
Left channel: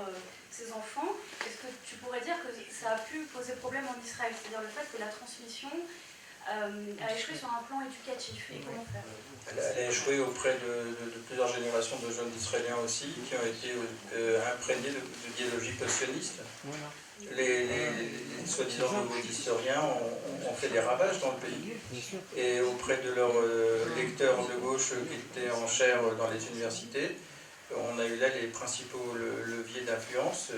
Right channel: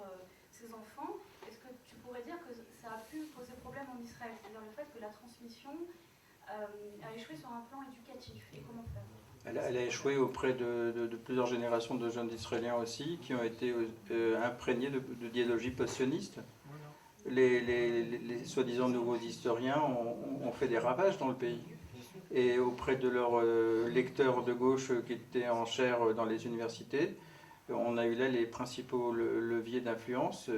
ses enfants, est-ce que tu pourrais dire que ça a pu poser problème en Israël, c'est-à-dire le fait que la transmission a échoué sur un plan éducatif, et comment faire? Elle a échoué auprès de plusieurs générations de jeunes Israéliens aussi, qui ont été imprégnés d'idéologie post-sioniste. Les soi-disant nouveaux historiens ont fait des ravages dans le pays. Et auprès de leurs lecteurs de gauche qui étaient en chaire dans les universités, on a eu là les principaux leviers d'influence,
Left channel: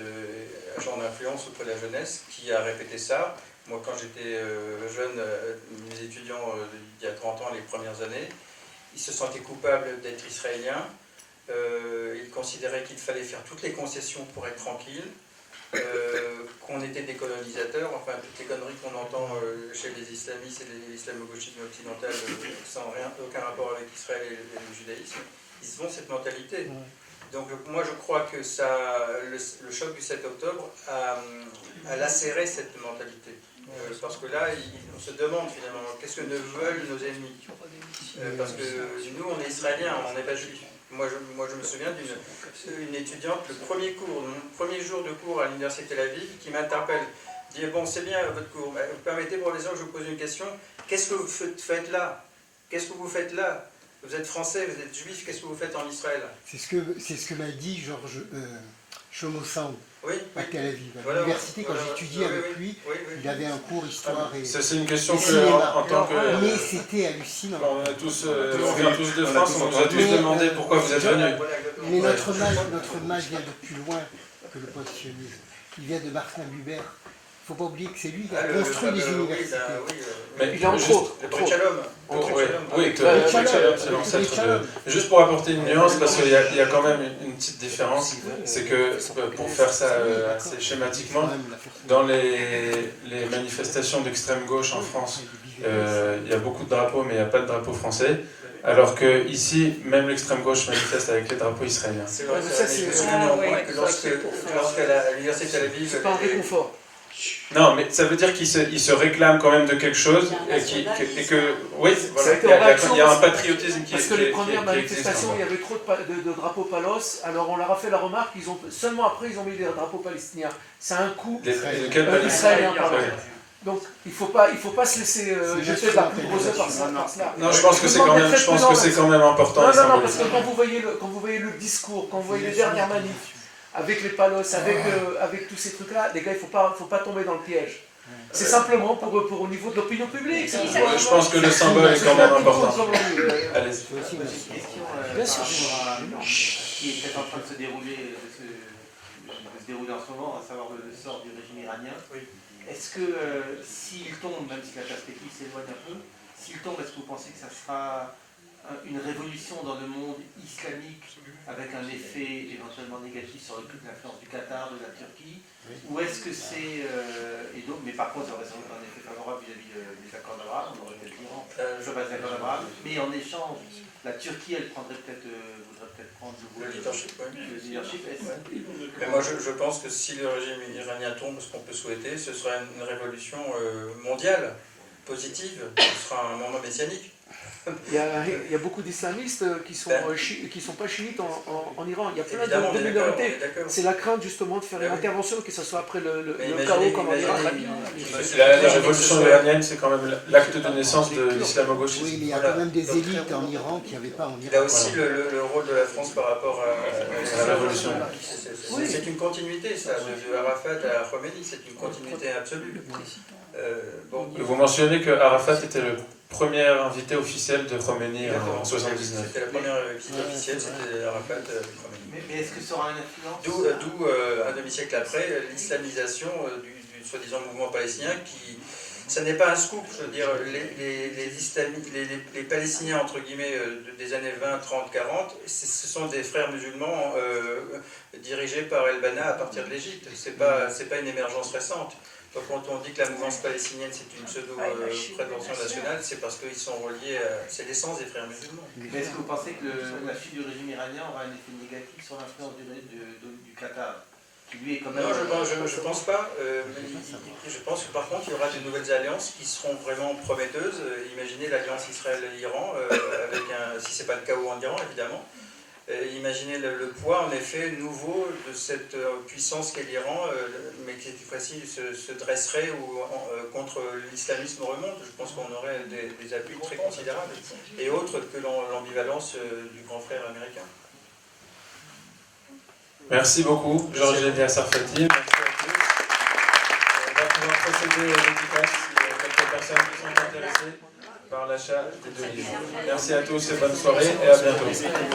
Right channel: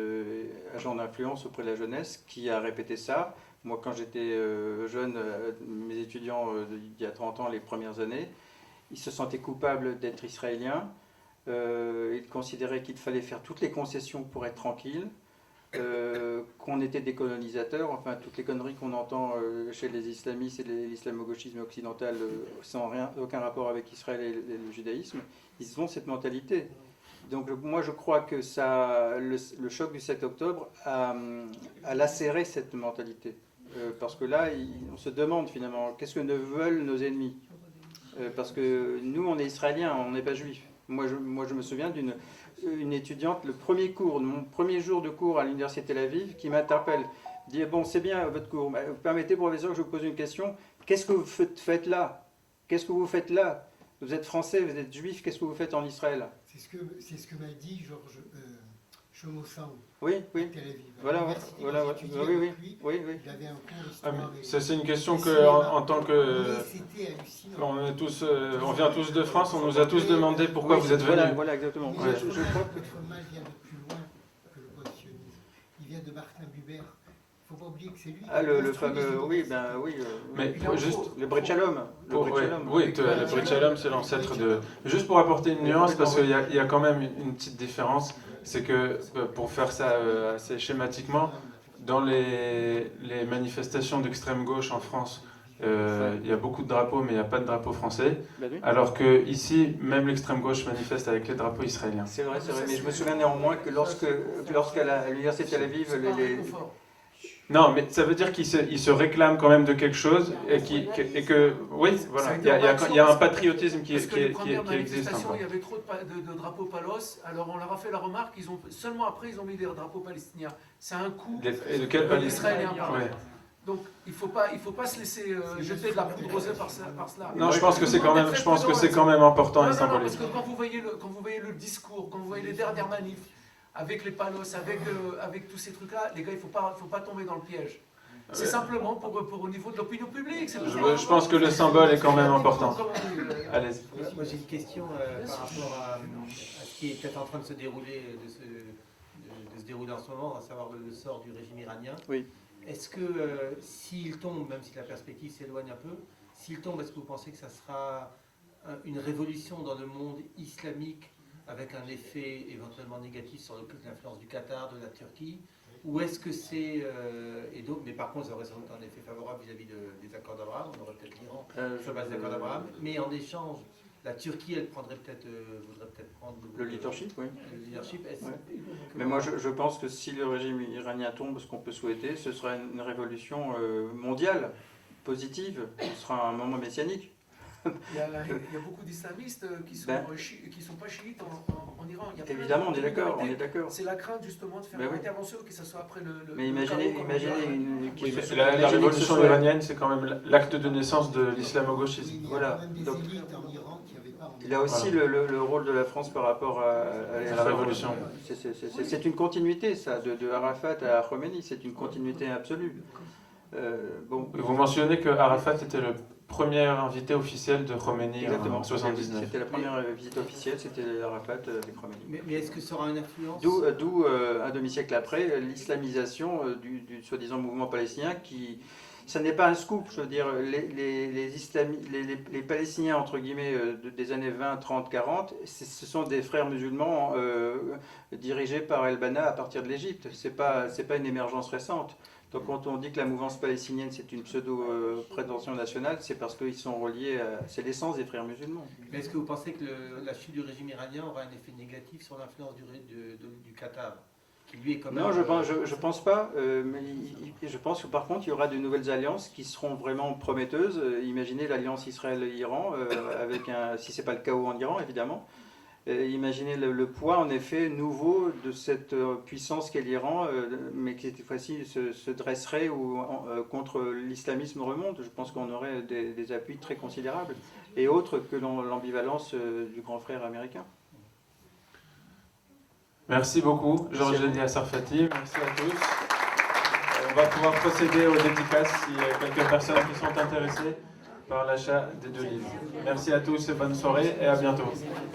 agents d'influence auprès de la jeunesse, qui a répété ça. Moi, quand j'étais jeune, mes étudiants il y a 30 ans, les premières années, ils se sentaient coupables d'être israéliens. Ils considéraient qu'il fallait faire toutes les concessions pour être tranquille, qu'on était des colonisateurs, enfin toutes les conneries qu'on entend chez les islamistes et l'islamo-gauchisme occidental sans aucun rapport avec Israël et le judaïsme. Ils ont cette mentalité. Donc moi je crois que le choc du 7 octobre a lacéré cette mentalité. Parce que là, on se demande finalement, qu'est-ce que ne veulent nos ennemis? Parce que nous, on est israéliens, on n'est pas juifs. Moi, je me souviens d'une étudiante, mon premier jour de cours à l'université Tel Aviv, qui m'interpelle, dit, bon, c'est bien votre cours, mais vous permettez, professeur, que je vous pose une question, qu'est-ce que vous faites là? Qu'est-ce que vous faites là? Vous êtes français, vous êtes juif, qu'est-ce que vous faites en Israël? C'est ce que m'a dit Georges Chomossan à Tel Aviv. À l'université, quand j'étudiais avec lui, il avait un cours histoire et... Ça, c'est une question que, en tant que... Mais c'était hallucinant. On vient tous de France, on nous a tous demandé pourquoi vous êtes venus. Mais notre mal vient de plus loin que le post-sionisme. Il vient de Martin Buber. Il ne faut pas oublier que c'est lui qui a construit les universités. Mais il a juste, le Brit-Shalom. Oui, le Brit-Shalom, c'est l'ancêtre de... Juste pour apporter une nuance, parce qu'il y a quand même une petite différence, c'est que, pour faire ça assez schématiquement, dans les manifestations d'extrême gauche en France, il y a beaucoup de drapeaux, mais il n'y a pas de drapeau français, alors que ici, même l'extrême gauche manifeste avec les drapeaux israéliens. C'est vrai, je me souviens néanmoins que lorsqu'à l'université Tel Aviv... C'est pas un réconfort. Non, mais ça veut dire qu'il se réclame quand même de quelque chose et que oui, voilà, il y a un patriotisme qui existe. Parce que les premières manifestations, il y avait trop de drapeaux palos, alors on leur a fait la remarque, seulement après ils ont mis des drapeaux palestiniens. C'est un coup israélien. Donc il faut pas se laisser jeter de la poudre par ça. Non, je pense que c'est quand même important. Non, parce que quand vous voyez le discours, quand vous voyez les dernières manifs, avec les palos, avec tous ces trucs-là, les gars, il ne faut pas tomber dans le piège. C'est simplement pour au niveau de l'opinion publique. Je pense que le symbole est quand même important. Allez. J'ai aussi une question Bien sûr. par rapport à ce qui est peut-être en train de se dérouler, en ce moment, à savoir le sort du régime iranien. Oui. Est-ce que s'il tombe, même si la perspective s'éloigne un peu, s'il tombe, est-ce que vous pensez que ça sera une révolution dans le monde islamique avec un effet éventuellement négatif sur l'influence du Qatar, de la Turquie, ou est-ce que c'est... mais par contre, ça aurait sans doute un effet favorable vis-à-vis des accords d'Abraham, on aurait peut-être sur base des accords d'Abraham, mais en échange, la Turquie, elle prendrait peut-être, voudrait peut-être prendre Le leadership, oui. le leadership. Mais moi, je pense que si le régime iranien tombe, ce qu'on peut souhaiter, ce sera une révolution mondiale, positive, ce sera un moment messianique. Il y a beaucoup d'islamistes qui sont pas chiites en Iran. Il y a plein Évidemment, de minorités. d'accord. C'est la crainte justement de faire Mais une oui. intervention, que ce soit après le Mais chaos comme en Irak. La révolution iranienne, c'est quand même l'acte de naissance de l'islamo-gauchisme. Oui, mais il y a quand même des élites en Iran qui n'avaient pas en Iran. Il a aussi le rôle de la France par rapport à la révolution. C'est une continuité, ça, de Arafat à Khomeini, c'est une continuité absolue. Vous mentionnez que Arafat était le premier invité officiel de Khomeini Exactement. en 79. C'était la première visite officielle, c'était Arafat Khomeini. Mais est-ce que ça aura une influence D'où un demi-siècle après, l'islamisation du soi-disant mouvement palestinien qui... Ça n'est pas un scoop, je veux dire, les Palestiniens, entre guillemets, des années 20, 30, 40, ce sont des frères musulmans dirigés par El-Banna à partir de l'Égypte. C'est pas une émergence récente. Donc quand on dit que la mouvance palestinienne c'est une pseudo-prétention nationale, c'est parce qu'ils sont reliés à... C'est l'essence des frères musulmans. Mais est-ce que vous pensez que la chute du régime iranien aura un effet négatif sur l'influence du Qatar, qui lui est quand même... Non, je pense pas. Je pense que par contre il y aura de nouvelles alliances qui seront vraiment prometteuses. Imaginez l'alliance Israël-Iran, si c'est pas le chaos en Iran évidemment. Imaginez le poids en effet nouveau de cette puissance qu'est l'Iran, mais qui cette fois-ci se dresserait contre l'islamisme remonte. Je pense qu'on aurait des appuis très considérables, et autres que l'ambivalence du grand frère américain. Merci beaucoup, Georges Elia Sarfati. Merci à tous. On va pouvoir procéder aux dédicaces si quelques personnes qui sont intéressées par l'achat des deux livres. Merci à tous et bonne soirée et à bientôt.